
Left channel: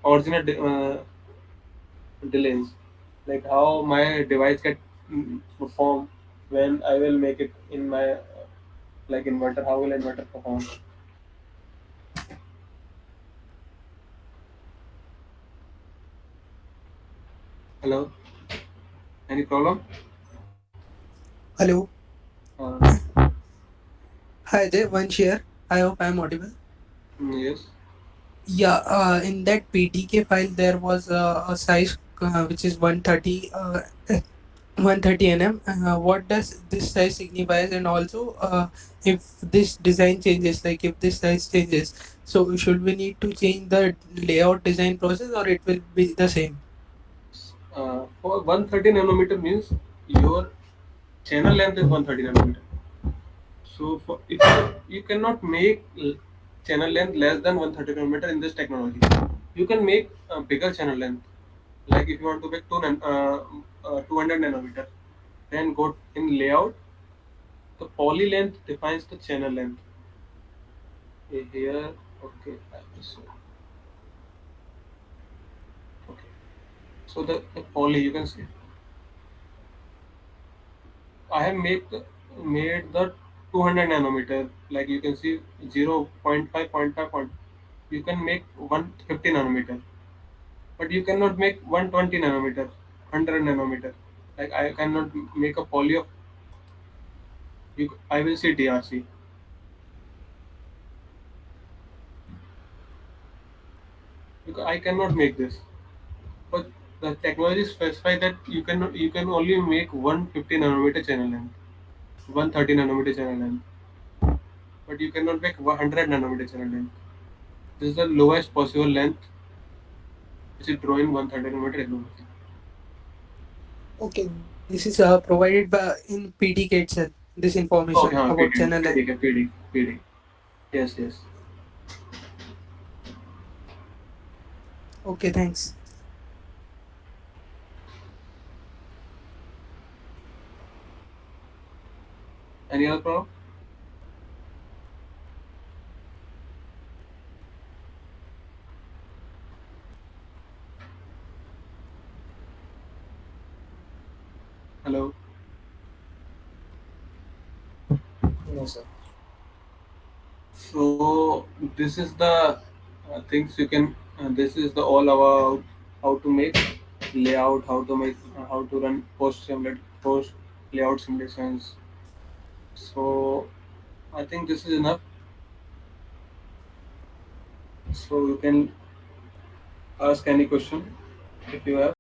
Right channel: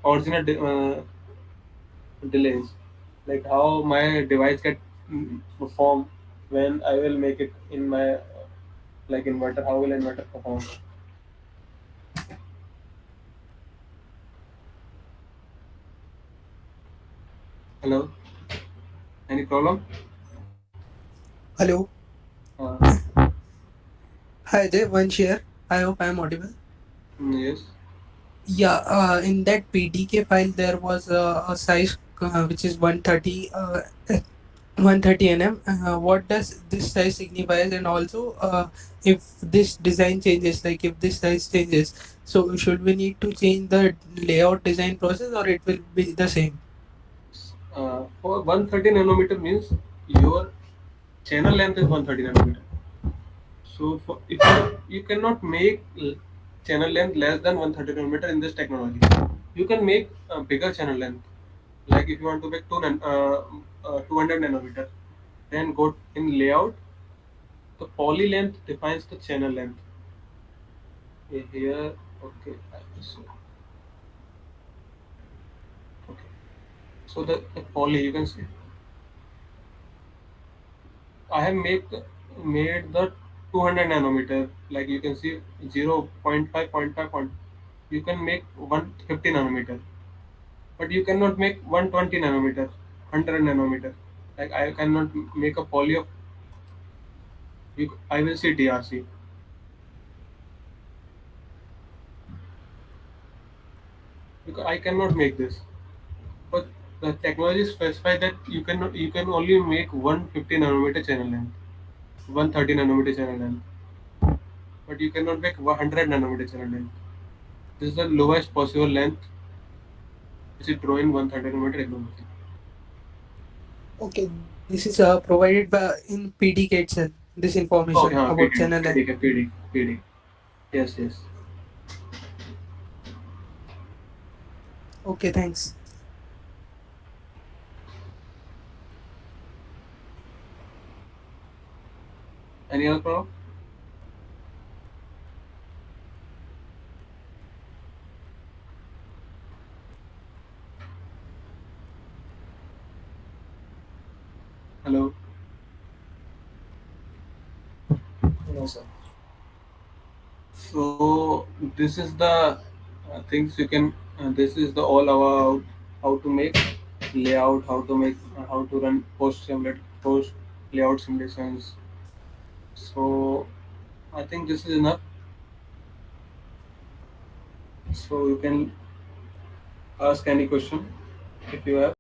original delays, like how my device get perform when I will make it in my like inverter. How will inverter perform? Hello, any problem? Hello. Uh, Hi there, Vansh here. I hope I am audible. yes. Yeah, in that PDK file there was a size which is 130 130 nm. What does this size signifies? And also, if this design changes, like if this size changes, so should we need to change the layout design process or it will be the same? For 130 nanometer means your channel length is 130 nanometer. So for if you cannot make channel length less than 130 nanometer in this technology, you can make a bigger channel length. Like if you want to make 200 nanometer, Then go in layout. The poly length defines the channel length. Here, okay. So, okay. So the poly, you can see. I have made the 200 nanometer. Like you can see 0, 0.5, 0.5. You can make 150 nanometer, but you cannot make 120 nanometer, 100 nanometer. Like I cannot make a poly of. I will see DRC. Because I cannot make this. But the technology specifies that you can only make 150 nanometer channel length, 130 nanometer channel length, but you cannot make 100 nanometer channel length. This is the lowest possible length which is drawing 130 nanometer resolution. Okay, this is provided by in PDK itself. This information Okay, about PD, channel length. PD, PD, PD. Yes, yes. Okay, thanks. Any other problem? Hello. No, sir. So this is the things you can. This is the all about how to make layout, how to make, how to run post layout simulations. So I think this is enough. So you can ask any question if you have.